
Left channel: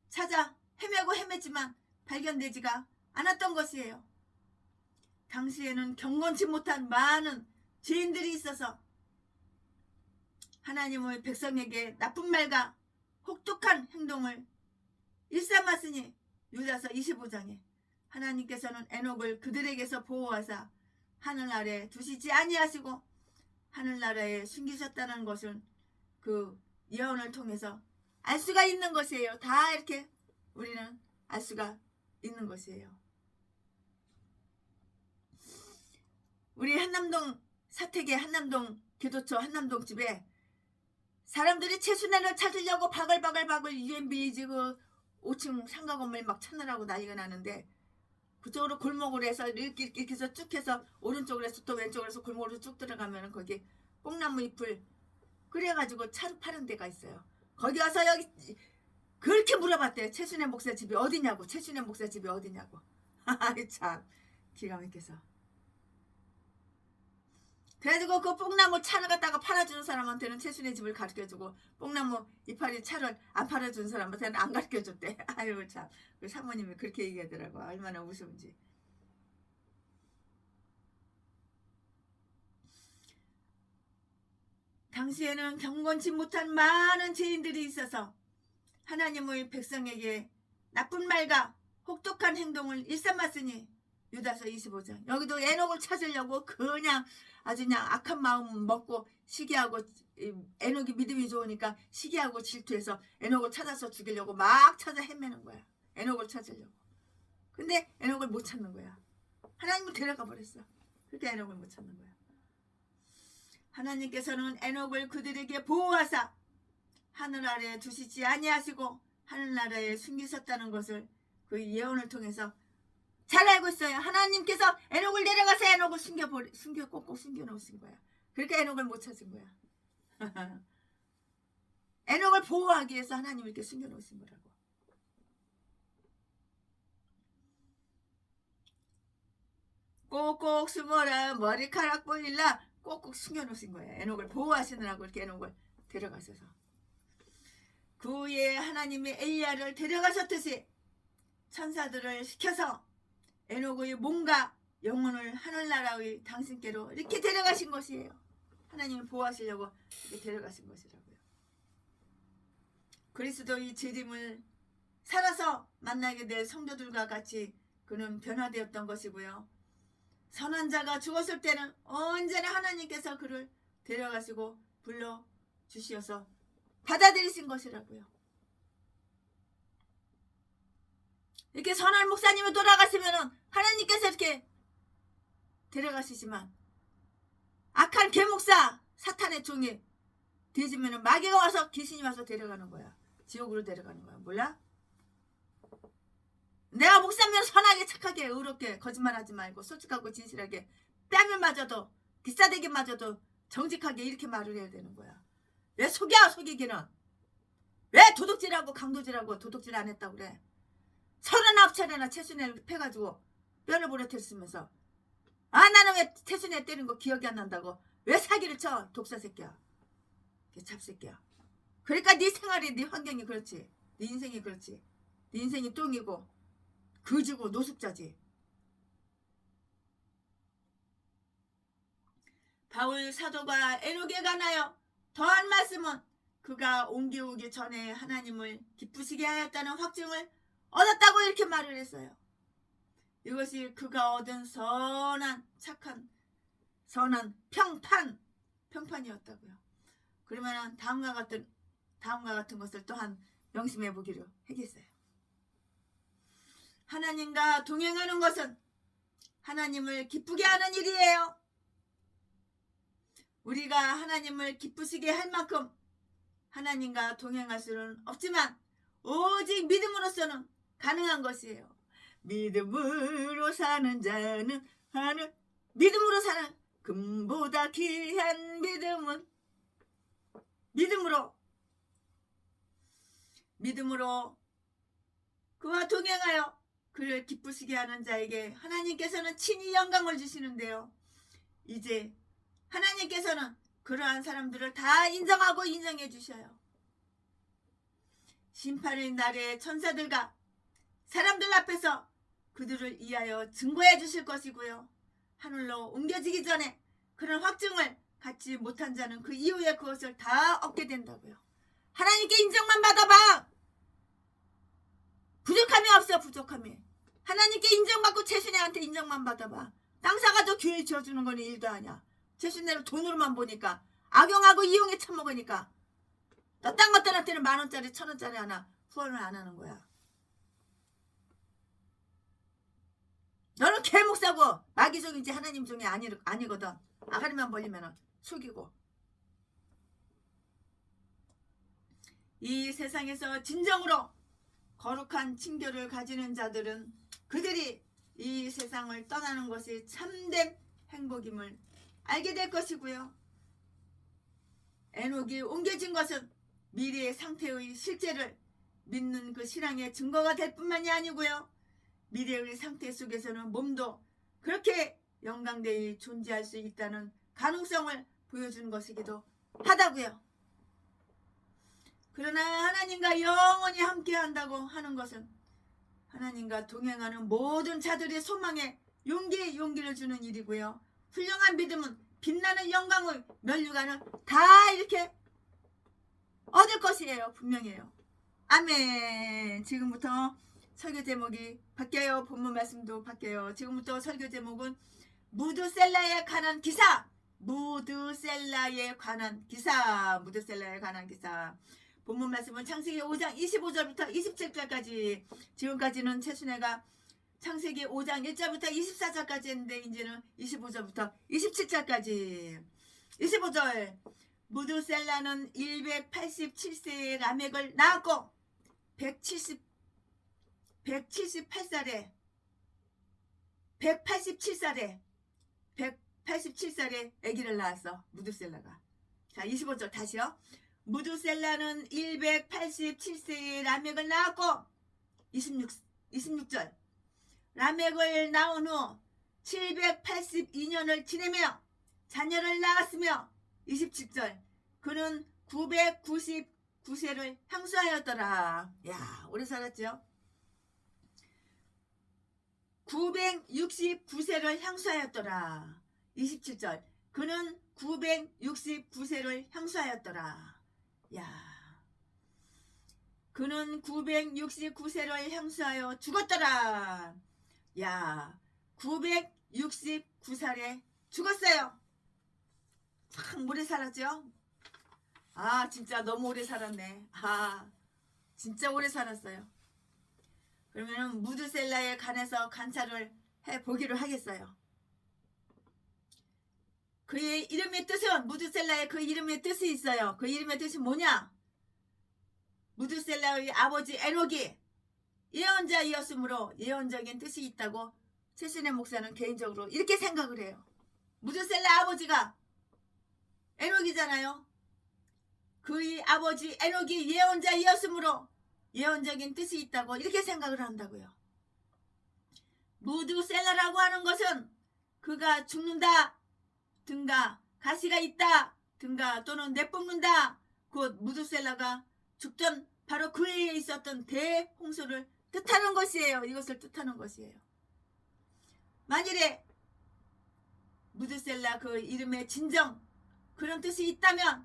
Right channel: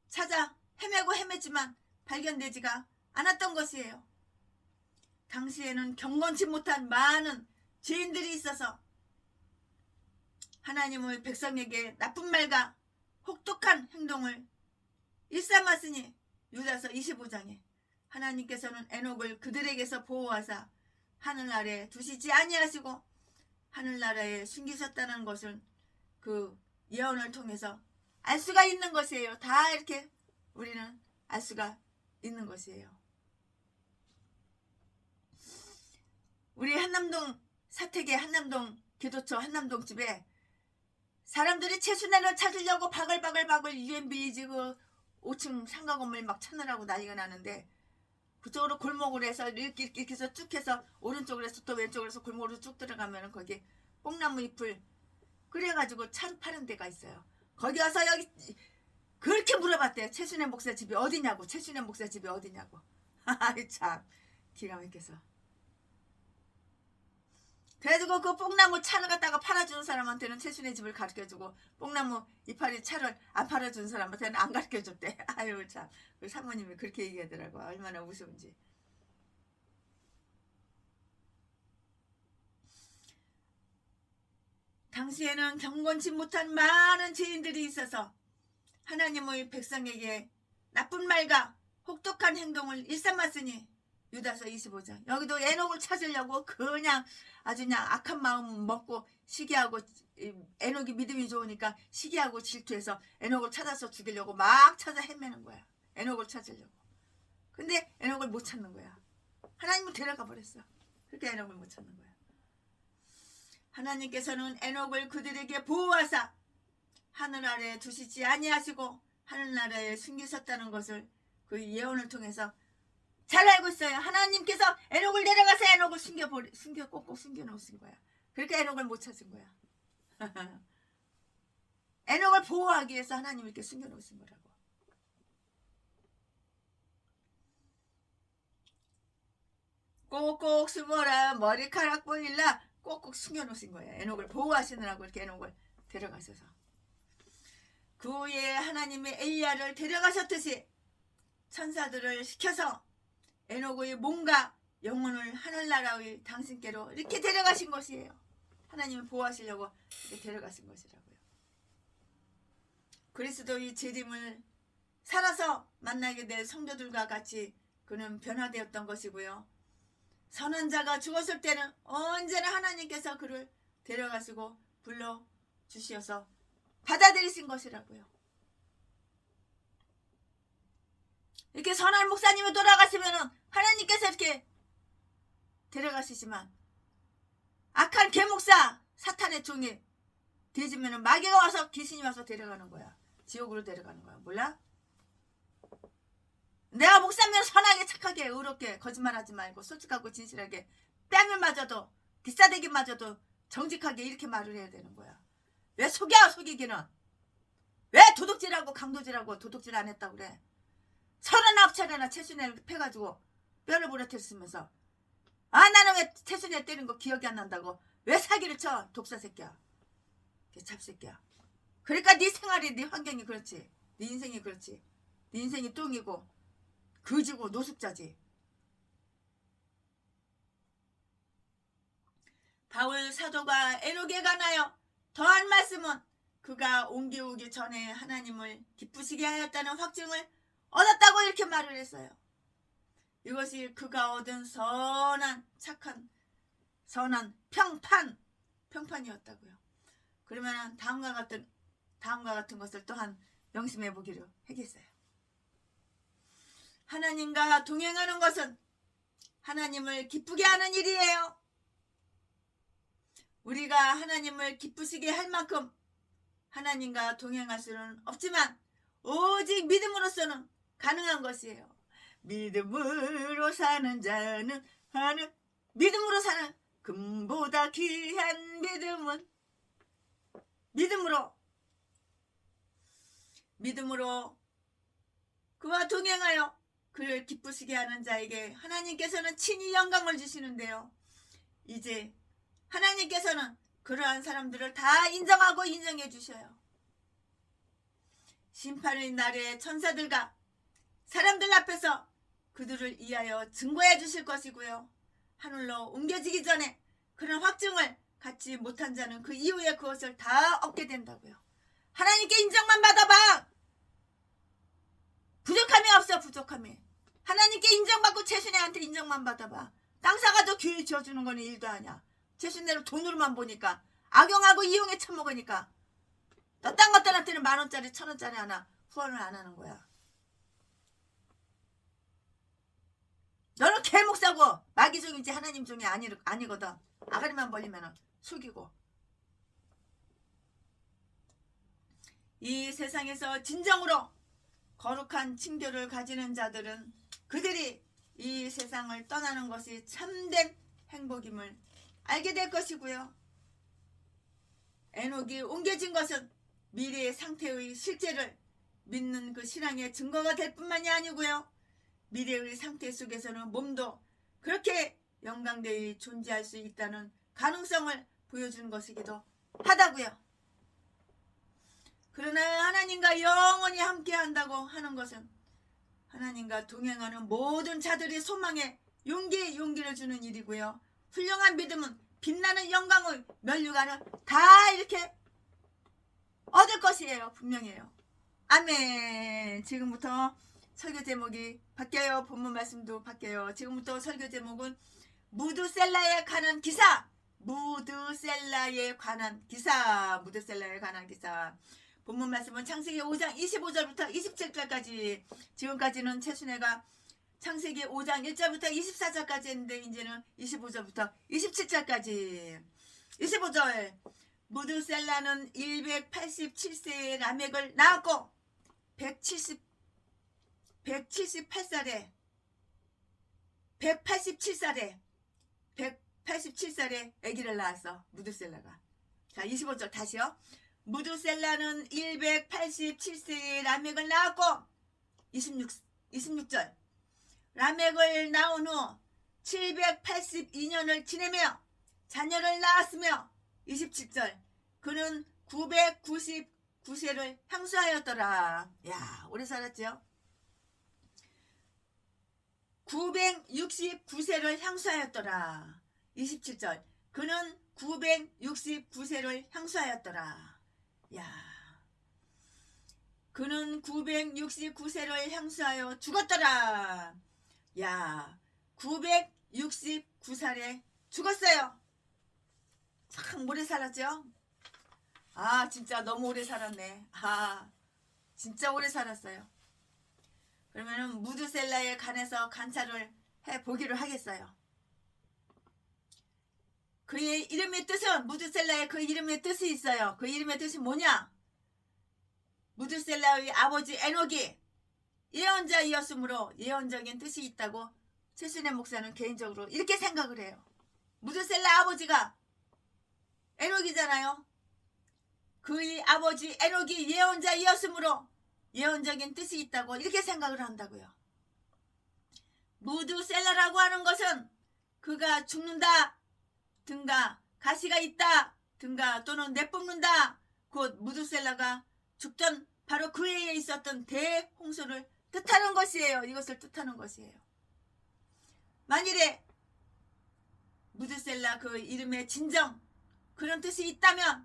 찾아 헤매고 헤맸지만 발견되지가 않았던 것이에요. 당시에는 경건치 못한 많은 죄인들이 있어서 하나님의 백성에게 나쁜 말과 혹독한 행동을 일삼았으니 유다서 25장에 하나님께서는 에녹을 그들에게서 보호하사 하늘 아래 두시지 아니하시고 하늘나라에 숨기셨다는 것을 그 예언을 통해서 알 수가 있는 것이에요. 다 이렇게 우리는 알 수가 있는 것이에요. 우리 한남동 사택의 한남동 기도처 한남동 집에 사람들이 최순애를 찾으려고 바글바글 유엔 빌리지 그 5층 상가 건물 막 찾느라고 난리가 나는데 그쪽으로 골목으로 해서 이렇게 해서 쭉 해서 오른쪽으로 해서 또 왼쪽으로 해서 골목으로 쭉 들어가면 거기 뽕나무 잎을 그래가지고 차를 파는 데가 있어요. 거기 와서 여기 그렇게 물어봤대요. 최순애 목사 집이 어디냐고. 최순애 목사 집이 어디냐고. 참 기가 막혀서. 그래가지고 그 뽕나무 차를 갖다가 팔아주는 사람한테는 최순애 집을 가르쳐주고 뽕나무 이파리 차를 안 팔아주는 사람한테는 안 가르쳐줬대. 아유 참. 그 사모님이 그렇게 얘기하더라고. 얼마나 우스운지. 당시에는 경건치 못한 많은 죄인들이 있어서 하나님의 백성에게 나쁜 말과 혹독한 행동을 일삼았으니 유다서 25장 여기도 에녹을 찾으려고 그냥 아주 그냥 악한 마음 먹고 시기하고 에녹이 믿음이 좋으니까 시기하고 질투해서 에녹을 찾아서 죽이려고 막 찾아 헤매는 거야. 에녹을 찾으려고. 근데 에녹을 못 찾는 거야. 하나님은 데려가 버렸어. 그러니까 에녹을 못 찾는 거야. 하나님께서는 에녹을 그들에게 보호하사 하늘 아래 두시지 아니하시고 하늘나라에 숨기셨다는 것을 그 예언을 통해서 잘 알고 있어요. 하나님께서 에녹을 데려가서 에녹을 꼭꼭 숨겨놓으신 거야. 그러니까 에녹을 못 찾은 거야. 에녹을 보호하기 위해서 하나님이 이렇게 숨겨놓으신 거라고. 꼭꼭 숨어라 머리카락 보일라 꼭꼭 숨겨놓으신 거예요. 에녹을 보호하시느라고 이렇게 에녹을 데려가셔서. 그 후에 하나님의 엘리야를 데려가셨듯이 천사들을 시켜서 에녹의 몸과 영혼을 하늘나라의 당신께로 이렇게 데려가신 것이에요. 하나님을 보호하시려고 이렇게 데려가신 것이라고요. 그리스도의 재림을 살아서 만나게 될 성도들과 같이 그는 변화되었던 것이고요. 선한 자가 죽었을 때는 언제나 하나님께서 그를 데려가시고 불러주시어서 받아들이신 것이라고요. 이렇게 선한 목사님이 돌아가시면 하나님께서 이렇게 데려가시지만 악한 개목사 사탄의 종이 뒤지면 마귀가 와서 귀신이 와서 데려가는 거야. 지옥으로 데려가는 거야. 몰라? 내가 목사면 선하게 착하게 의롭게 거짓말하지 말고 솔직하고 진실하게 뺨을 맞아도 기싸대기 맞아도 정직하게 이렇게 말을 해야 되는 거야. 왜 속여 속이기는. 왜 도둑질하고 강도질하고 도둑질 안 했다고 그래. 39차례나 최순애를 패가지고 뼈를 부러뜨렸으면서 나는 왜 최순애 때린 거 기억이 안 난다고 왜 사기를 쳐. 독사 새끼야. 잡새끼야. 그러니까 네 생활이, 네 환경이 그렇지. 네 인생이 그렇지. 네 인생이 똥이고 거지고 노숙자지. 바울 사도가 에녹에 관하여 더한 말씀은 그가 옮겨오기 전에 하나님을 기쁘시게 하였다는 확증을 얻었다고 이렇게 말을 했어요. 이것이 그가 얻은 선한 착한 선한 평판이었다고요. 그러면 다음과 같은 것을 또한 명심해 보기로 하겠어요. 하나님과 동행하는 것은 하나님을 기쁘게 하는 일이에요. 우리가 하나님을 기쁘시게 할 만큼 하나님과 동행할 수는 없지만 오직 믿음으로서는 가능한 것이에요. 믿음으로 사는 자는 믿음으로 사는 금보다 귀한 믿음은 믿음으로 그와 동행하여 그를 기쁘시게 하는 자에게 하나님께서는 친히 영광을 주시는데요. 이제 하나님께서는 그러한 사람들을 다 인정하고 인정해 주셔요. 심판의 날에 천사들과 사람들 앞에서 그들을 위하여 증거해 주실 것이고요. 하늘로 옮겨지기 전에 그런 확증을 갖지 못한 자는 그 이후에 그것을 다 얻게 된다고요. 하나님께 인정만 받아봐. 부족함이 없어. 부족함이. 하나님께 인정받고 최순애한테 인정만 받아봐. 땅 사가도 교회 지어주는 건 일도 아니야. 최순애를 돈으로만 보니까 악용하고 이용해 처먹으니까 너 딴 것들한테는 10,000원짜리 1,000원짜리 하나 후원을 안 하는 거야. 너는 개목사고 마귀종인지 하나님 종이 아니거든. 아가리만 벌리면 속이고. 이 세상에서 진정으로 거룩한 징조를 가지는 자들은 그들이 이 세상을 떠나는 것이 참된 행복임을 알게 될 것이고요. 에녹이 옮겨진 것은 미래의 상태의 실제를 믿는 그 신앙의 증거가 될 뿐만이 아니고요. 미래의 상태 속에서는 몸도 그렇게 영광되이 존재할 수 있다는 가능성을 보여주는 것이기도 하다고요. 그러나 하나님과 영원히 함께한다고 하는 것은 하나님과 동행하는 모든 자들의 소망에 용기를 주는 일이고요. 훌륭한 믿음은 빛나는 영광의 면류관을 다 이렇게 얻을 것이에요. 분명해요. 아멘. 지금부터 설교 제목이 바뀌어요. 본문 말씀도 바뀌어요. 지금부터 설교 제목은 무드셀라에 관한 기사. 무드셀라에 관한 기사. 본문 말씀은 창세기 5장 25절부터 27절까지. 지금까지는 최순애가 창세기 5장 1절부터 24절까지 했는데 이제는 25절부터 27절까지. 25절. 무드셀라는 187세의 라멕을 낳았고 187살에 187살에 아기를 낳았어. 무드셀라가. 자, 25절 다시요. 무드셀라는 187세의 라멕을 낳았고 26절. 라멕을 낳은 후 782년을 지내며 자녀를 낳았으며 27절. 그는 999세를 향수하였더라. 야, 오래 살았죠? 969세를 향수하였더라. 27절. 그는 969세를 향수하였더라. 야, 그는 969세를 향수하여 죽었더라. 야, 969살에 죽었어요. 참 오래 살았죠? 아, 진짜 너무 오래 살았네. 아, 진짜 오래 살았어요. 그러면은 무드셀라에 관해서 관찰을 해보기로 하겠어요. 그의 이름의 뜻은, 무드셀라의 그 이름의 뜻이 있어요. 그 이름의 뜻이 뭐냐? 무드셀라의 아버지 에녹이 예언자이었으므로 예언적인 뜻이 있다고 최순애 목사는 개인적으로 이렇게 생각을 해요. 무드셀라 아버지가 에녹이잖아요. 그의 아버지 에녹이 예언자이었으므로 예언적인 뜻이 있다고 이렇게 생각을 한다고요. 무드셀라라고 하는 것은 그가 죽는다 든가 가시가 있다 든가 또는 내뿜는다 곧 무드셀라가 죽던 바로 그 해에 있었던 대홍수를 뜻하는 것이에요. 이것을 뜻하는 것이에요. 만일에 무드셀라 그 이름의 진정 그런 뜻이 있다면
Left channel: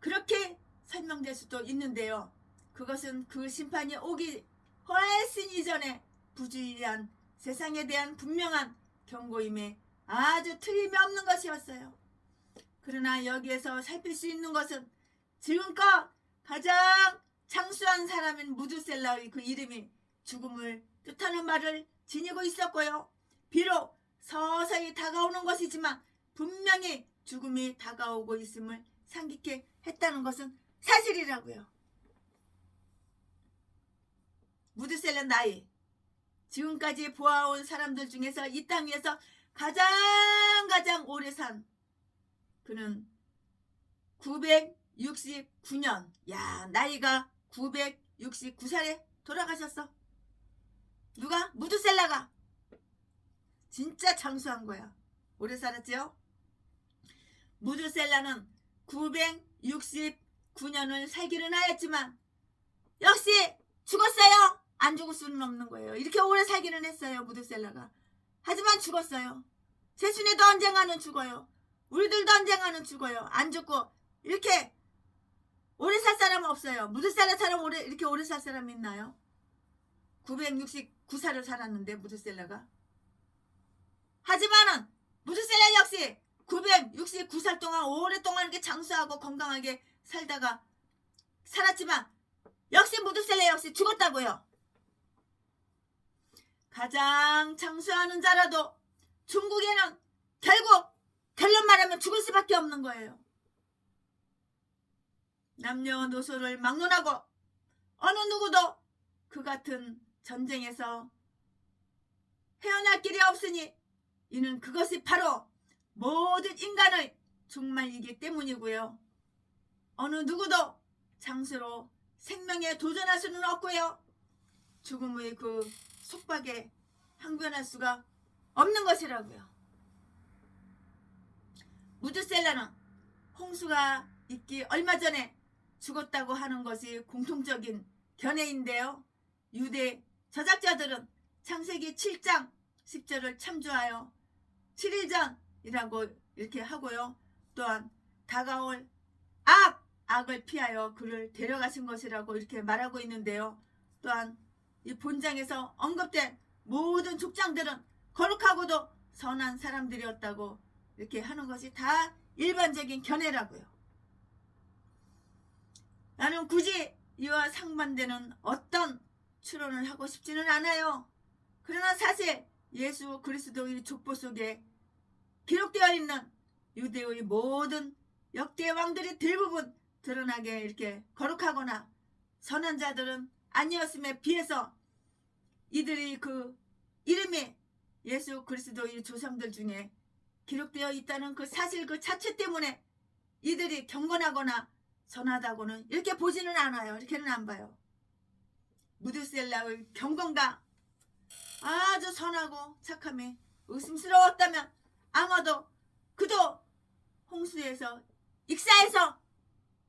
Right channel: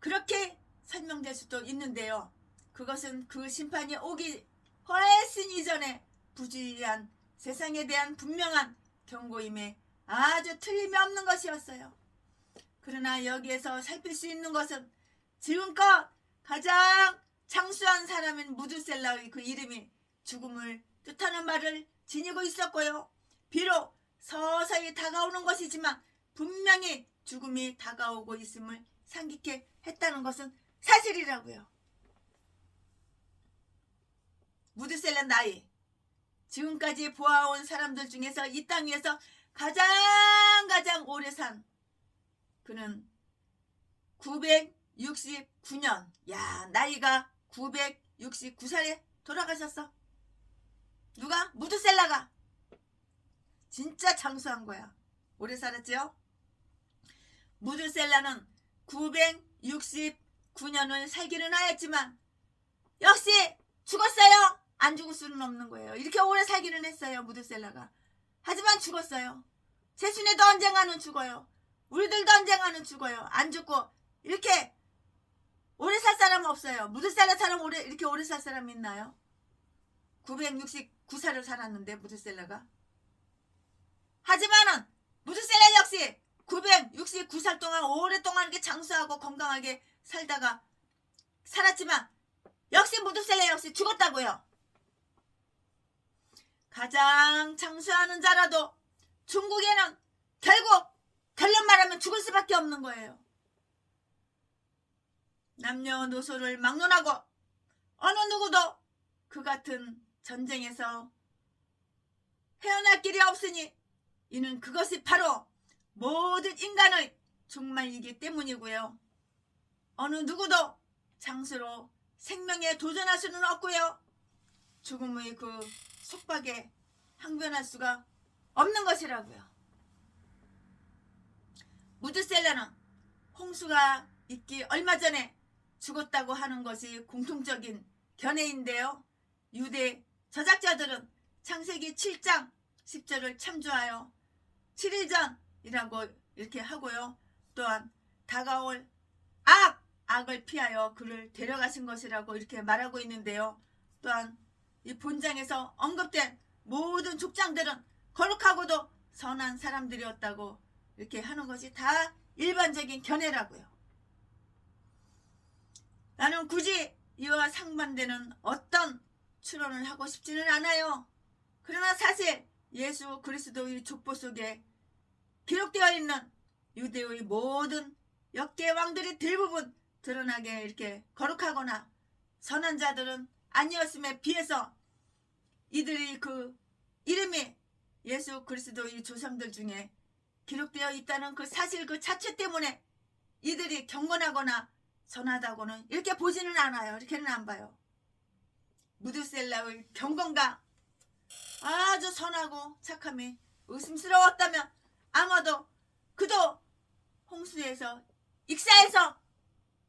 그렇게 설명될 수도 있는데요. 그것은 그 심판이 오기 훨씬 이전에 부주의한 세상에 대한 분명한 경고임에 아주 틀림없는 것이었어요. 그러나 여기에서 살필 수 있는 것은 지금껏 가장 장수한 사람인 무드셀라의 그 이름이 죽음을 뜻하는 말을 지니고 있었고요. 비록 서서히 다가오는 것이지만 분명히 죽음이 다가오고 있음을 상기케 했다는 것은 사실이라고요. 무드셀라 나이, 지금까지 보아온 사람들 중에서 이 땅 위에서 가장 오래 산 그는 969년. 야, 나이가 969살에 돌아가셨어. 누가? 무드셀라가. 진짜 장수한 거야. 오래 살았죠? 무드셀라는 969년을 살기는 하였지만 역시 죽었어요. 안 죽을 수는 없는 거예요. 이렇게 오래 살기는 했어요. 무드셀라가. 하지만 죽었어요. 세순에도 언젠가는 죽어요. 우리들도 언젠가는 죽어요. 안 죽고 이렇게 오래 살 사람은 없어요. 무드셀라처럼 이렇게 오래 살 사람이 있나요? 969살을 살았는데 무드셀라가. 하지만은 무드셀라 역시 969살 동안 오랫동안 이렇게 장수하고 건강하게 살았지만 역시 무드셀라 역시 죽었다고요. 가장 장수하는 자라도 중국에는 결국 결론 말하면 죽을 수밖에 없는 거예요. 남녀노소를 막론하고 어느 누구도 그 같은 전쟁에서 헤어날 길이 없으니 이는 그것이 바로 모든 인간의 종말이기 때문이고요. 어느 누구도 장수로 생명에 도전할 수는 없고요. 죽음의 그 속박에 항변할 수가 없는 것이라고요. 무드셀라는 홍수가 있기 얼마 전에 죽었다고 하는 것이 공통적인 견해인데요. 유대 저작자들은 창세기 7장 10절을 참조하여 7일 전이라고 이렇게 하고요. 또한 다가올 악을 피하여 그를 데려가신 것이라고 이렇게 말하고 있는데요. 또한 이 본장에서 언급된 모든 족장들은 거룩하고도 선한 사람들이었다고 이렇게 하는 것이 다 일반적인 견해라고요. 나는 굳이 이와 상반되는 어떤 추론을 하고 싶지는 않아요. 그러나 사실 예수 그리스도의 족보 속에 기록되어 있는 유대의 모든 역대 왕들이 대부분 드러나게 이렇게 거룩하거나 선한 자들은 아니었음에 비해서 이들이 그 이름이 예수 그리스도의 조상들 중에 기록되어 있다는 그 사실 그 자체 때문에 이들이 경건하거나 선하다고는 이렇게 보지는 않아요. 이렇게는 안 봐요. 무드셀라의 경건과 아주 선하고 착함이 의심스러웠다면 아마도 그도 홍수에서 익사해서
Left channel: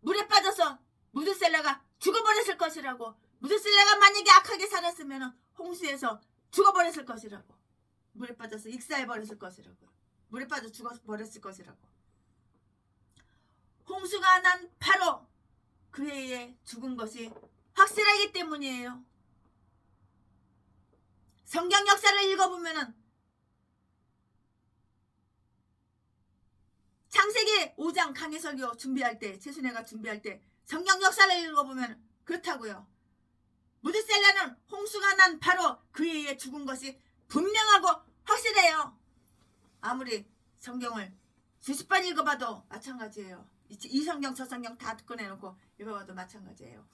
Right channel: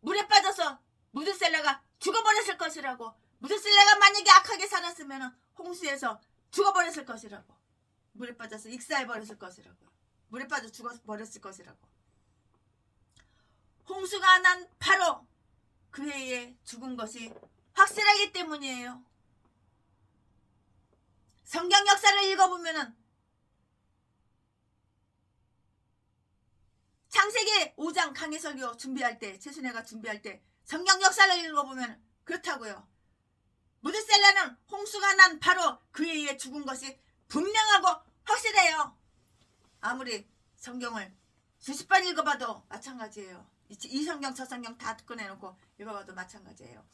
물에 빠져서 무드셀라가 죽어버렸을 것이라고. 무드셀라가 만약에 악하게 살았으면 홍수에서 죽어버렸을 것이라고. 물에 빠져서 익사해버렸을 것이라고. 물에 빠져 죽어버렸을 것이라고. 홍수가 난 바로 그 해에 죽은 것이 확실하기 때문이에요. 성경 역사를 읽어보면은 창세기 5장 강해설교 준비할 때, 최순애가 준비할 때 성경 역사를 읽어보면 그렇다고요. 무드셀라는 홍수가 난 바로 그 해에 죽은 것이 분명하고 확실해요. 아무리 성경을 수십 번 읽어봐도 마찬가지예요. 이 성경 저 성경 다 꺼내놓고 읽어봐도 마찬가지예요.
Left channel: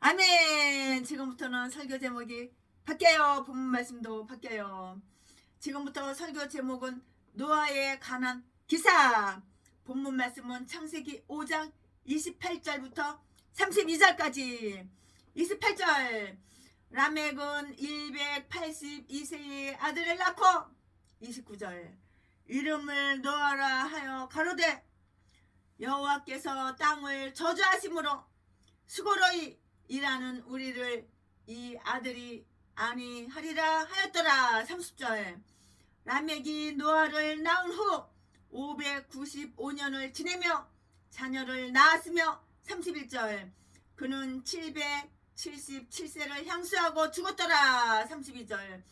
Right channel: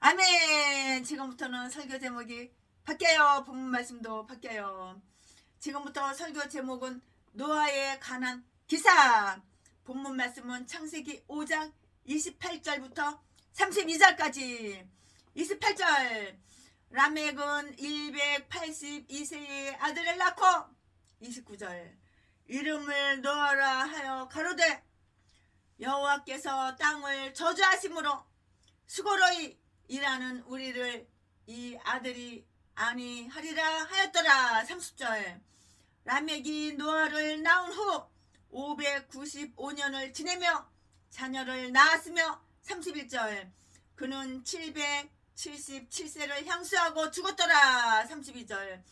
아멘. 지금부터는 설교 제목이 바뀌어요. 본문 말씀도 바뀌어요. 지금부터 설교 제목은 노아에 관한 기사. 본문 말씀은 창세기 5장 28절부터 32절까지. 28절. 라멕은 182세의 아들을 낳고 29절. 이름을 노아라 하여 가로되 여호와께서 땅을 저주하심으로 수고로이 일하는 우리를 이 아들이 아니하리라 하였더라. 30절. 라멕이 노아를 낳은 후 595년을 지내며 자녀를 낳았으며 31절. 그는 777세를 향수하고 죽었더라. 32절.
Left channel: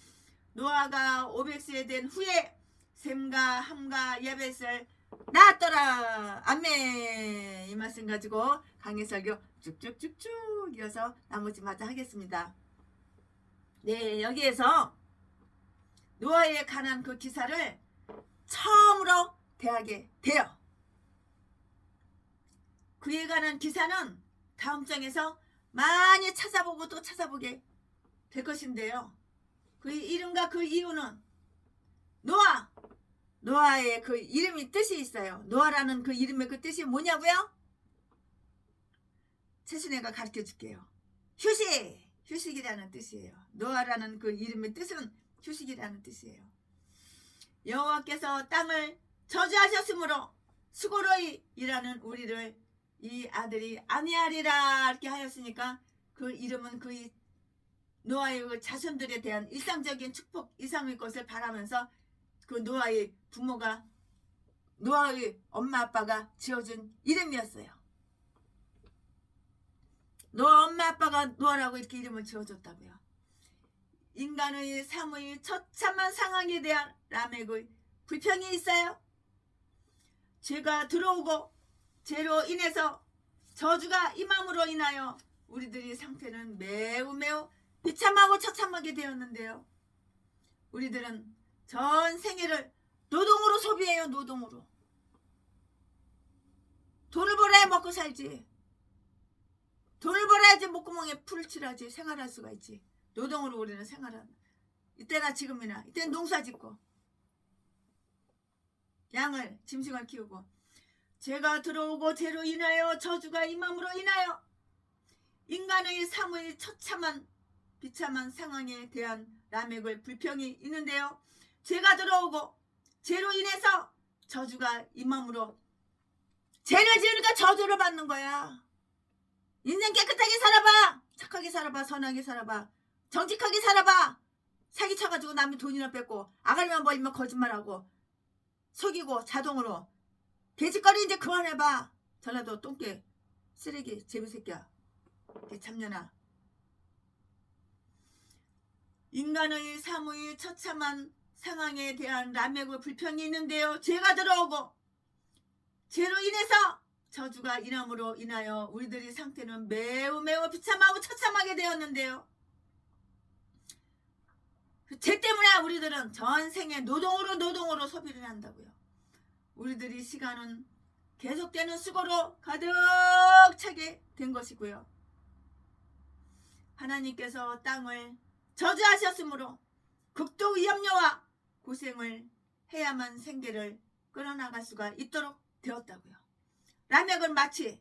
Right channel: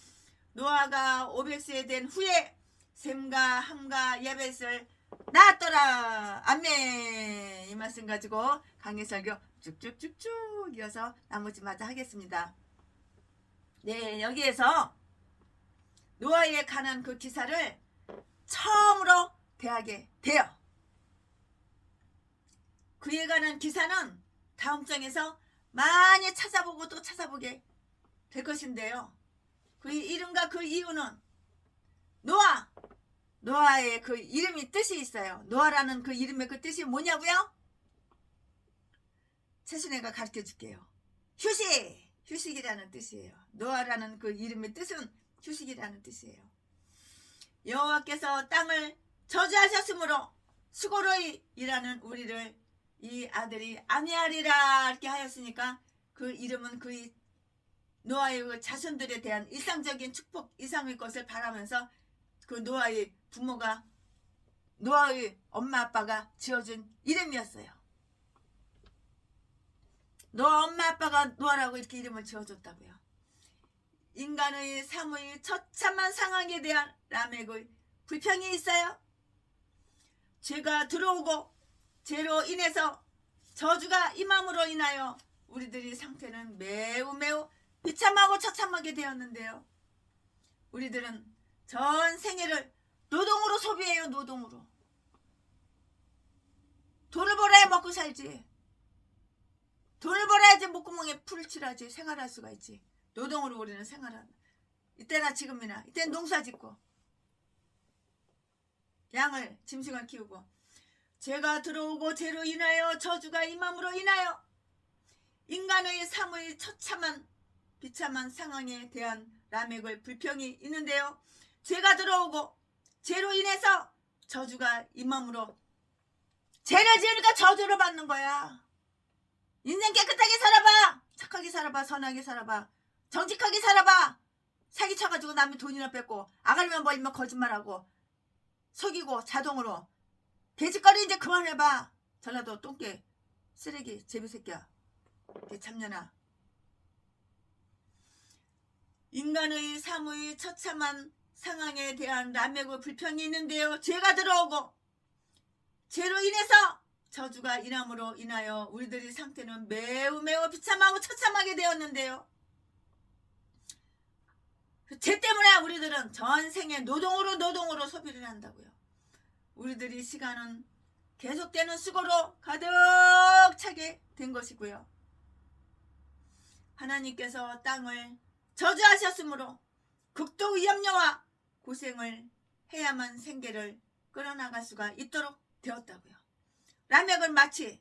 노아가 500세 된 후에 셈과 함과 야벳을 낳았더라. 아멘. 이 말씀 가지고 강해설교 쭉쭉쭉쭉 이어서 나머지마다 하겠습니다. 네, 여기에서 노아에 관한 그 기사를 처음으로 대하게 돼요. 그에 관한 기사는 다음 장에서 많이 찾아보고 또 찾아보게 될 것인데요. 그 이름과 그 이유는 노아의 그 이름이 뜻이 있어요. 노아라는 그 이름의 그 뜻이 뭐냐고요? 최순애가 가르쳐 줄게요. 휴식이라는 뜻이에요. 노아라는 그 이름의 뜻은 휴식이라는 뜻이에요. 여호와께서 땅을 저주하셨으므로 수고로이 일하는 우리를 이 아들이 안위하리라 이렇게 하였으니까 그 이름은 그 노아의 그 자손들에 대한 일상적인 축복 이상의 것을 바라면서 그 노아의 부모가 노아의 엄마 아빠가 지어준 이름이었어요. 노아 엄마 아빠가 노아라고 이렇게 이름을 지어줬다고요. 인간의 삶의 처참한 상황에 대한 라멕의 불평이 있어요. 죄가 들어오고 죄로 인해서 저주가 임함으로 인하여 우리들의 상태는 매우 비참하고 처참하게 되었는데요. 우리들은 전 생애를 노동으로 소비해요. 노동으로. 돈을 벌어야 먹고 살지. 돈을 벌어야지 목구멍에 풀을 칠하지 생활할 수가 있지. 노동으로 우리는 생활한다. 이때나 지금이나 이때는 농사 짓고 양을 짐승을 키우고 죄가 들어오고 죄로 인하여 저주가 임함으로 인하여 인간의 삶의 처참한 비참한 상황에 대한 라멕의 불평이 있는데요. 죄가 들어오고 죄로 인해서 저주가 임함으로 죄를 지으니까 저주를 받는 거야. 인생 깨끗하게 살아봐. 착하게 살아봐. 선하게 살아봐. 정직하게 살아봐. 사기쳐가지고 남의 돈이나 뺏고 아갈면 벌리면 거짓말하고 속이고 자동으로 돼지거리 이제 그만해봐. 전라도 똥개 쓰레기 제비새끼야. 참년아. 인간의 삶의 처참한 상황에 대한 라멕의 불평이 있는데요. 죄가 들어오고 죄로 인해서 저주가 임함으로 인하여 우리들의 상태는 매우 비참하고 처참하게 되었는데요. 죄 때문에 우리들은 전생에 노동으로 소비를 한다고요. 우리들의 시간은 계속되는 수고로 가득 차게 된 것이고요. 하나님께서 땅을 저주하셨으므로 극도 위험료와 고생을 해야만 생계를 끌어나갈 수가 있도록 되었다고요. 라멕은 마치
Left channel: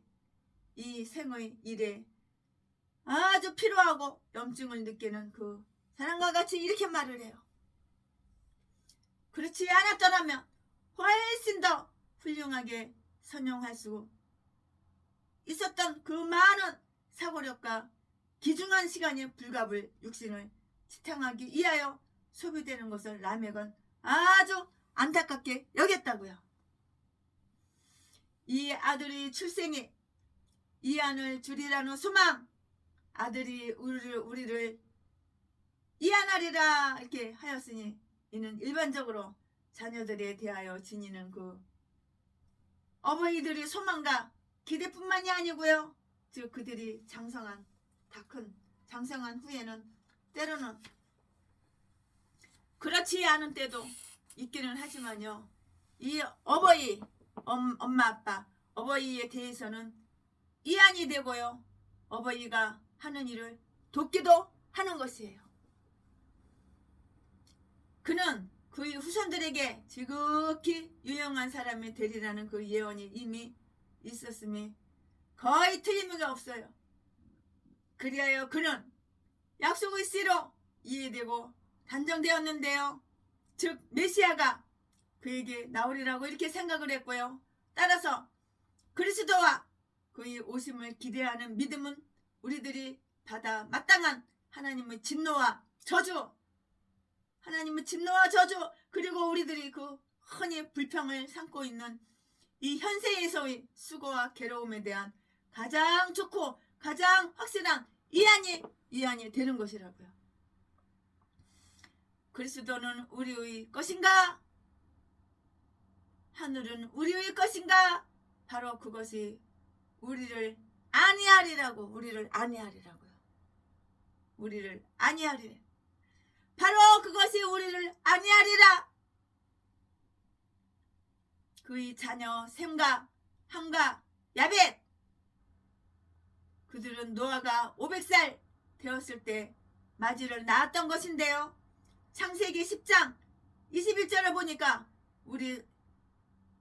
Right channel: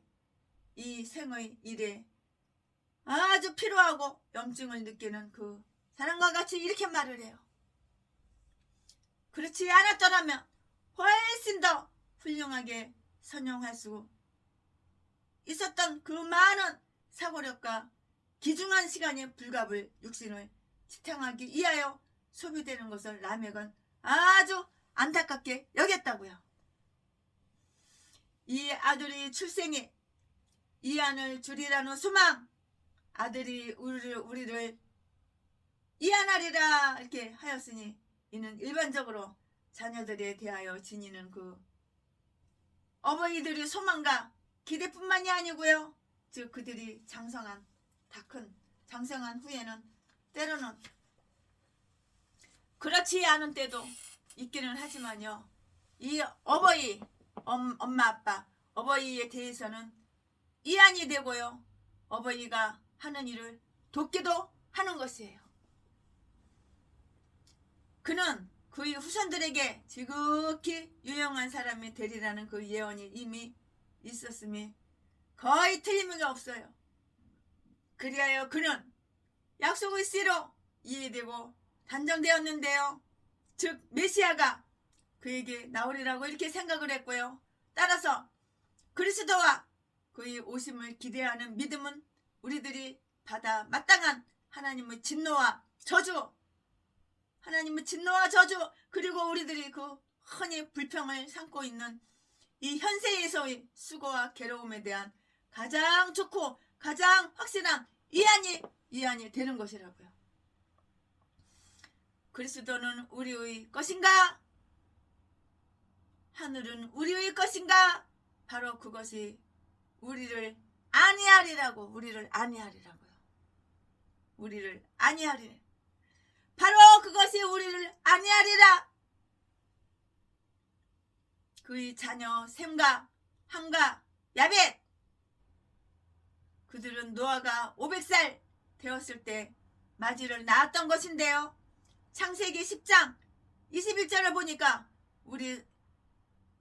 이 생의 일에 아주 필요하고 염증을 느끼는 그 사람과 같이 이렇게 말을 해요. 그렇지 않았더라면 훨씬 더 훌륭하게 선용할 수 있었던 그 많은 사고력과 귀중한 시간의 불갑을 육신을 지탱하기 위하여 소비되는 것을 라멕은 아주 안타깝게 여겼다고요. 이 아들이 출생이 이안을 주리라는 소망, 아들이 우리를 이안하리라 이렇게 하였으니 이는 일반적으로 자녀들에 대하여 지니는 그 어머니들의 소망과 기대뿐만이 아니고요. 즉 그들이 장성한 다 큰 장성한 후에는 때로는 그렇지 않은 때도 있기는 하지만요. 이 엄마 아빠 어버이에 대해서는 이안이 되고요. 어버이가 하는 일을 돕기도 하는 것이에요. 그는 그의 후손들에게 지극히 유용한 사람이 되리라는 그 예언이 이미 있었음이 거의 틀림이 없어요. 그리하여 그는 약속의 씨로 이해되고 단정되었는데요. 즉 메시아가 그에게 나오리라고 이렇게 생각을 했고요. 따라서 그리스도와 그의 오심을 기대하는 믿음은 우리들이 받아 마땅한 하나님의 진노와 저주, 하나님의 진노와 저주, 그리고 우리들이 그 흔히 불평을 삼고 있는 이 현세에서의 수고와 괴로움에 대한 가장 좋고 가장 확실한 이안이 되는 것이라고요. 그리스도는 우리의 것인가? 하늘은 우리의 것인가? 바로 그것이 우리를 안위하리라고요. 우리를 안위하리. 바로 그것이 우리를 안위하리라. 그의 자녀 셈과 함과 야벳, 그들은 노아가 500살 되었을 때 마지를 낳았던 것인데요. 창세기 10장 21절을 보니까 우리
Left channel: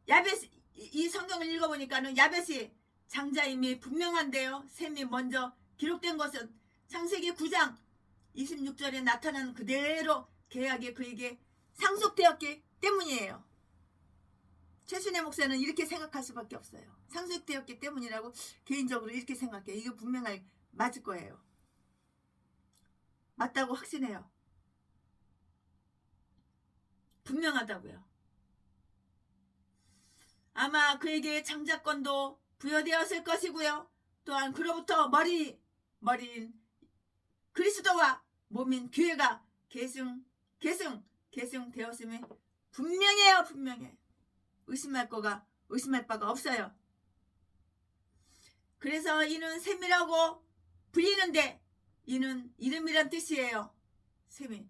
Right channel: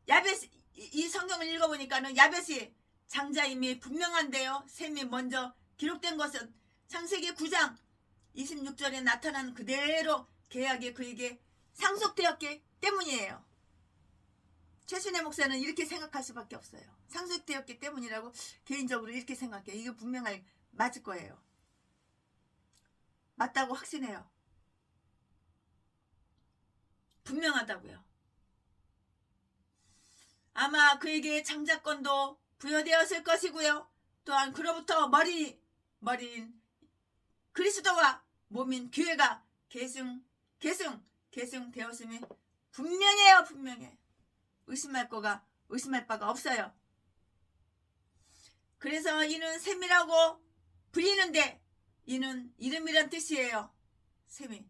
야벳, 이 성경을 읽어보니까는 야벳이 장자임이 분명한데요. 셈이 먼저 기록된 것은 창세기 9장 26절에 나타난 그대로 계약이 그에게 상속되었기 때문이에요. 최순애 목사는 이렇게 생각할 수밖에 없어요. 상속되었기 때문이라고 개인적으로 이렇게 생각해요. 이거 분명하게 맞을 거예요. 맞다고 확신해요. 분명하다고요. 아마 그에게 장자권도 부여되었을 것이고요. 또한 그로부터 머리인 그리스도와 몸인 교회가 계승되었음이 분명해요. 분명해. 의심할 바가 없어요. 그래서 이는 셈이라고 불리는데 이는 이름이란 뜻이에요. 셈이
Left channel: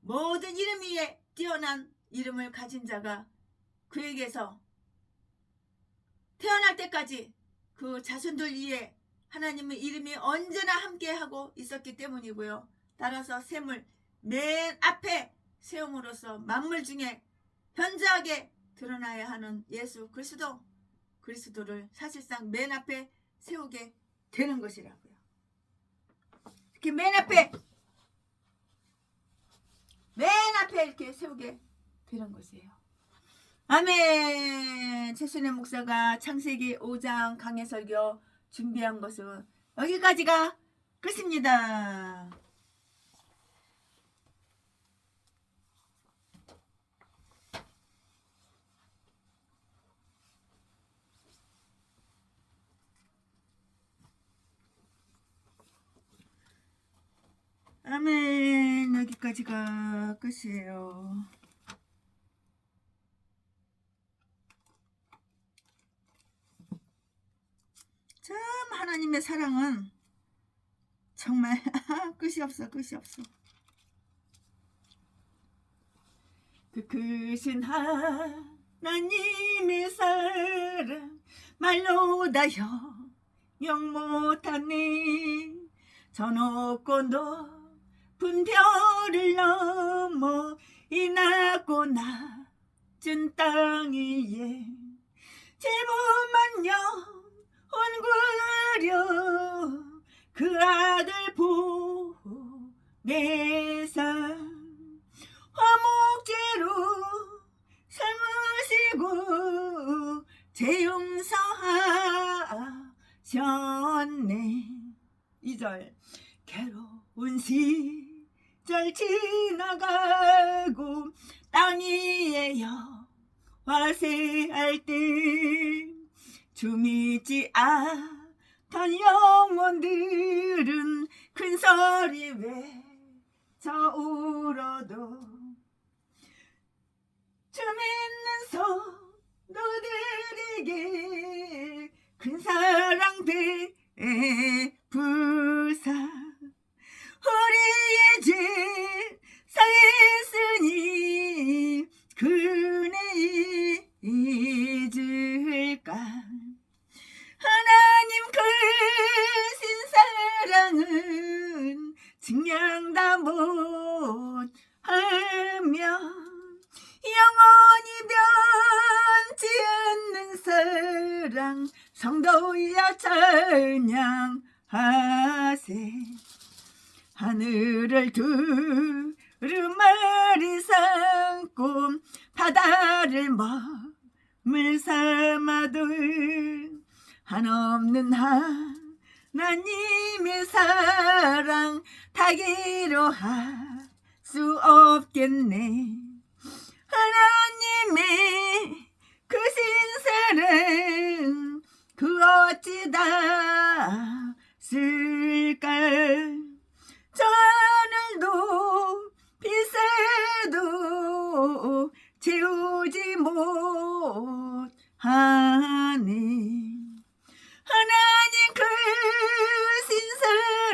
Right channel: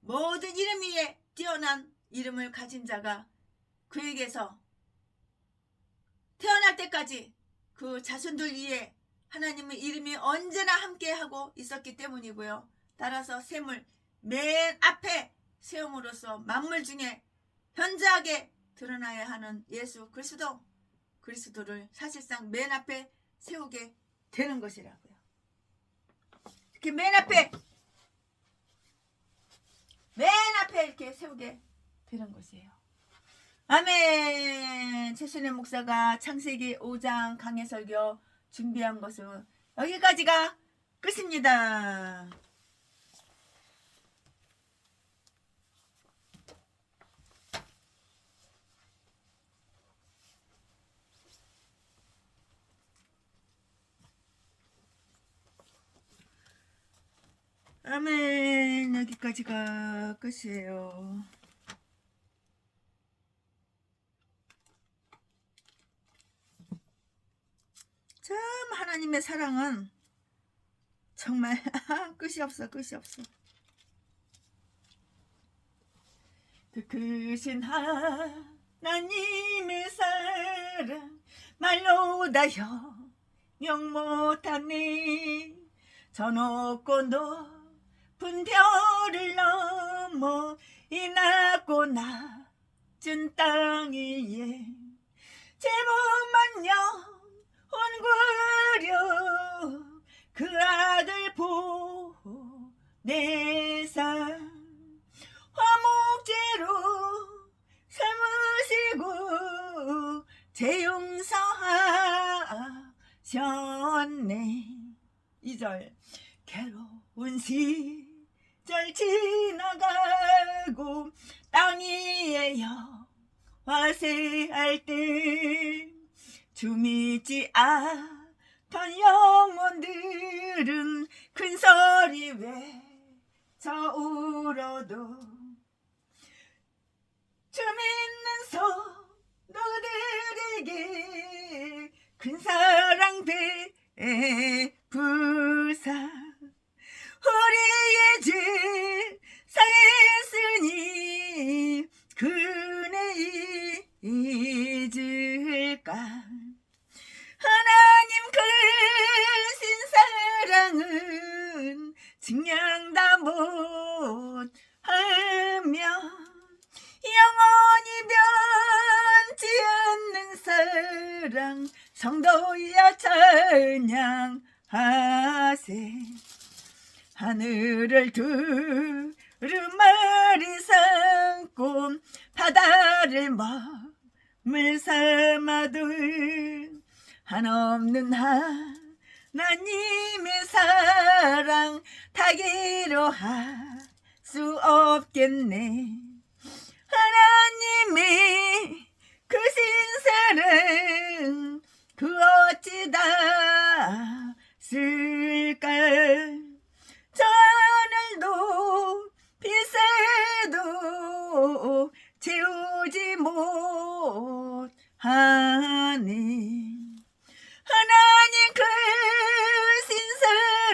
모든 이름 위에 뛰어난 이름을 가진 자가 그에게서 태어날 때까지 그 자손들 위에 하나님의 이름이 언제나 함께하고 있었기 때문이고요. 따라서 셈을 맨 앞에 세움으로써 만물 중에 현저하게 드러나야 하는 예수 그리스도를 사실상 맨 앞에 세우게 되는 것이라고요. 이렇게 맨 앞에 이렇게 세우게 되는 것이에요. 아멘. 최순애 목사가 창세기 5장 강해 설교 준비한 것은 여기까지가 끝입니다. 아멘. 여기까지가 끝이에요. 참 하나님의 사랑은 정말 끝이 없어. 그 크신 하나님의 사랑 말로 다 형용 못하네. 저 높고 높은 별을 넘어 이 낮고 낮은 땅 위에 제법만 영원구려 그 아들 보내사 화목제로 삼으시고 재용서하셨네. 2절 괴로운 시절 지나가고 땅 위에 와세할 때 주 믿지 않던 영혼들은 큰 소리 외쳐 울어도 주 믿는 성도들에게 큰 사랑 베푸사 우리의 죄 사했으니 그네 잊을까. 하나님 크신 사랑은 증량다 못하며 영원히 변치 않는 사랑 성도여 찬양하세. 하늘을 두루마리 삼고 바다를 머물 삼아도 한없는 하나님의 사랑 다기로 할 수 없겠네. 하나님의 그 신사랑 그 어찌 닿았을까. 저 하늘도 빛새도 채우지 못하네. 하나님 그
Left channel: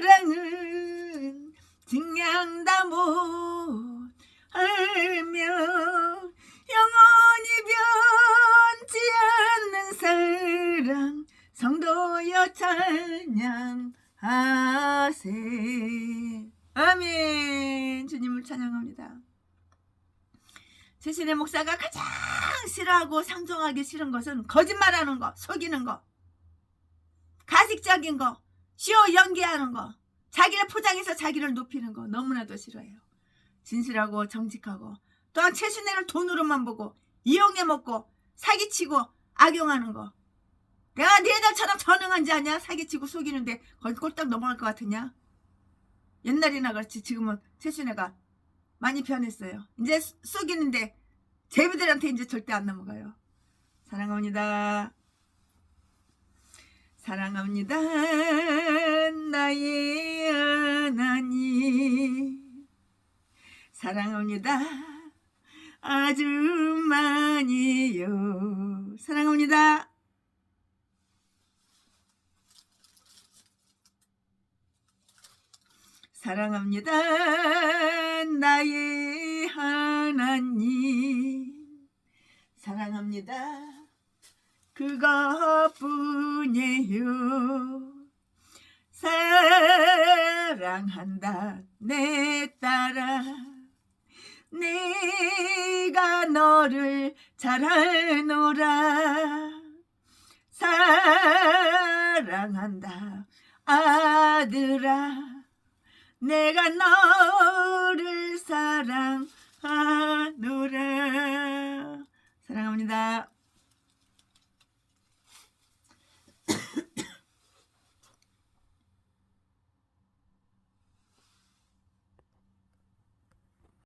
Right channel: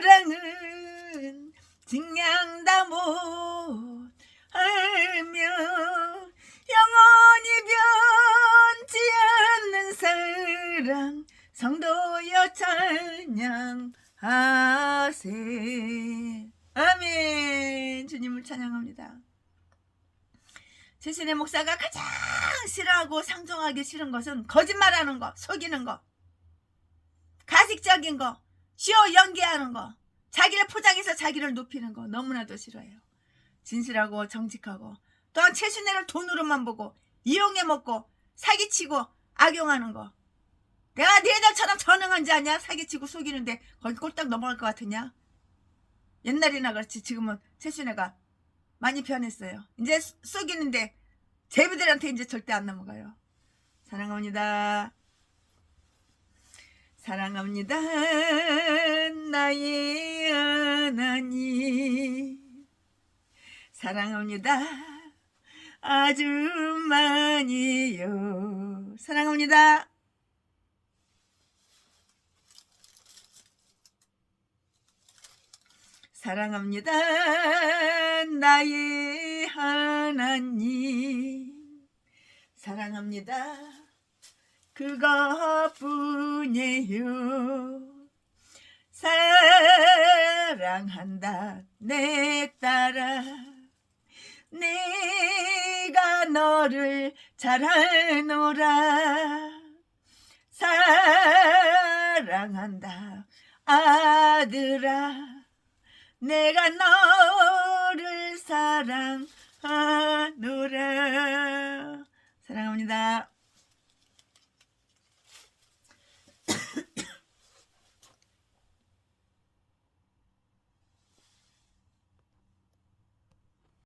신사랑은 증량다 못하며 영원히 변치 않는 사랑 성도여 찬양하세. 아멘. 주님을 찬양합니다. 최신의 목사가 가장 싫어하고 상종하기 싫은 것은 거짓말하는 거, 속이는 거, 가식적인 거, 쇼 연기하는 거, 자기를 포장해서 자기를 높이는 거 너무나도 싫어해요. 진실하고 정직하고, 또한 최신애를 돈으로만 보고 이용해 먹고 사기치고 악용하는 거. 내가 너희들처럼 전능한지 아냐? 사기치고 속이는데 거기 꼴딱 넘어갈 것 같으냐? 옛날이나 그렇지 지금은 최신애가 많이 변했어요. 이제 속이는데 제비들한테 이제 절대 안 넘어가요. 사랑합니다. 사랑합니다. 나의 하나님. 사랑합니다. 아주 많이요. 사랑합니다. 사랑합니다. 나의 하나님. 사랑합니다. 그것뿐이요. 사랑한다 내 딸아. 내가 너를 잘 알노라. 사랑한다 아들아. 내가 너를 사랑하노라. 사랑합니다.